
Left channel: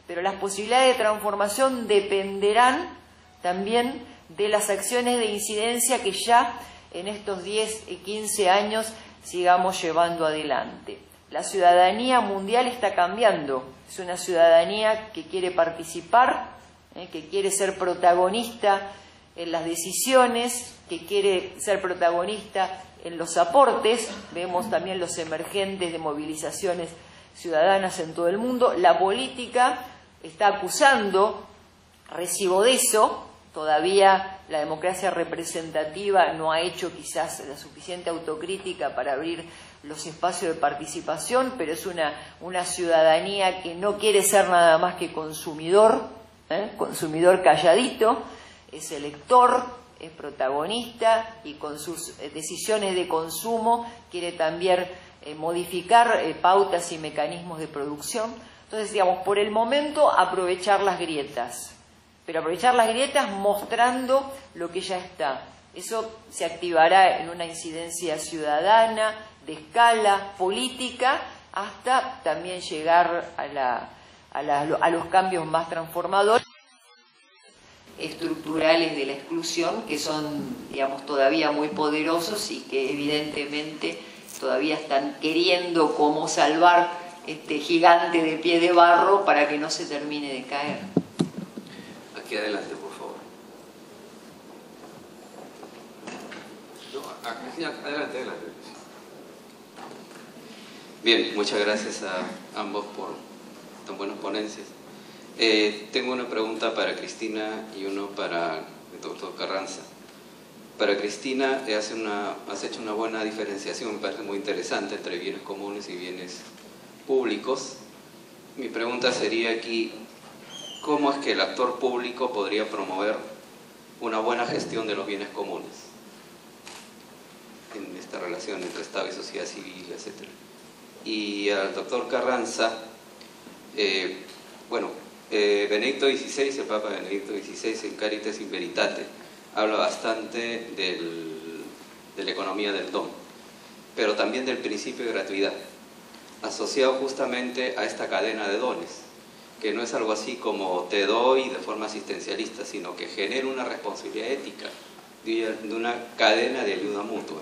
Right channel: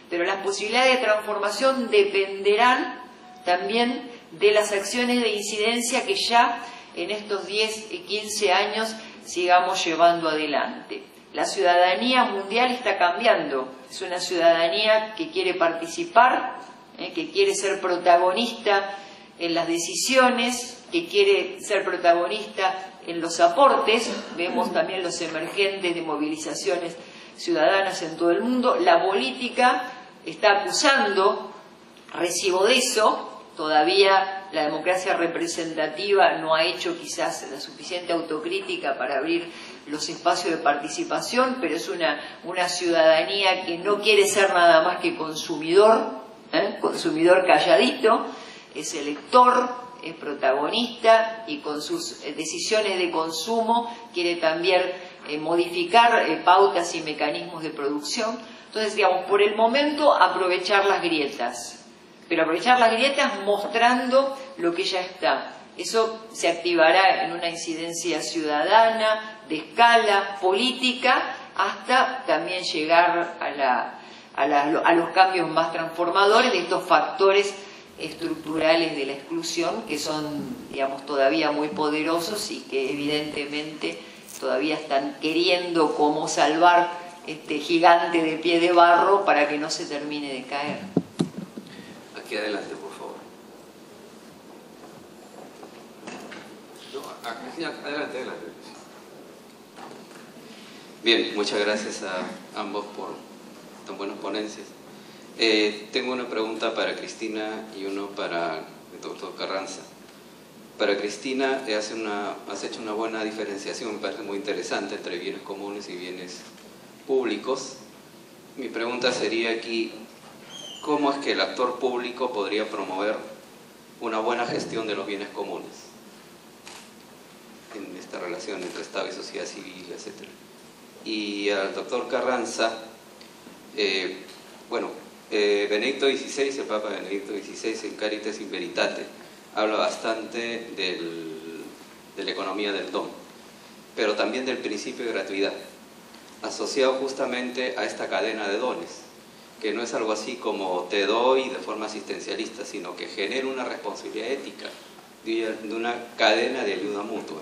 pero las posibilidades de transformación dependerán también de las acciones de incidencia que ya en estos 10, 15 años sigamos llevando adelante. La ciudadanía mundial está cambiando, es una ciudadanía que quiere participar, que quiere ser protagonista en las decisiones, que quiere ser protagonista en los aportes. Vemos también los emergentes de movilizaciones ciudadanas en todo el mundo. La política está acusando recibo de eso. Todavía la democracia representativa no ha hecho quizás la suficiente autocrítica para abrir los espacios de participación, pero es una ciudadanía que no quiere ser nada más que consumidor, consumidor calladito, es elector, es protagonista, y con sus decisiones de consumo quiere también modificar pautas y mecanismos de producción. Entonces, digamos, por el momento aprovechar las grietas, pero aprovechar las grietas mostrando lo que ya está. Eso se activará en una incidencia ciudadana, de escala política, hasta también llegar a los cambios más transformadores de estos factores estructurales de la exclusión, que son, digamos, todavía muy poderosos y que evidentemente todavía están queriendo cómo salvar este gigante de pie de barro para que no se termine de caer. Aquí adelante, por favor. No, aquí, adelante. Bien, muchas gracias a ambos por tan buenas ponencias. Tengo una pregunta para Cristina y uno para el doctor Carranza. Para Cristina, has hecho una buena diferenciación, me parece muy interesante, entre bienes comunes y bienes públicos. Mi pregunta sería aquí, ¿cómo es que el actor público podría promover una buena gestión de los bienes comunes en esta relación entre Estado y sociedad civil, etc. Y al doctor Carranza, Benedicto XVI, el Papa Benedicto XVI en Caritas in Veritate habla bastante de la economía del don, pero también del principio de gratuidad, asociado justamente a esta cadena de dones, que no es algo así como te doy de forma asistencialista, sino que genera una responsabilidad ética de una cadena de ayuda mutua.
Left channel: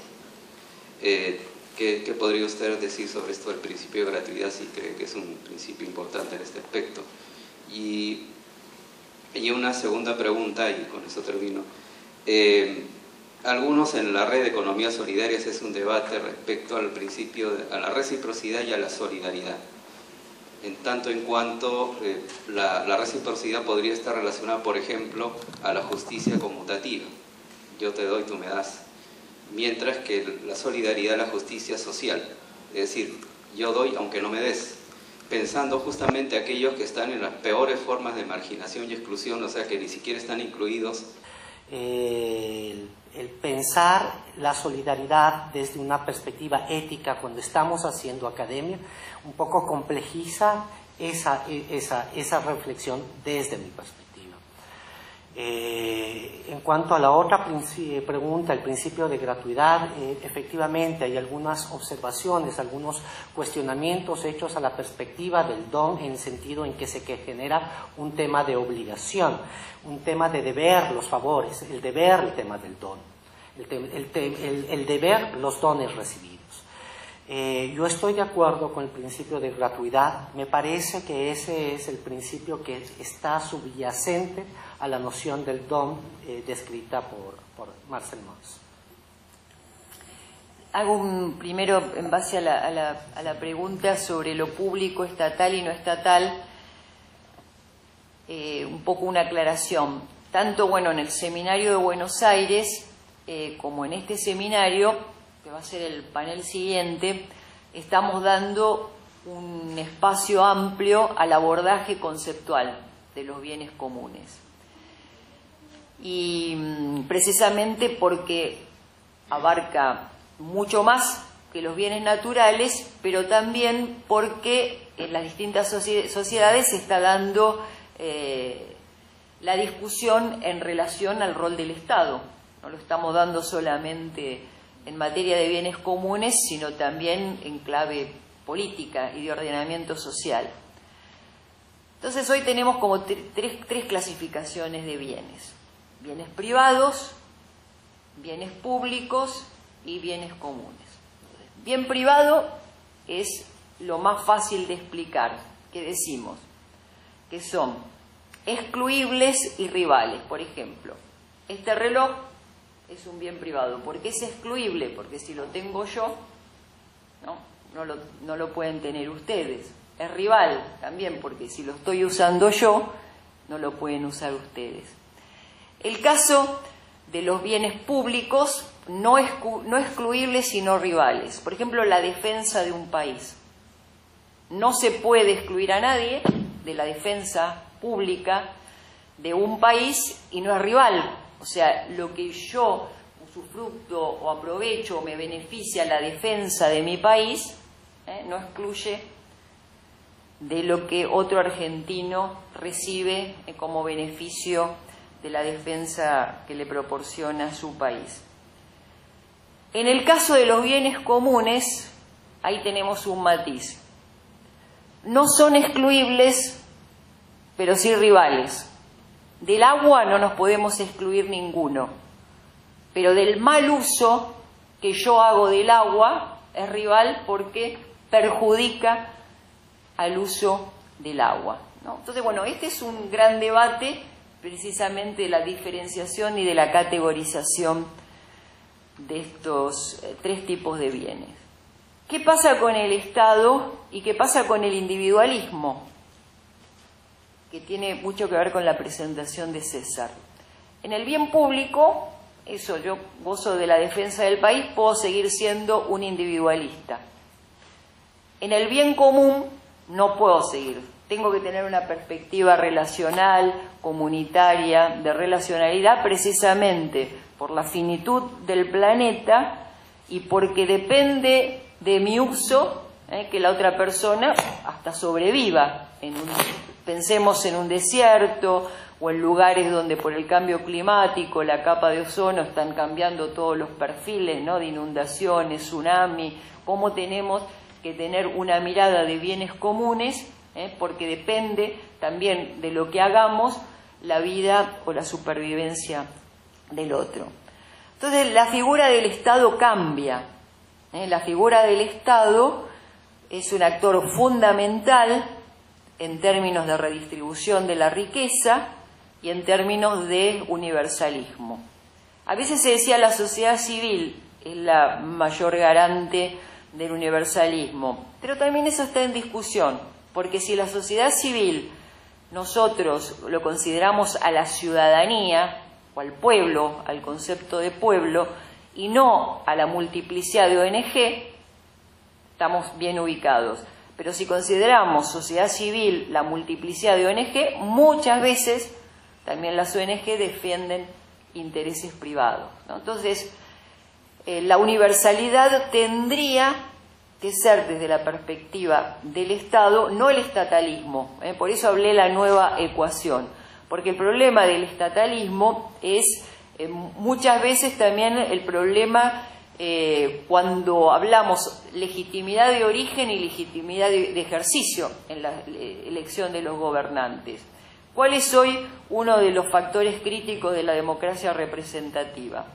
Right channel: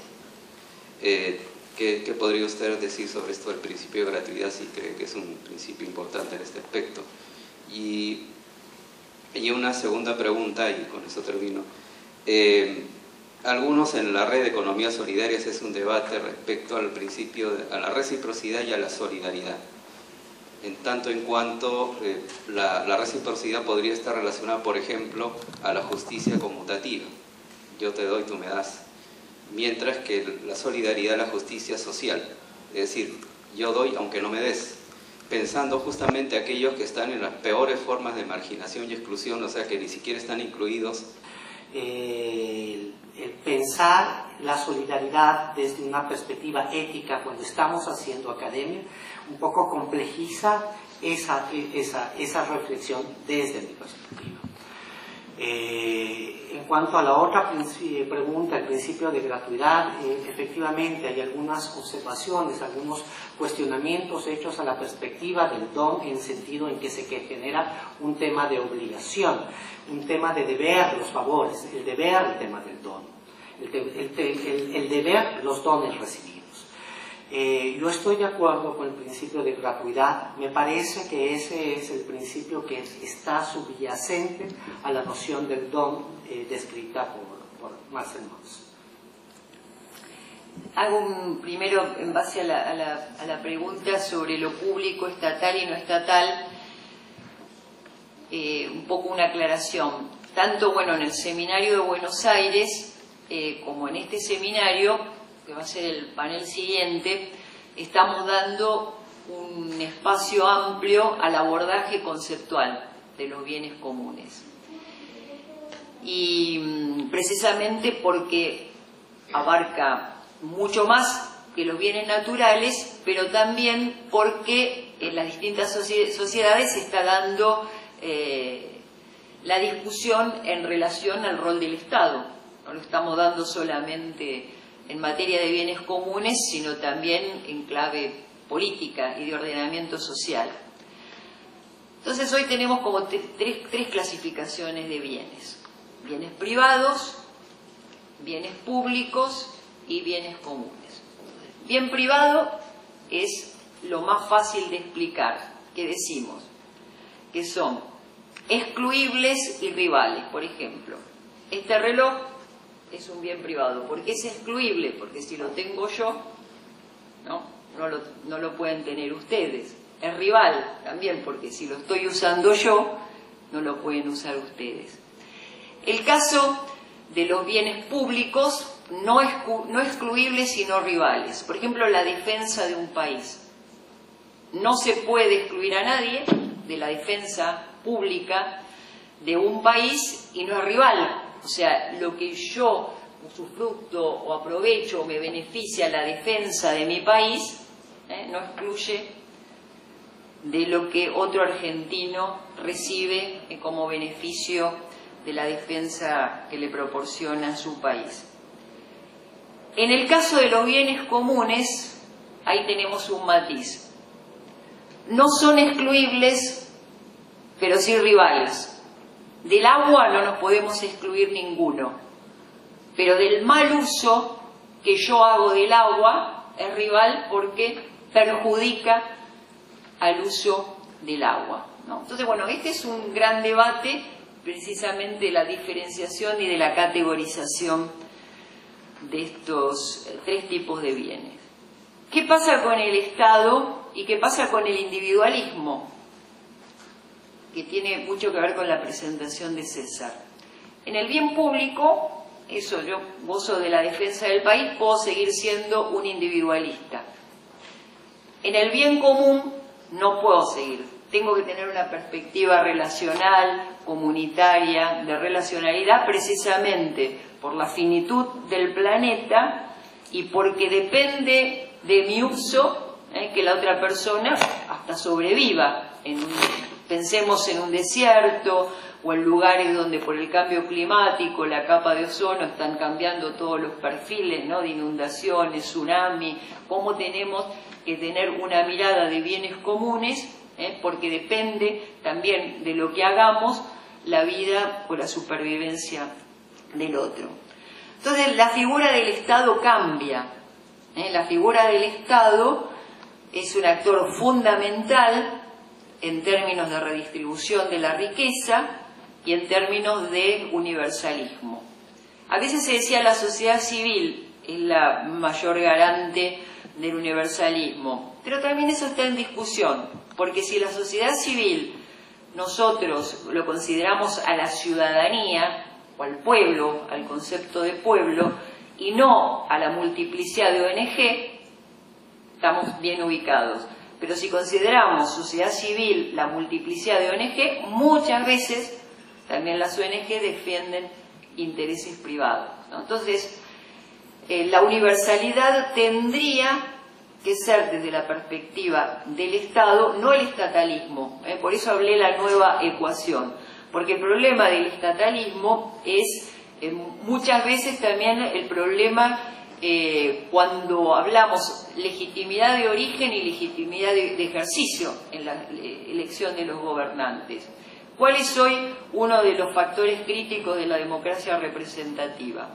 ¿Qué podría usted decir sobre esto del principio de gratuidad, si cree que es un principio importante en este aspecto? Y una segunda pregunta, y con eso termino. Algunos en la red de economías solidarias es un debate respecto al principio, a la reciprocidad y a la solidaridad. En tanto en cuanto la reciprocidad podría estar relacionada, por ejemplo, a la justicia conmutativa. Yo te doy, tú me das. Mientras que la solidaridad es la justicia social. Es decir, yo doy aunque no me des. Pensando justamente aquellos que están en las peores formas de marginación y exclusión, o sea, que ni siquiera están incluidos. El pensar la solidaridad desde una perspectiva ética cuando estamos haciendo academia un poco complejiza esa reflexión desde mi perspectiva. En cuanto a la otra pregunta, el principio de gratuidad, efectivamente hay algunas observaciones, algunos cuestionamientos hechos a la perspectiva del don, en el sentido en que se genera un tema de obligación, un tema de deber los favores, el deber el tema del don, el deber los dones recibidos. Yo estoy de acuerdo con el principio de gratuidad. Me parece que ese es el principio que está subyacente a la noción del don descrita por Marcel Mauss. Hago primero, en base a la pregunta sobre lo público, estatal y no estatal, un poco una aclaración. Tanto en el seminario de Buenos Aires como en este seminario, que va a ser el panel siguiente, estamos dando un espacio amplio al abordaje conceptual de los bienes comunes. Y precisamente porque abarca mucho más que los bienes naturales, pero también porque en las distintas sociedades se está dando la discusión en relación al rol del Estado. No lo estamos dando solamente en materia de bienes comunes, sino también en clave política y de ordenamiento social. Entonces hoy tenemos como tres clasificaciones de bienes: bienes privados, bienes públicos y bienes comunes. Bien privado es lo más fácil de explicar, que decimos que son excluibles y rivales. Por ejemplo, este reloj es un bien privado. ¿Por qué es excluible? Porque si lo tengo yo, no lo pueden tener ustedes. Es rival también, porque si lo estoy usando yo, no lo pueden usar ustedes. El caso de los bienes públicos, no excluibles sino rivales. Por ejemplo, la defensa de un país. No se puede excluir a nadie de la defensa pública de un país y no es rival. O sea, lo que yo usufructo o aprovecho o me beneficia la defensa de mi país, no excluye de lo que otro argentino recibe como beneficio de la defensa que le proporciona su país. En el caso de los bienes comunes, ahí tenemos un matiz. No son excluibles, pero sí rivales. Del agua no nos podemos excluir ninguno, pero del mal uso que yo hago del agua es rival porque perjudica al uso del agua, ¿no? Entonces, este es un gran debate precisamente de la diferenciación y de la categorización de estos tres tipos de bienes. ¿Qué pasa con el Estado y qué pasa con el individualismo? Que tiene mucho que ver con la presentación de César. En el bien público, yo gozo de la defensa del país, puedo seguir siendo un individualista. En el bien común no puedo seguir tengo que tener una perspectiva relacional, comunitaria, de relacionalidad, precisamente por la finitud del planeta y porque depende de mi uso que la otra persona hasta sobreviva. Pensemos en un desierto o en lugares donde por el cambio climático, la capa de ozono, están cambiando todos los perfiles, ¿no?, de inundaciones, tsunami, cómo tenemos que tener una mirada de bienes comunes, porque depende también de lo que hagamos la vida o la supervivencia del otro. Entonces la figura del Estado cambia. La figura del Estado es un actor fundamental en términos de redistribución de la riqueza y en términos de universalismo. A veces se decía la sociedad civil es la mayor garante del universalismo, pero también eso está en discusión, porque si la sociedad civil nosotros lo consideramos a la ciudadanía o al pueblo, al concepto de pueblo, y no a la multiplicidad de ONG, estamos bien ubicados. Pero si consideramos sociedad civil la multiplicidad de ONG, muchas veces también las ONG defienden intereses privados, ¿no? Entonces, la universalidad tendría que ser desde la perspectiva del Estado, no el estatalismo. Por eso hablé de la nueva ecuación, porque el problema del estatalismo es muchas veces también el problema cuando hablamos legitimidad de origen y legitimidad de ejercicio en la elección de los gobernantes. ¿Cuál es hoy uno de los factores críticos de la democracia representativa?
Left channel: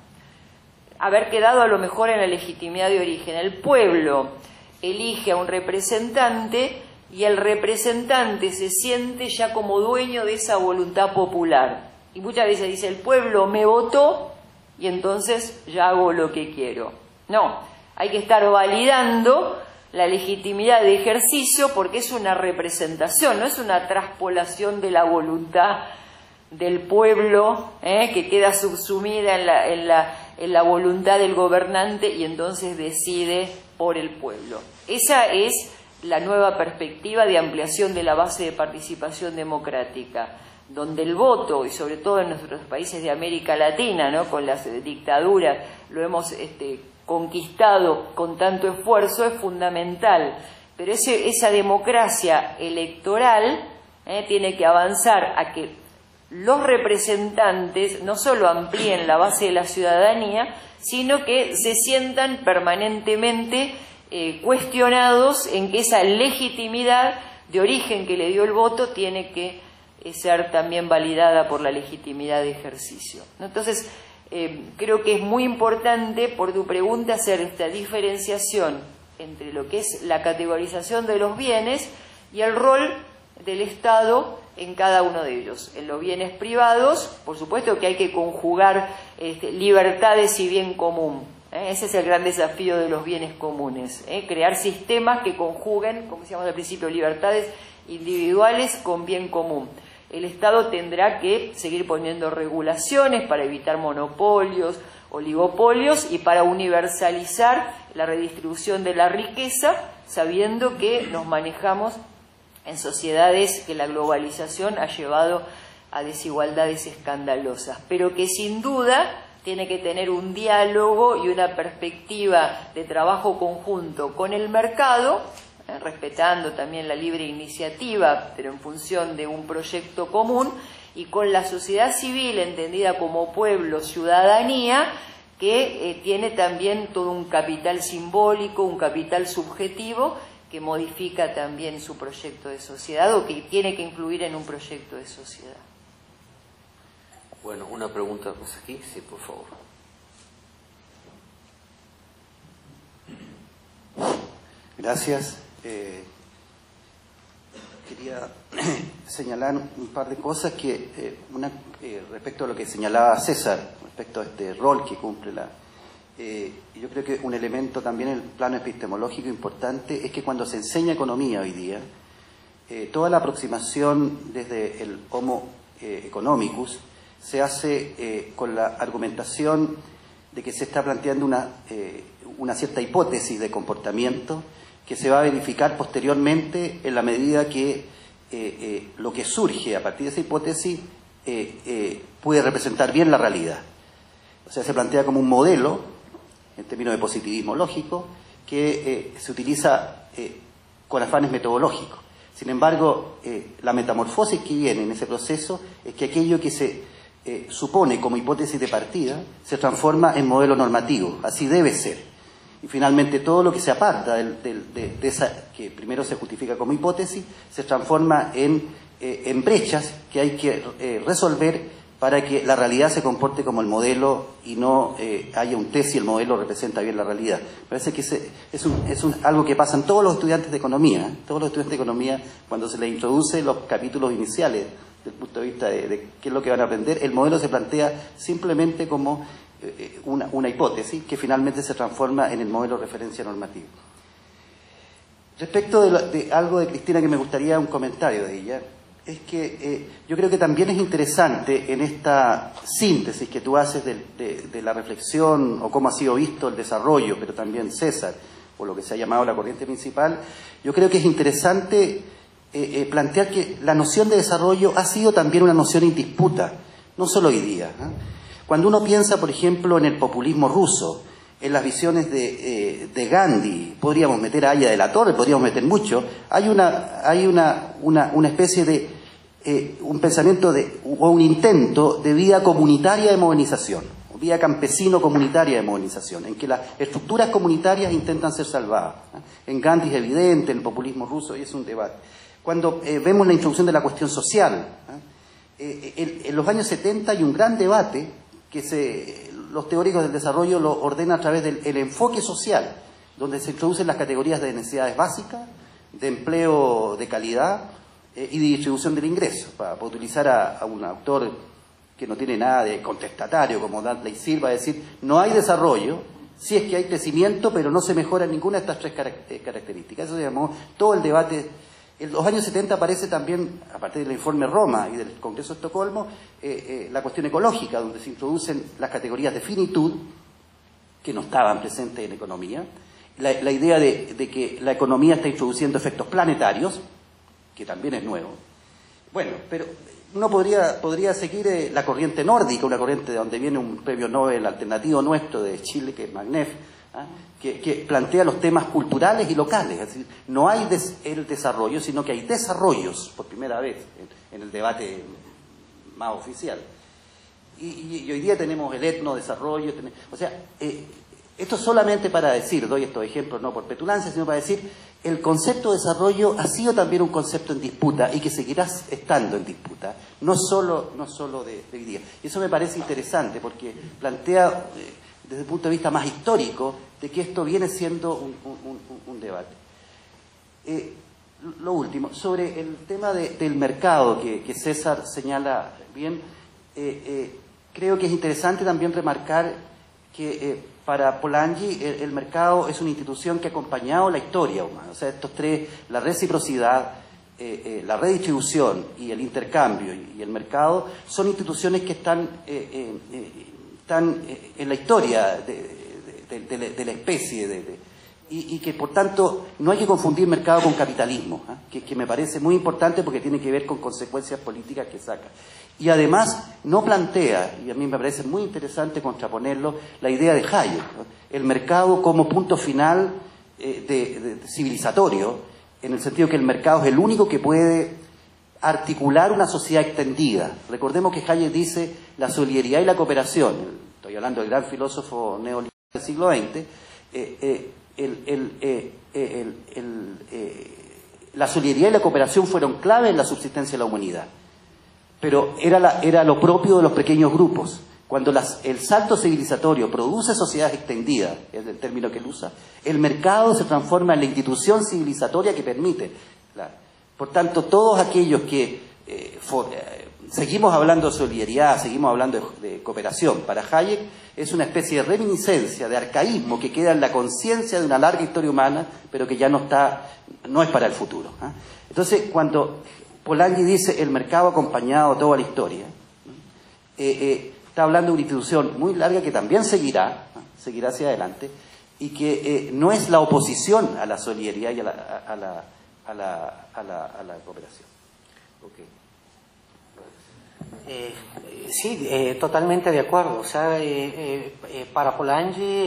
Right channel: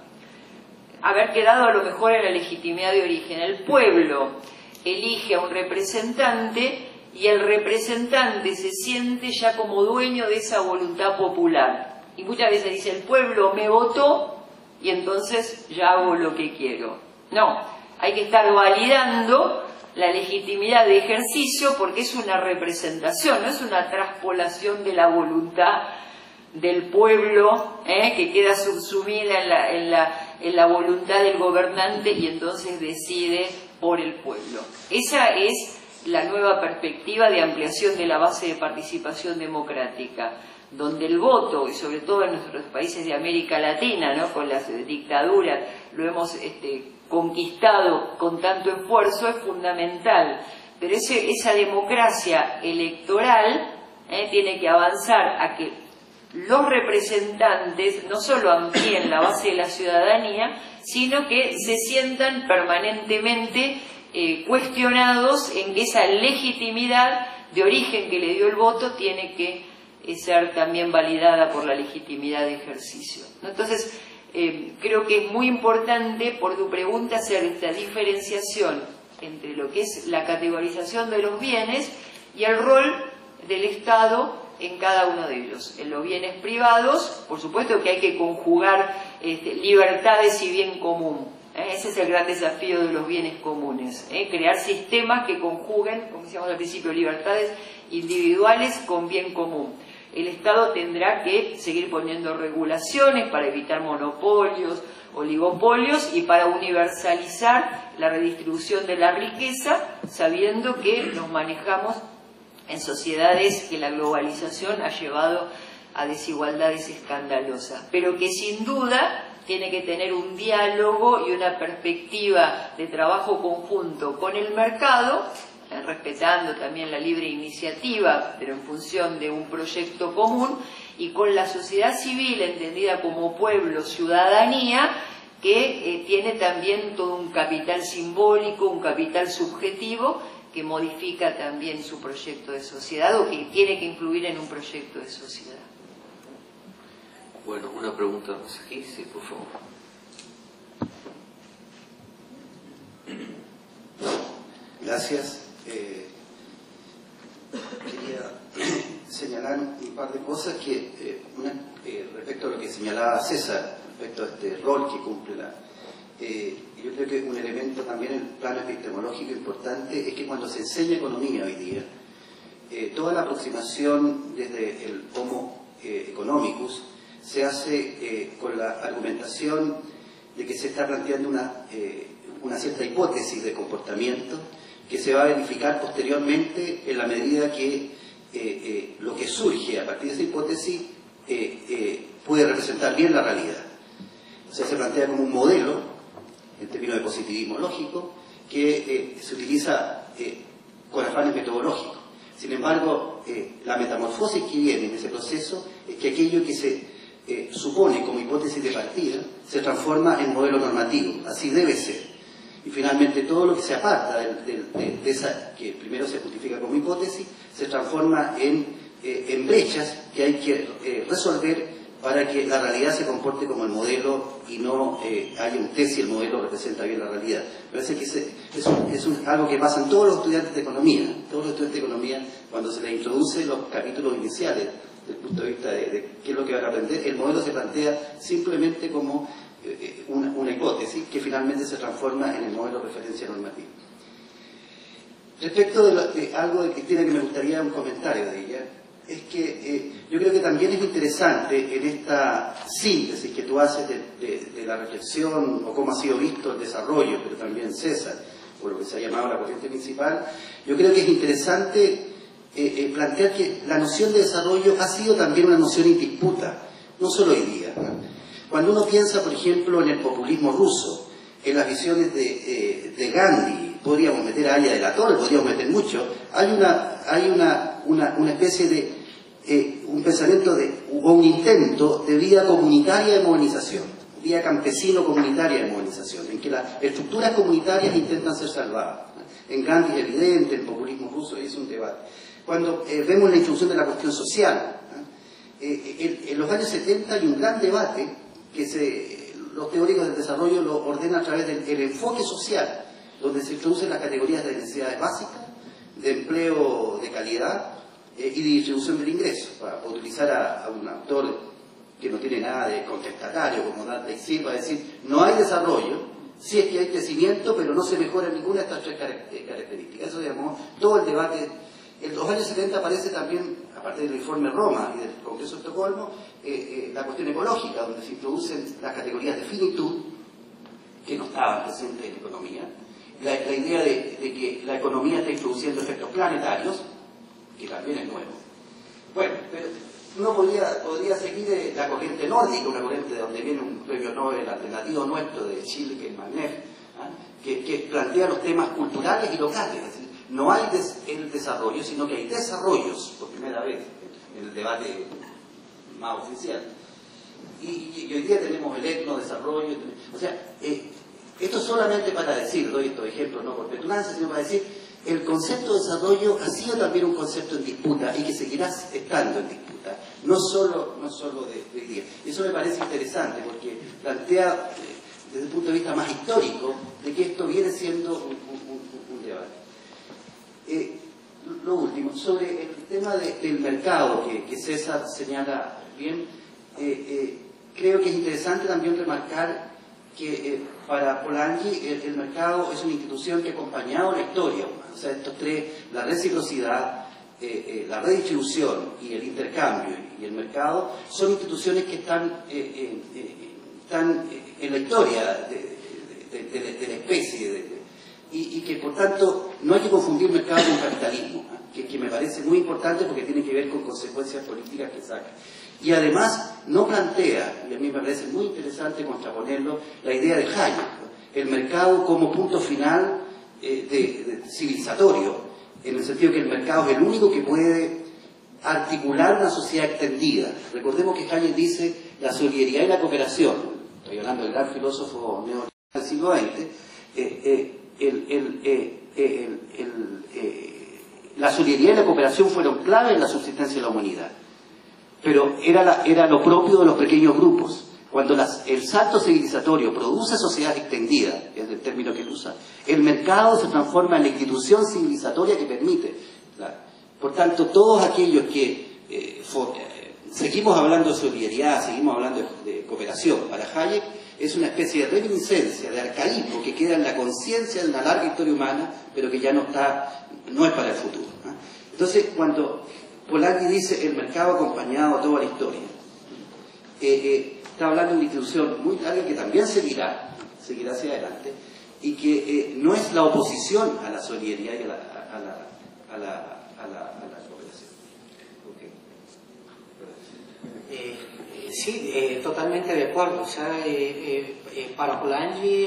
Haber quedado a lo mejor en la legitimidad de origen. El pueblo elige a un representante y el representante se siente ya como dueño de esa voluntad popular. Y muchas veces dice, el pueblo me votó y entonces ya hago lo que quiero. No, hay que estar validando la legitimidad de ejercicio porque es una representación, no es una traspolación de la voluntad del pueblo que queda subsumida en la voluntad del gobernante y entonces decide por el pueblo. Esa es la nueva perspectiva de ampliación de la base de participación democrática, donde el voto, y sobre todo en nuestros países de América Latina, ¿no?, con las dictaduras, lo hemos conquistado con tanto esfuerzo, es fundamental. Pero esa democracia electoral tiene que avanzar a que los representantes no solo amplíen la base de la ciudadanía, sino que se sientan permanentemente cuestionados en que esa legitimidad de origen que le dio el voto tiene que ser también validada por la legitimidad de ejercicio, ¿no? Entonces, creo que es muy importante, por tu pregunta, hacer esta diferenciación entre lo que es la categorización de los bienes y el rol del Estado en cada uno de ellos. En los bienes privados, por supuesto que hay que conjugar libertades y bien común. Ese es el gran desafío de los bienes comunes, crear sistemas que conjuguen, como decíamos al principio, libertades individuales con bien común. El Estado tendrá que seguir poniendo regulaciones para evitar monopolios, oligopolios y para universalizar la redistribución de la riqueza, sabiendo que nos manejamos en sociedades que la globalización ha llevado a desigualdades escandalosas, pero que sin duda tiene que tener un diálogo y una perspectiva de trabajo conjunto con el mercado, respetando también la libre iniciativa, pero en función de un proyecto común, y con la sociedad civil entendida como pueblo, ciudadanía, que tiene también todo un capital simbólico, un capital subjetivo, que modifica también su proyecto de sociedad o que tiene que incluir en un proyecto de sociedad. Bueno, una pregunta aquí, sí, por favor. Gracias. Quería señalar un par de cosas que respecto a lo que señalaba César, respecto a este rol que cumple yo creo que un elemento también en el plano epistemológico importante es que cuando se enseña economía hoy día, toda la aproximación desde el Homo economicus se hace con la argumentación de que se está planteando una cierta hipótesis de comportamiento que se va a verificar posteriormente en la medida que lo que surge a partir de esa hipótesis puede representar bien la realidad. O sea, se plantea como un modelo, en términos de positivismo lógico, que se utiliza con afanes metodológicos. Sin embargo, la metamorfosis que viene en ese proceso es que aquello que se supone como hipótesis de partida se transforma en modelo normativo. Así debe ser. Y finalmente todo lo que se aparta de esa que primero se justifica como hipótesis se transforma en brechas que hay que resolver para que la realidad se comporte como el modelo y no haya un test y el modelo representa bien la realidad. Parece que es algo que pasa en todos los estudiantes de economía. Todos los estudiantes de economía, cuando se les introduce los capítulos iniciales desde el punto de vista de qué es lo que van a aprender, el modelo se plantea simplemente como una hipótesis que finalmente se transforma en el modelo de referencia normativo. Respecto de algo de Cristina que me gustaría un comentario de ella, es que yo creo que también es interesante en esta síntesis que tú haces de la reflexión o cómo ha sido visto el desarrollo, pero también César, o lo que se ha llamado la corriente principal, yo creo que es interesante plantear que la noción de desarrollo ha sido también una noción en disputa, no solo hoy día. Cuando uno piensa, por ejemplo, en el populismo ruso, en las visiones de Gandhi, podríamos meter a Aya de la Torre, podríamos meter mucho, hay una especie de un pensamiento o un intento de vía comunitaria de movilización, vía campesino-comunitaria de movilización, en que las estructuras comunitarias intentan ser salvadas. En Gandhi es evidente, en el populismo ruso, y es un debate. Cuando vemos la introducción de la cuestión social, en los años 70 hay un gran debate que los teóricos del desarrollo lo ordenan a través del enfoque social, donde se introducen las categorías de necesidades básicas, de empleo de calidad y de distribución del ingreso, para utilizar a un autor que no tiene nada de contestatario como Dudley Silva, decir, no hay desarrollo, sí es que hay crecimiento, pero no se mejora ninguna de estas tres características. Eso se llamó todo el debate. En los años 70 aparece también, a partir del informe Roma y del Congreso de Estocolmo, la cuestión ecológica, donde se introducen las categorías de finitud, que no estaban presentes en la economía, la idea de que la economía está introduciendo efectos planetarios, que también es nuevo. Bueno, pero uno podría seguir la corriente nórdica, una corriente de donde viene un premio Nobel alternativo nuestro de Chile, que es Magnef, que plantea los temas culturales y locales. Es decir, no hay el desarrollo, sino que hay desarrollos, por primera vez, en el debate más oficial. Y hoy día tenemos el etnodesarrollo. O sea, esto solamente para decir, doy estos ejemplos no por petulancia, sino para decir, el concepto de desarrollo ha sido también un concepto en disputa y que seguirá estando en disputa, no solo de hoy día. Y eso me parece interesante porque plantea, desde el punto de vista más histórico, de que esto viene siendo un debate. Lo último, sobre el tema del mercado que César señala bien, creo que es interesante también remarcar que para Polanyi el mercado es una institución que ha acompañado la historia humana. O sea, estos tres, la reciprocidad, la redistribución y el intercambio y el mercado, son instituciones que están en la historia de la especie, y que por tanto no hay que confundir mercado con capitalismo, que me parece muy importante porque tiene que ver con consecuencias políticas que saca. Y además no plantea, y a mí me parece muy interesante contraponerlo, la idea de Hayek, el mercado como punto final civilizatorio, en el sentido que el mercado es el único que puede articular una sociedad extendida. Recordemos que Hayek dice la solidaridad y la cooperación, estoy hablando del gran filósofo neoliberal del siglo XX, la solidaridad y la cooperación fueron clave en la subsistencia de la humanidad. Pero era lo propio de los pequeños grupos. Cuando el salto civilizatorio produce sociedades extendidas, es el término que él usa, el mercado se transforma en la institución civilizatoria que permite. Por tanto, todos aquellos que seguimos hablando de solidaridad, seguimos hablando de cooperación, para Hayek es una especie de reminiscencia, de arcaísmo que queda en la conciencia de una larga historia humana, pero que ya no es para el futuro. Entonces, cuando Polanyi dice el mercado ha acompañado toda la historia, está hablando de una institución muy larga que también seguirá hacia adelante, y que no es la oposición a la solidaridad y a la cooperación. Sí, totalmente de acuerdo. O sea, para Polanyi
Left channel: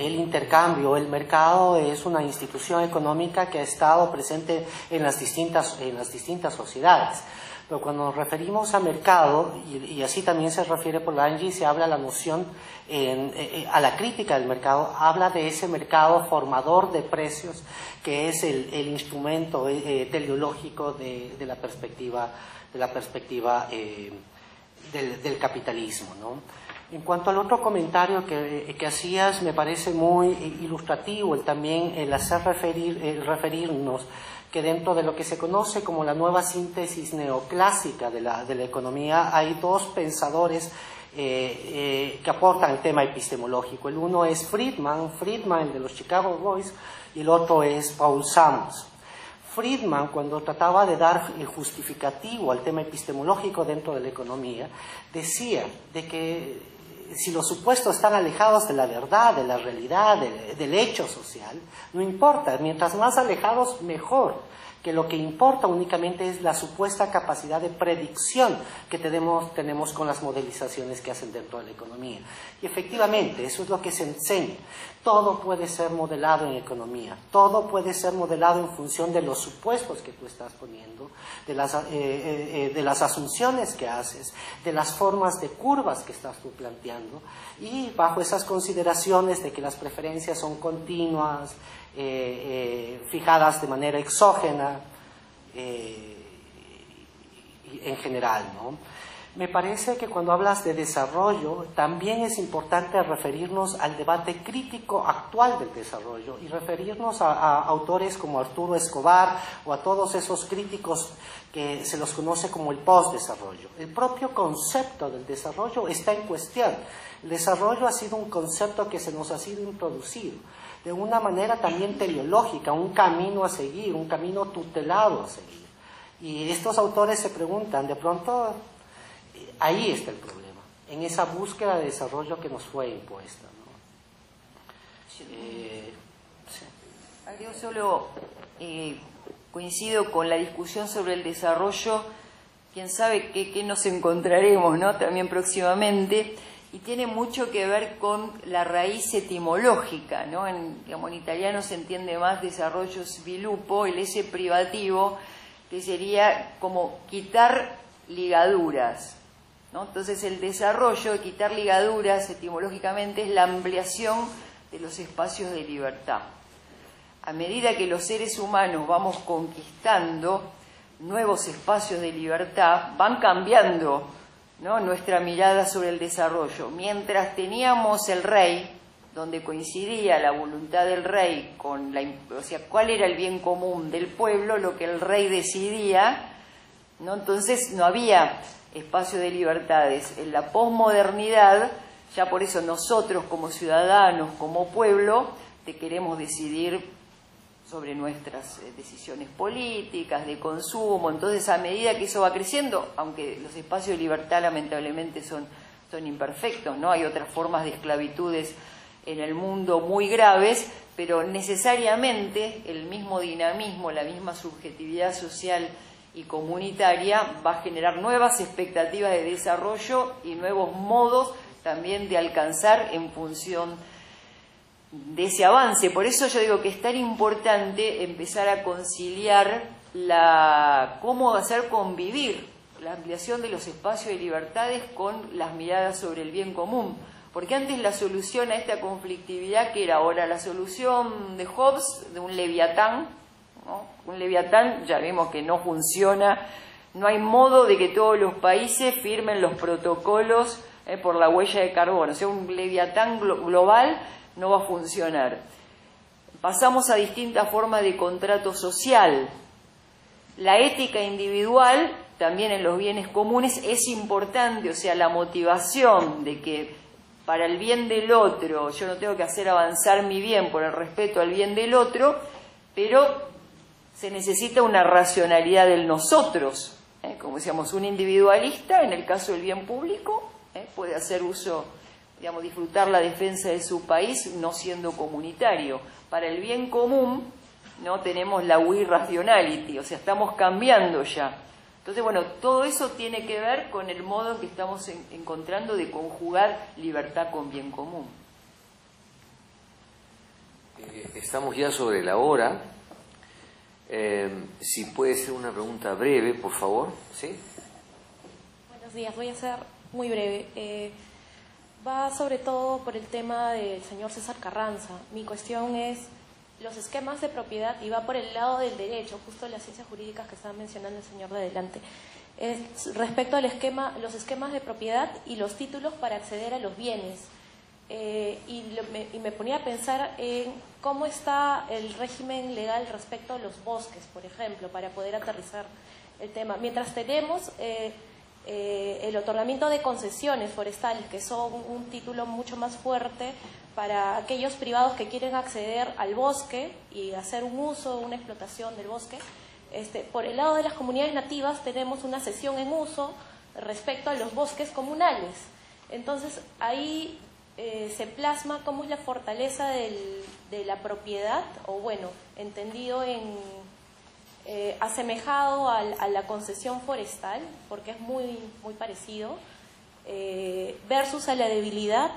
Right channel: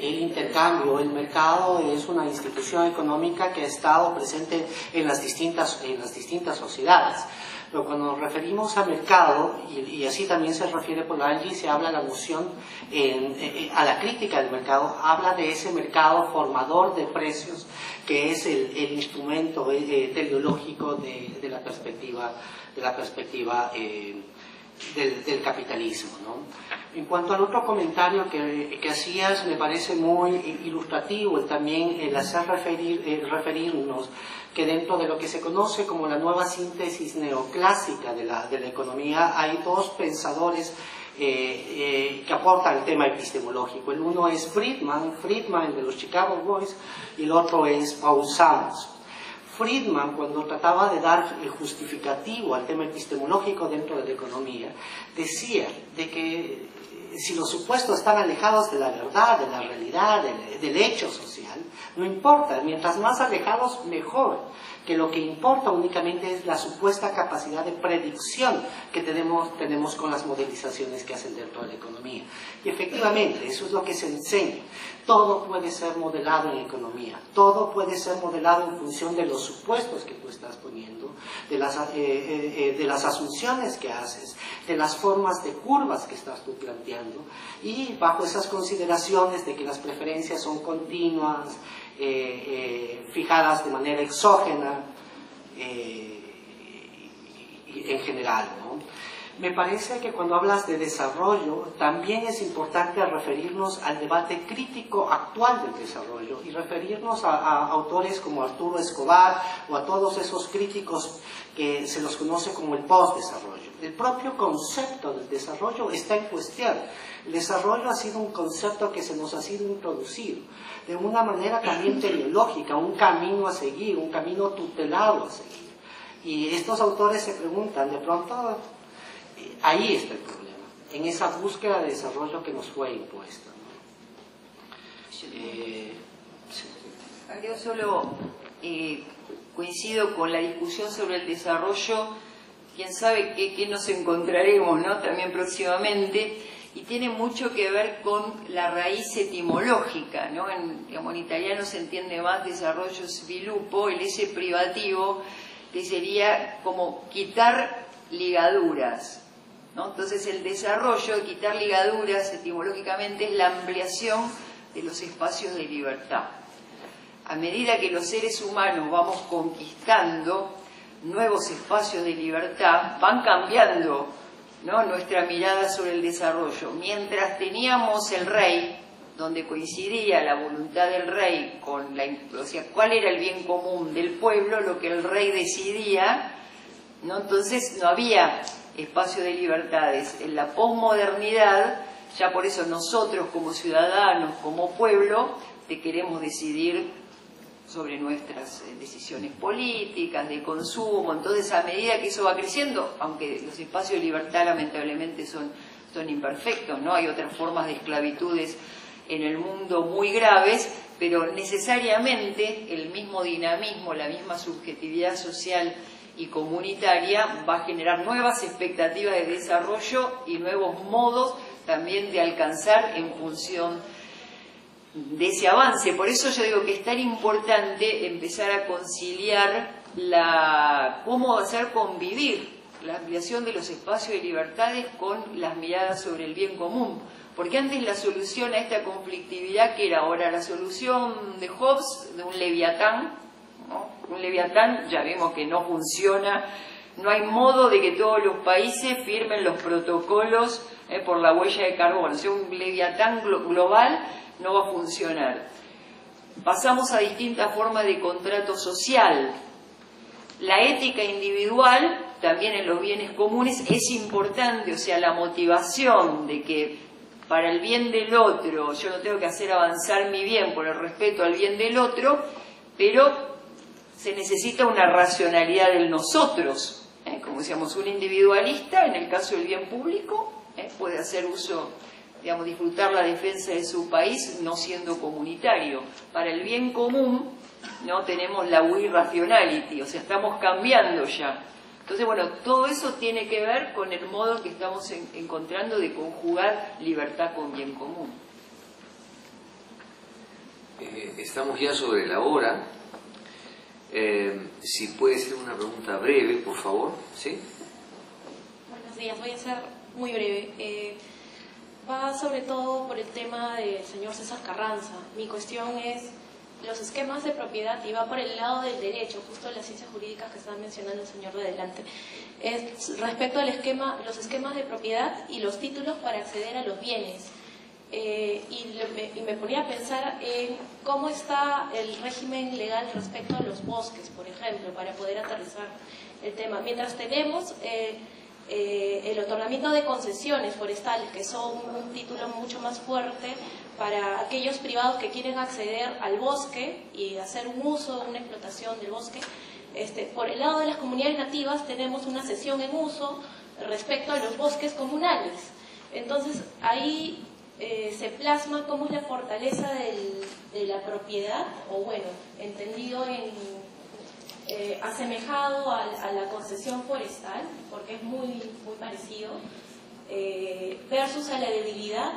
el intercambio, el mercado es una institución económica que ha estado presente en las distintas sociedades. Pero cuando nos referimos al mercado, y así también se refiere Polanyi, se habla de la noción, a la crítica del mercado, habla de ese mercado formador de precios que es el instrumento teleológico de la perspectiva del capitalismo, ¿no? En cuanto al otro comentario que hacías, me parece muy ilustrativo también el hacer referirnos que dentro de lo que se conoce como la nueva síntesis neoclásica de la economía hay dos pensadores que aportan el tema epistemológico. El uno es Friedman de los Chicago Boys, y el otro es Paul Summers. Friedman, cuando trataba de dar el justificativo al tema epistemológico dentro de la economía, decía de que si los supuestos están alejados de la verdad, de la realidad, del hecho social, no importa, mientras más alejados, mejor, que lo que importa únicamente es la supuesta capacidad de predicción que tenemos con las modelizaciones que hacen dentro de la economía. Y efectivamente, eso es lo que se enseña. Todo puede ser modelado en economía, todo puede ser modelado en función de los supuestos que tú estás poniendo, de las asunciones que haces, de las formas de curvas que estás tú planteando, y bajo esas consideraciones de que las preferencias son continuas, fijadas de manera exógena, en general, ¿no? Me parece que cuando hablas de desarrollo, también es importante referirnos al debate crítico actual del desarrollo y referirnos a autores como Arturo Escobar o a todos esos críticos que se los conoce como el postdesarrollo. El propio concepto del desarrollo está en cuestión. El desarrollo ha sido un concepto que se nos ha sido introducido de una manera también teleológica, un camino a seguir, un camino tutelado a seguir. Y estos autores se preguntan, de pronto, ahí está el problema, en esa búsqueda de desarrollo que nos fue impuesta, ¿no? Yo solo coincido con la discusión sobre el desarrollo, quién sabe qué nos encontraremos, ¿no? También próximamente, y tiene mucho que ver con la raíz etimológica, ¿no? En italiano se entiende más desarrollo sviluppo, el ese privativo, que sería como quitar ligaduras, ¿no? Entonces el desarrollo, quitar ligaduras etimológicamente, es la ampliación de los espacios de libertad. A medida que los seres humanos vamos conquistando nuevos espacios de libertad, van cambiando, ¿no?, nuestra mirada sobre el desarrollo. Mientras teníamos el rey, donde coincidía la voluntad del rey con o sea, cuál era el bien común del pueblo, lo que el rey decidía, ¿no? Entonces no había espacio de libertades. En la posmodernidad, ya por eso nosotros como ciudadanos, como pueblo, queremos decidir sobre nuestras decisiones políticas, de consumo. Entonces, a medida que eso va creciendo, aunque los espacios de libertad lamentablemente son imperfectos, ¿no? Hay otras formas de esclavitudes en el mundo muy graves, pero necesariamente el mismo dinamismo, la misma subjetividad social y comunitaria va a generar nuevas expectativas de desarrollo y nuevos modos también de alcanzar en función de ese avance. Por eso yo digo que es tan importante empezar a conciliar cómo hacer convivir la ampliación de los espacios de libertades con las miradas sobre el bien común. Porque antes la solución a esta conflictividad, que era ahora la solución de Hobbes, de un leviatán, ¿no? Un leviatán ya vemos que no funciona, no hay modo de que todos los países firmen los protocolos por la huella de carbono. O sea, un leviatán global no va a funcionar. Pasamos a distintas formas de contrato social. La ética individual, también en los bienes comunes, es importante, o sea, la motivación de que para el bien del otro, yo no tengo que hacer avanzar mi bien por el respeto al bien del otro, pero se necesita una racionalidad del nosotros. Como decíamos, un individualista, en el caso del bien público, puede hacer uso, digamos, disfrutar la defensa de su país no siendo comunitario. Para el bien común, no tenemos la we rationality, o sea, estamos cambiando ya Entonces, bueno, todo eso tiene que ver con el modo que estamos encontrando de conjugar libertad con bien común. Estamos ya sobre la hora. Si puede ser una pregunta breve, por favor. ¿Sí? Buenos días, voy a ser muy breve. Va sobre todo por el tema del señor César Carranza. Mi cuestión es los esquemas de propiedad, y va por el lado del derecho, justo las ciencias jurídicas que estaba mencionando el señor de adelante. Respecto al los esquemas de propiedad y los títulos para acceder a los bienes. Y me ponía a pensar en cómo está el régimen legal respecto a los bosques, por ejemplo, para poder aterrizar el tema. Mientras tenemos el otorgamiento de concesiones forestales, que son un título mucho más fuerte para aquellos privados que quieren acceder al bosque y hacer un uso, una explotación del bosque. Por el lado de las comunidades nativas tenemos una cesión en uso respecto a los bosques comunales. Entonces ahí se plasma cómo es la fortaleza de la propiedad, o bueno, entendido asemejado a la concesión forestal, porque es muy parecido, versus a la debilidad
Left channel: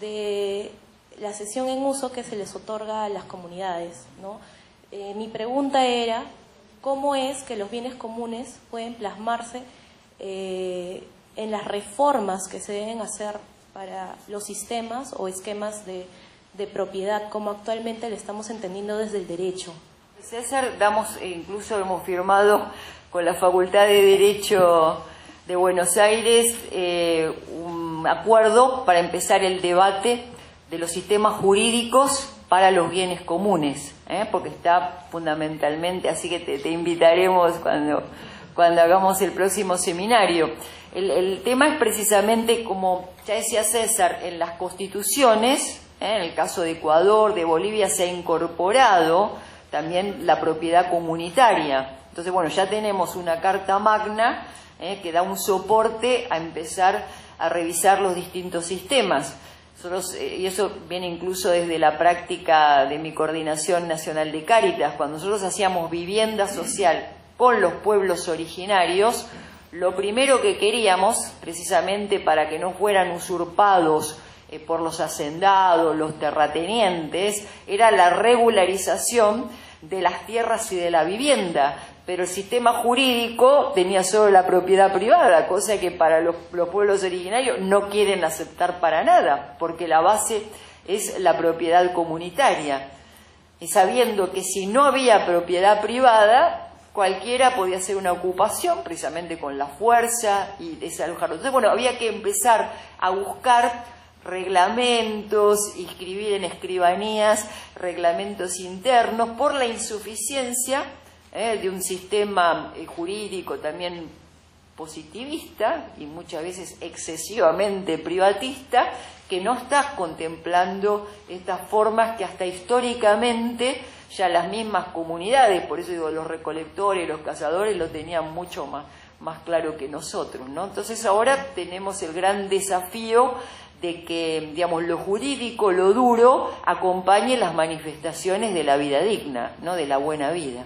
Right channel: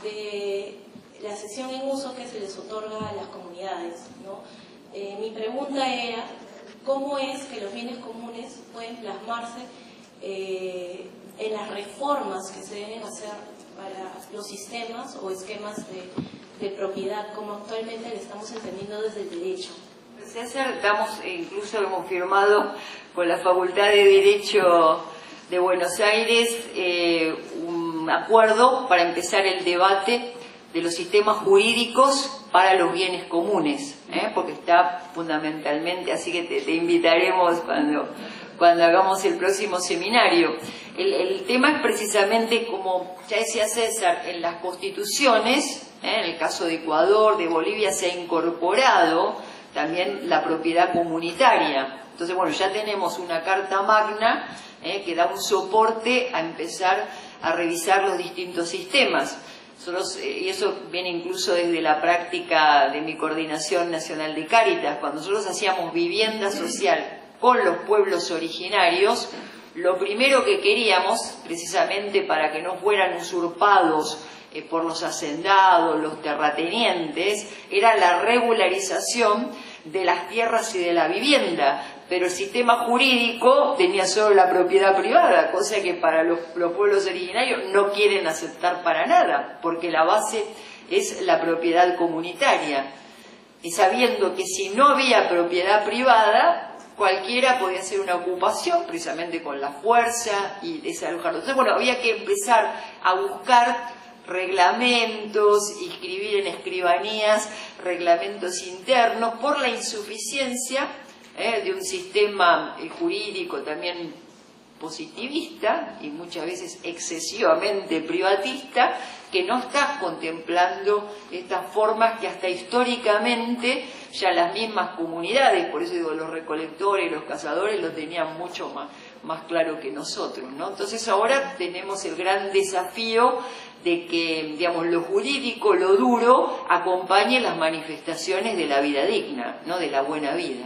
de la cesión en uso que se les otorga a las comunidades, ¿no? Mi pregunta era, ¿cómo es que los bienes comunes pueden plasmarse en las reformas que se deben hacer para los sistemas o esquemas de propiedad, como actualmente lo estamos entendiendo desde el derecho? César, incluso hemos firmado con la Facultad de Derecho de Buenos Aires un acuerdo para empezar el debate de los sistemas jurídicos para los bienes comunes, porque está fundamentalmente, así que te invitaremos cuando hagamos el próximo seminario. El tema es precisamente, como ya decía César, en las constituciones, en el caso de Ecuador, de Bolivia, se ha incorporado también la propiedad comunitaria. Entonces, bueno, ya tenemos una Carta Magna que da un soporte a empezar a revisar los distintos sistemas. Y eso viene incluso desde la práctica de mi Coordinación Nacional de Cáritas. Cuando nosotros hacíamos vivienda social con los pueblos originarios, lo primero que queríamos, precisamente para que no fueran usurpados por los hacendados, los terratenientes, era la regularización de las tierras y de la vivienda. Pero el sistema jurídico tenía solo la propiedad privada, cosa que para los pueblos originarios no quieren aceptar para nada, porque la base es la propiedad comunitaria. Y sabiendo que si no había propiedad privada, cualquiera podía hacer una ocupación, precisamente con la fuerza y desalojarlo. Entonces, bueno, había que empezar a buscar reglamentos, inscribir en escribanías reglamentos internos por la insuficiencia de un sistema jurídico también positivista y muchas veces excesivamente privatista, que no está contemplando estas formas que hasta históricamente ya las mismas comunidades, por eso digo, los recolectores, los cazadores lo tenían mucho más claro que nosotros, ¿no? Entonces ahora tenemos el gran desafío de que, digamos, lo jurídico, lo duro, acompañe las manifestaciones de la vida digna, ¿no? De la buena vida.